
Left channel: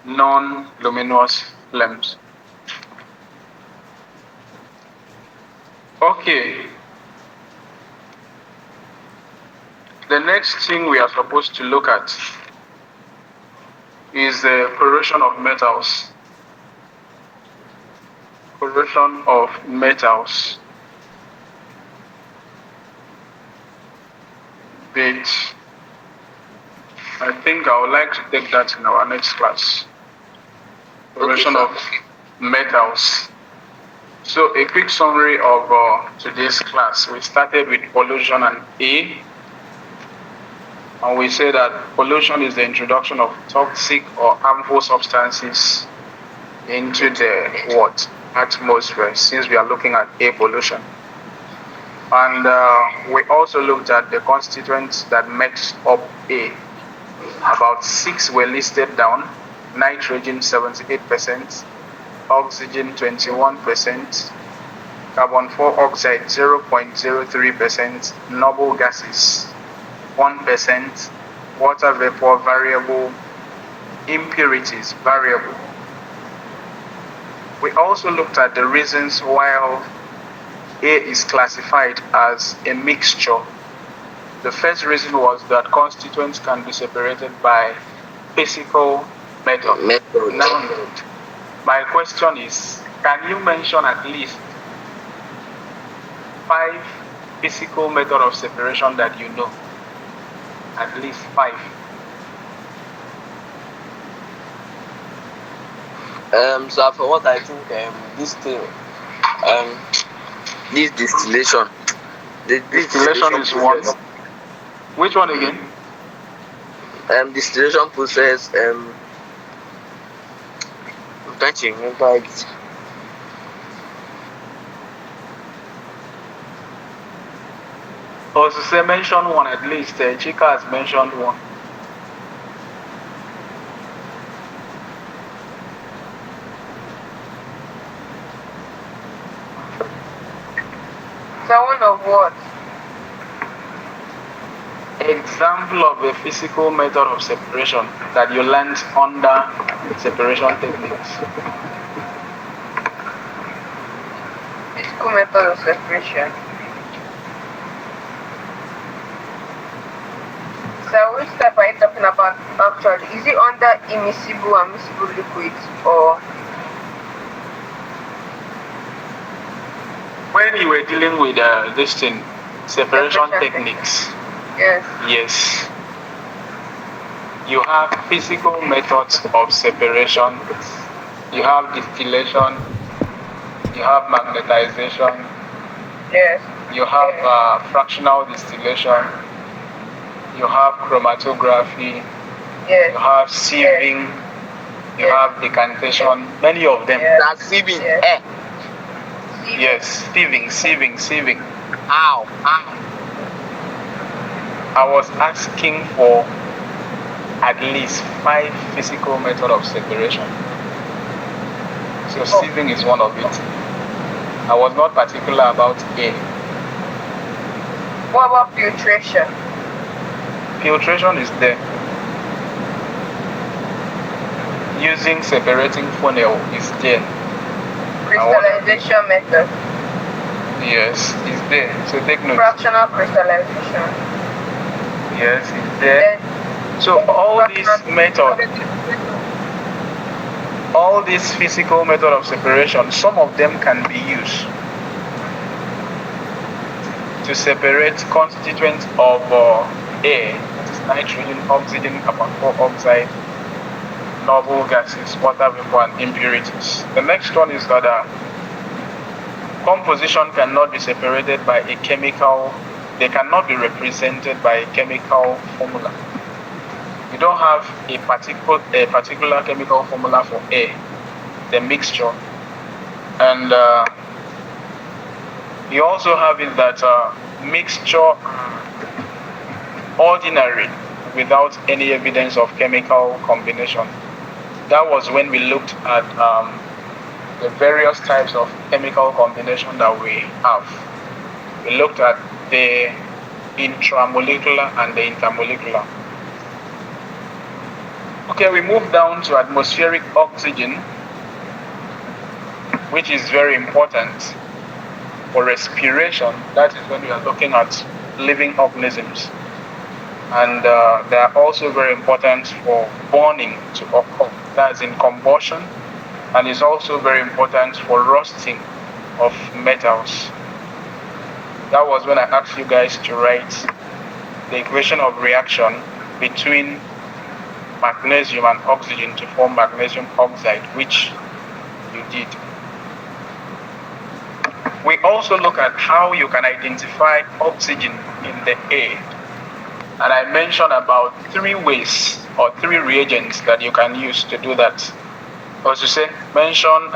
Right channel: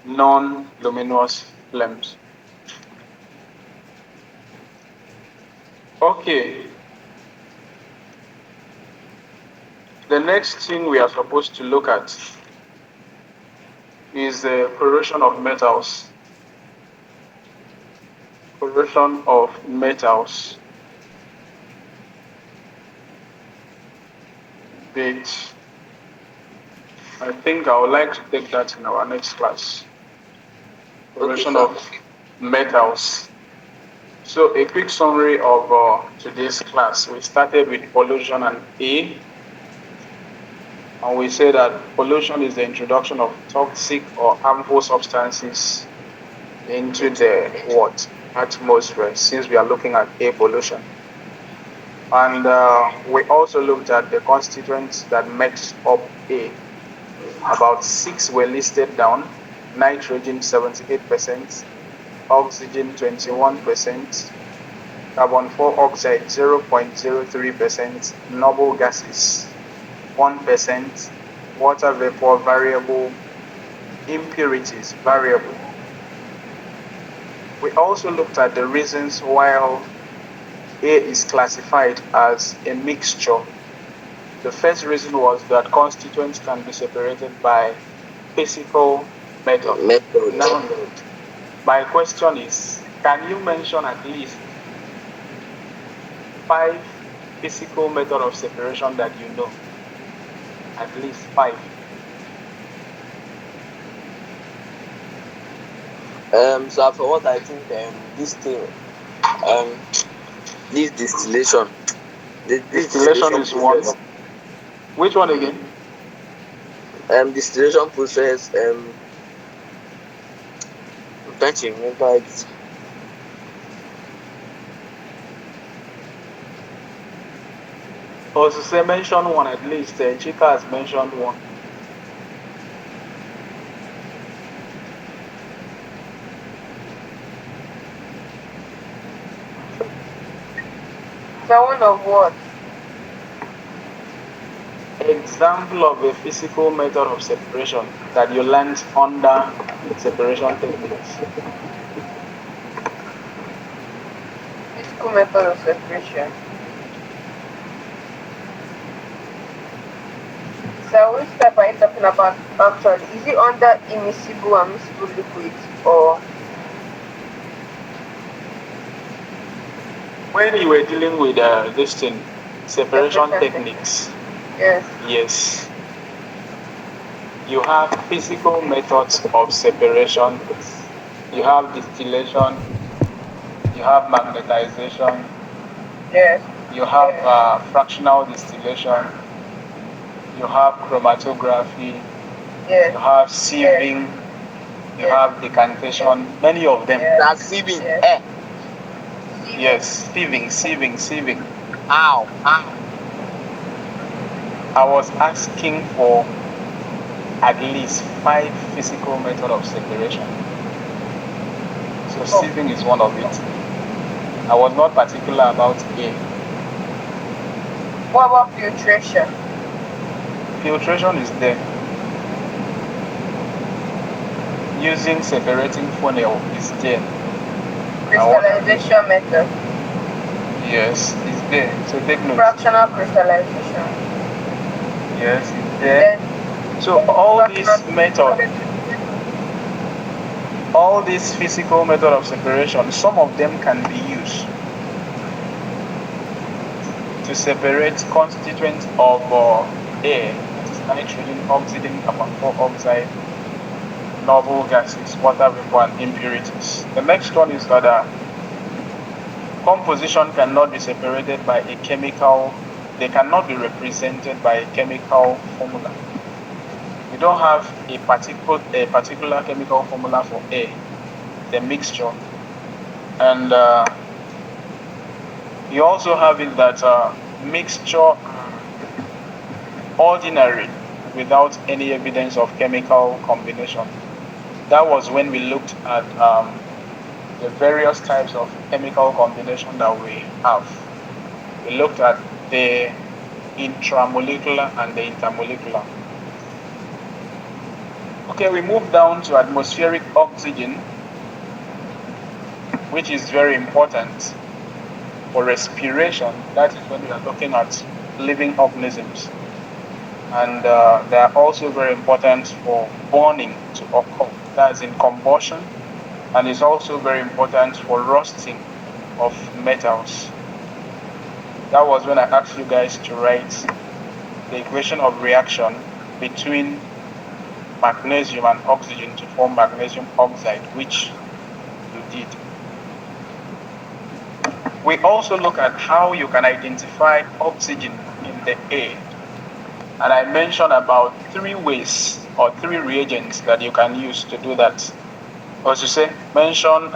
Non-luminous flames. Okay. The next thing we are supposed to look at is the corrosion of metals. Corrosion of metals. But I think I would like to take that in our next class. Corrosion of metals. So a quick summary of today's class. We started with pollution and A. And we say that pollution is the introduction of toxic or harmful substances into the atmosphere, since we are looking at air pollution. And we also looked at the constituents that makes up A. About 6 were listed down: nitrogen 78%, oxygen 21%, carbon 4 oxide 0.03%, noble gases 1%, water vapor variable, impurities variable. We also looked at the reasons why A is classified as a mixture. The first reason was that constituents can be separated by physical method. Now, my question is, can you mention at least 5 physical methods of separation that you know? At least 5. So for what I think, this thing, this distillation. The distillation is one. Which one again? Distillation process. I'm trying to remember it. Also, say mention one at least. Chika has mentioned one. So one of what? Example of a physical method of separation that you learned under separation techniques. Physical method of separation. So which type are you talking about actually? Is it under immiscible and miscible liquids, or When you were dealing with this thing, separation techniques? yes? Yes. You have physical methods of separation. You have distillation. You have magnetization. Yes. You have fractional distillation. You have chromatography. Yes. You have sieving. You have decantation. Many of them. That's sieving. Yes. Yes, sieving. How? I was asking for at least 5 physical methods of separation. So sieving is one of it. I was not particular about A. What about filtration? Filtration is there. Using separating funnel is there. Crystallization method. Yes, it's there. So take note. Fractional crystallization. Yes, it's there. So all these methods, all these physical method of separation, some of them can be used. to separate constituents of air, that is nitrogen, oxygen, carbon dioxide, noble gases, water vapor, and impurities. The next one is that composition cannot be separated by a chemical, they cannot be represented by a chemical formula. You don't have a particular chemical formula for air, the mixture. And you also have it that mixture ordinary without any evidence of chemical combination. That was when we looked at the various types of chemical combination that we have. We looked at the intramolecular and the intermolecular. Okay, we move down to atmospheric oxygen, which is very important for respiration. That is when we are looking at living organisms. And they are also very important for burning to occur. That's in combustion. And it's also very important for rusting of metals. That was when I asked you guys to write the equation of reaction between magnesium and oxygen to form magnesium oxide, which you did. We also look at how you can identify oxygen in the air. And I mentioned about 3 ways or 3 reagents that you can use to do that. As you say, mention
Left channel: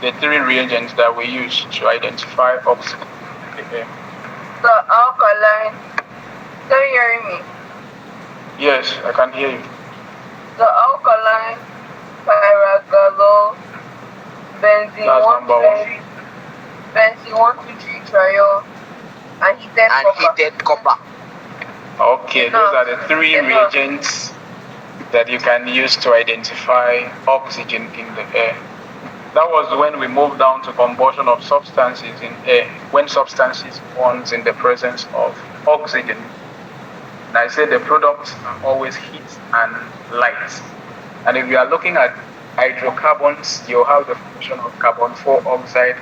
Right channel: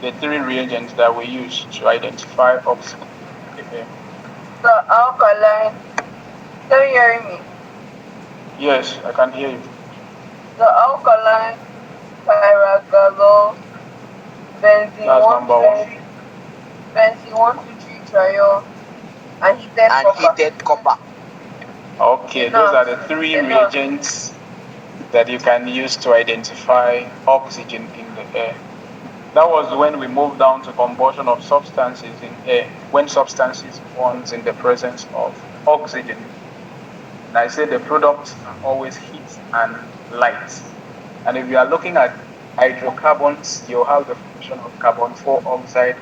the 3 reagents that we use to identify oxygen in the air. The alkaline. Can you hear me? Yes, I can hear you. The alkaline, pyragalol, benzene That's 1, number 1. benzene 1,2,3 triol, and heated copper. Okay, those are the 3 reagents that you can use to identify oxygen in the air. That was when we moved down to combustion of substances in air, when substances burn in the presence of oxygen. And I said the products are always heat and light. And if you are looking at hydrocarbons, you have the formation of carbon dioxide,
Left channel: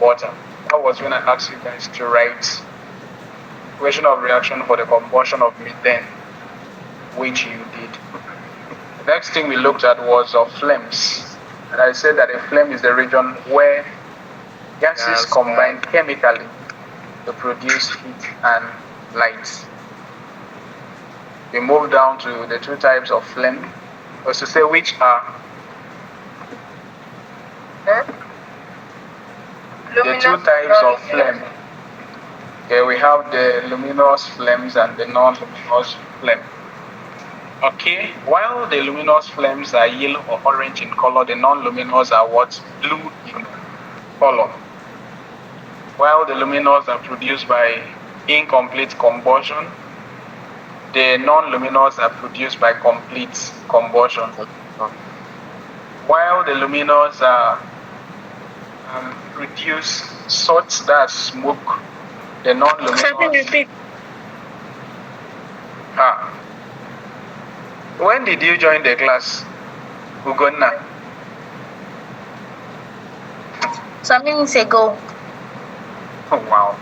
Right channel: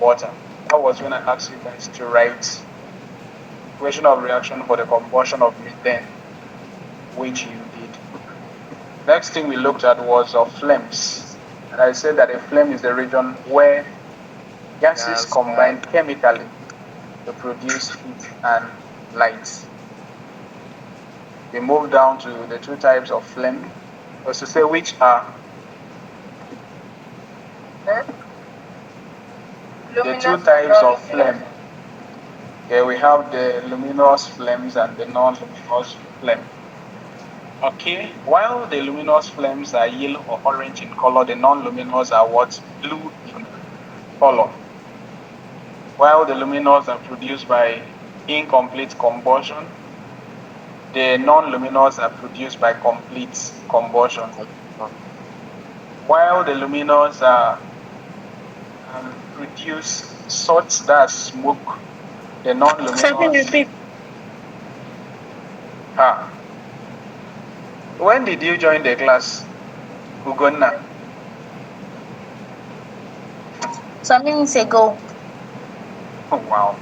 water. That was when I asked you guys to write equation of reaction for the combustion of methane, which you did. The next thing we looked at was flames. And I said that a flame is the region where gases combine chemically to produce heat and light. We move down to the 2 types of flame, was to say which are the 2 types of flame. Okay, we have the luminous flames and the non-luminous flame. Okay, while the luminous flames are yellow or orange in color, the non-luminous are what? Blue in color. While the luminous are produced by incomplete combustion, the non-luminous are produced by complete combustion. While the luminous are produce such that smoke, the non-luminous. When did you join the class, Ugonna? Some minutes ago. Oh, wow.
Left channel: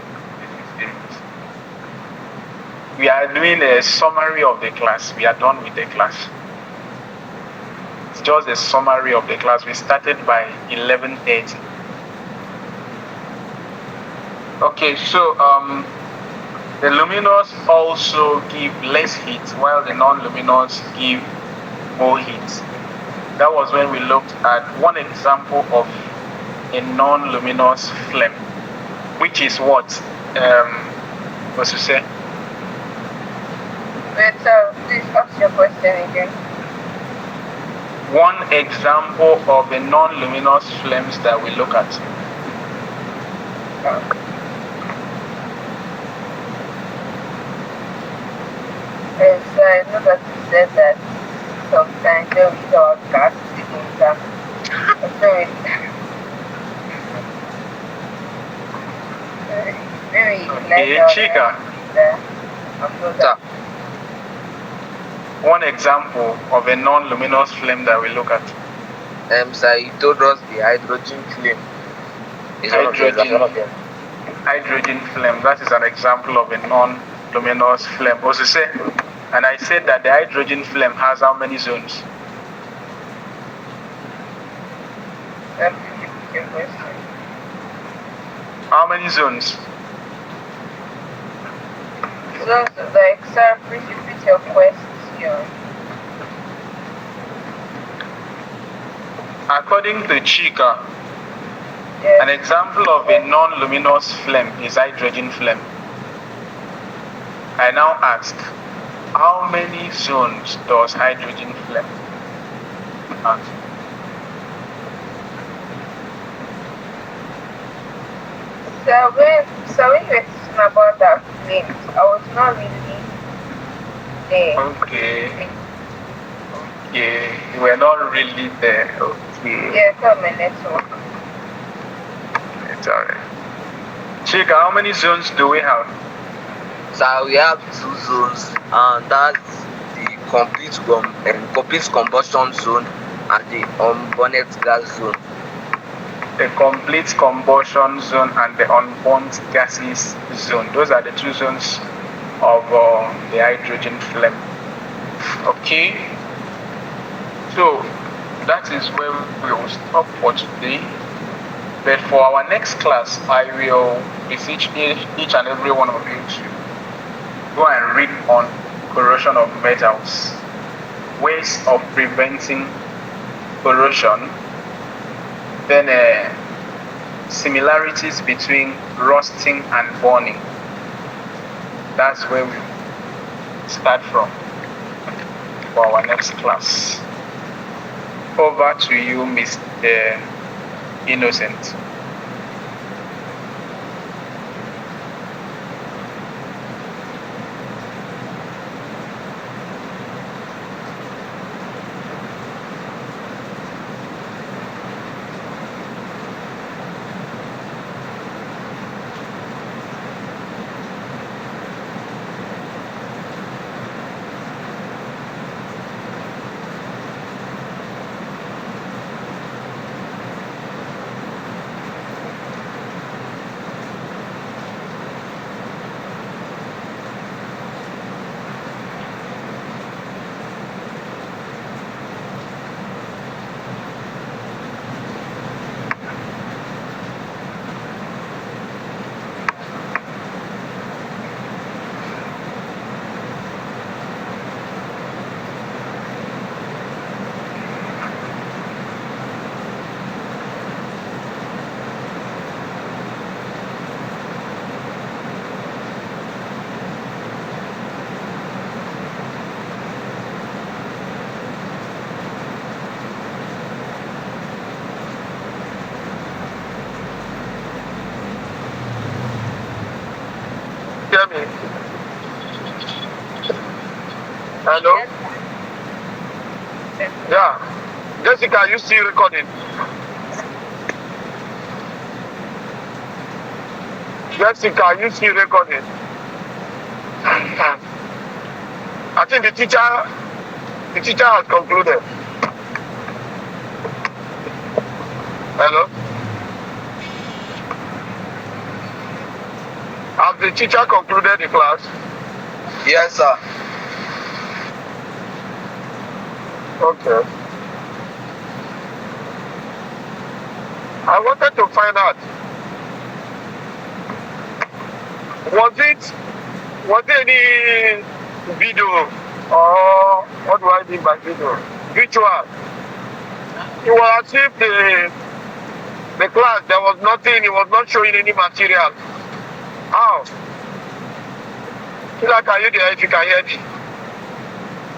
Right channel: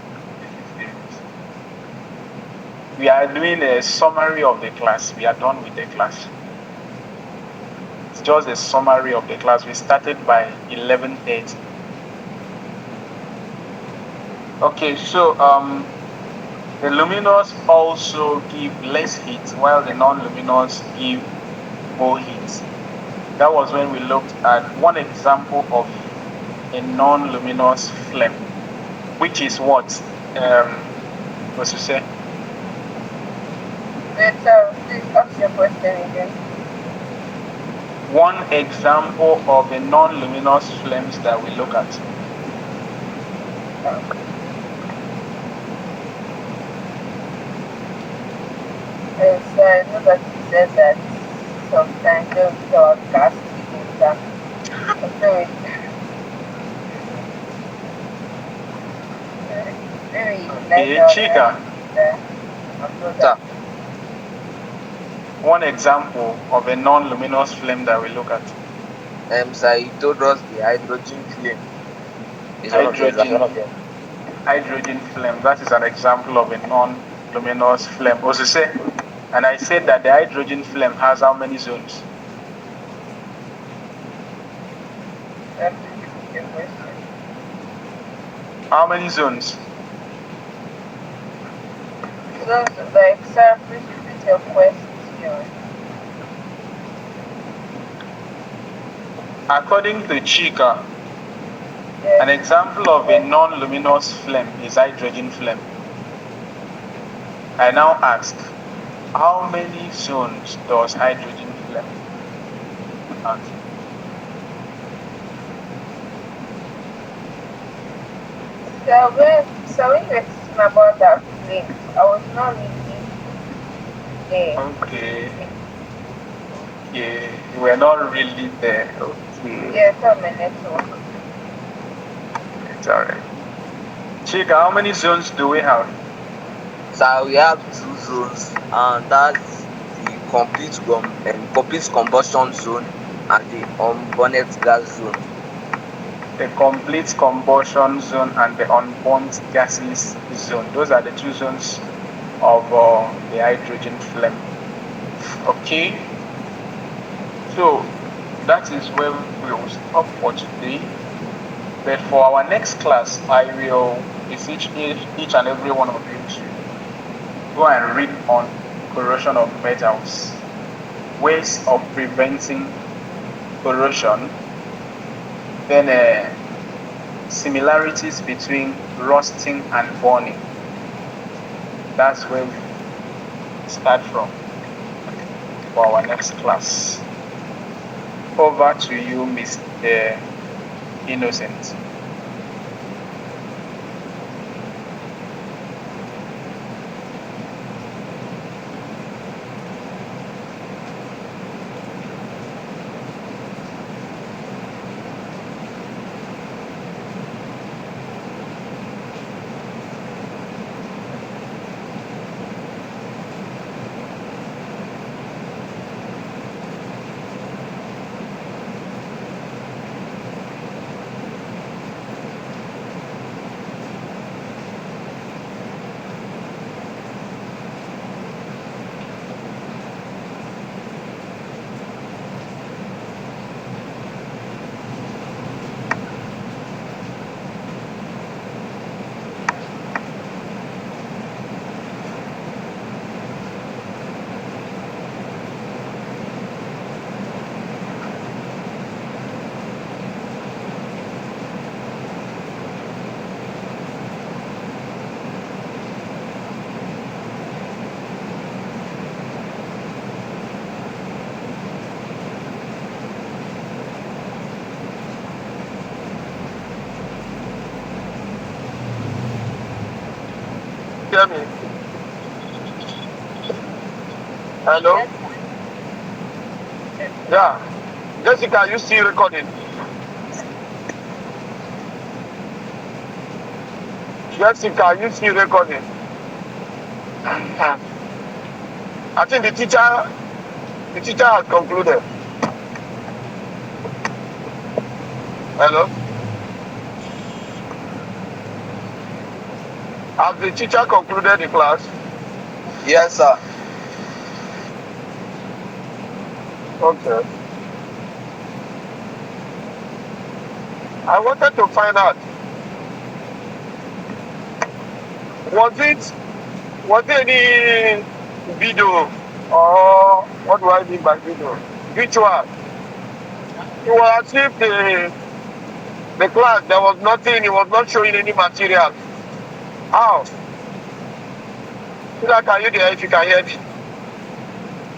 We are doing a summary of the class. We are done with the class. It's just a summary of the class. We started by 11:30. Okay, so the luminous also give less heat while the non-luminous give more heat. That was when we looked at one example of a non-luminous flame, which is what? What's to say? Please ask your question again. One example of the non-luminous flames that we look at. Yes, I know that you said that sometimes they will talk gas in them. Okay, Chika. One example of a non-luminous flame that we look at. Sir, you told us the hydrogen flame is one of them. hydrogen flame. That is an example of a non-luminous flame. And I said that the hydrogen flame has how many zones? How many zones? Zones, like, sir, please repeat your question. According to Chika, Yes. an example of a non-luminous flame is hydrogen flame. I now ask, how many zones does hydrogen flame have? So when you were talking about that flame, I was not really there. Okay. Yeah, you were not really there. Okay. Yeah, tell me next one. It's alright. Chika, how many zones do we have? So we have 2 zones, and that's the complete combustion zone and the unburned gas zone. The complete combustion zone and the unburnt gases zone. Those are the 2 zones of the hydrogen flame. Okay. So that is where we will stop for today. But for our next class, I will beseech each and every one of you to go and read on corrosion of metals, ways of preventing corrosion, then similarities between rusting and burning. That's where we start from for our next class. Over to you, Mr. Innocent. Hear me? Hello? Yeah. Jessica, are you still recording? Jessica, are you still recording? I think the teacher has concluded. Hello? Has the teacher concluded the class? Yes, sir. Okay. I wanted to find out, was there any video, or what do I mean by video? Which one? It was as if the class, there was nothing, it was not showing any material. How? Can you there if you can hear me?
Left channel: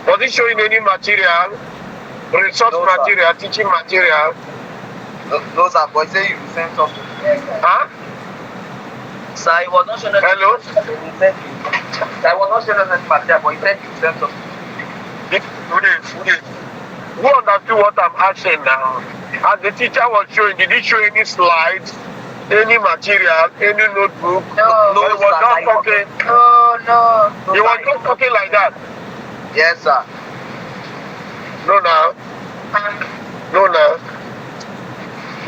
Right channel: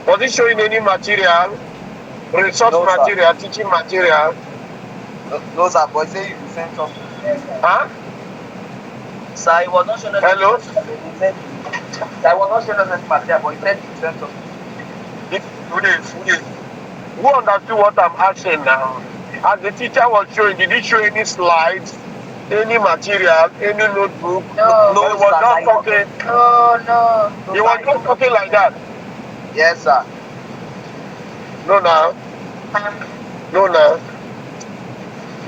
Was it showing any material, resource material, teaching material? No, sir, but say you sent something. Huh? Sir, it was not showing us. Hello? I was not showing us any material, but he said you sent something. Who understood what I'm asking now? As the teacher was showing, did he show any slides, any material, any notebook? No. He was not talking. No. He was not talking like that. Yes, sir. No, now. No, now.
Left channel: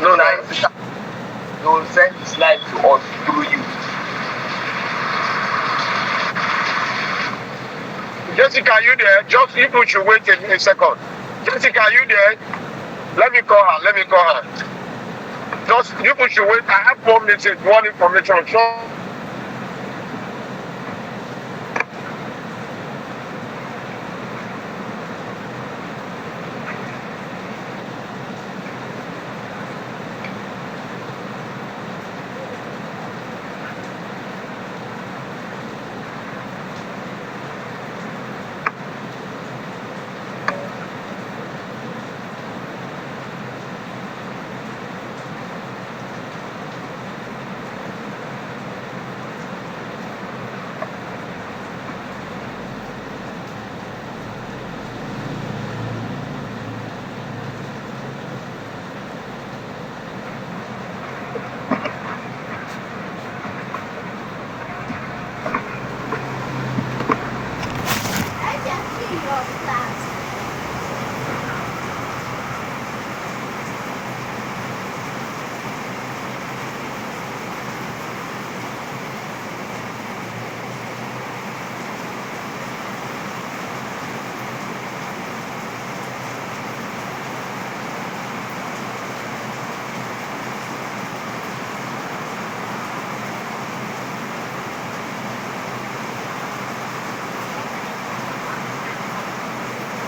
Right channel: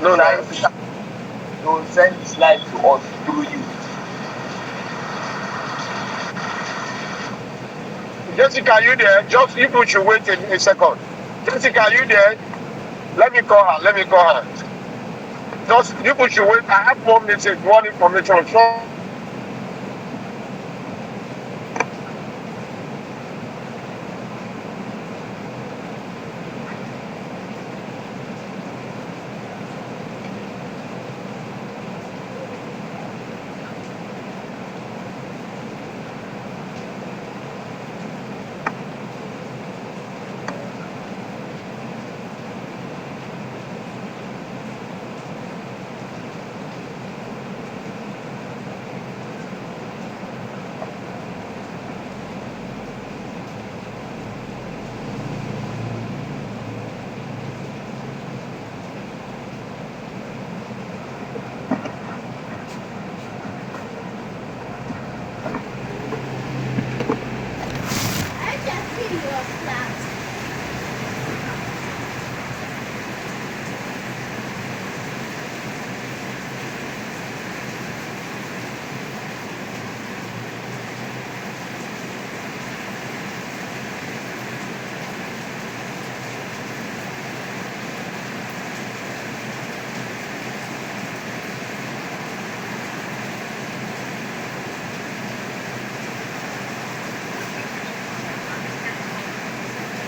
No, now. You will send the slide to us through you. Jessica, are you there? Just if we should wait a second. Jessica, are you there? Let me call her. Let me call her. Just if we should wait. I have 4 minutes. One information. So,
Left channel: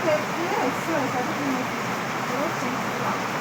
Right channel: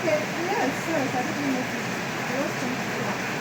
Yes, yes, I didn't notice.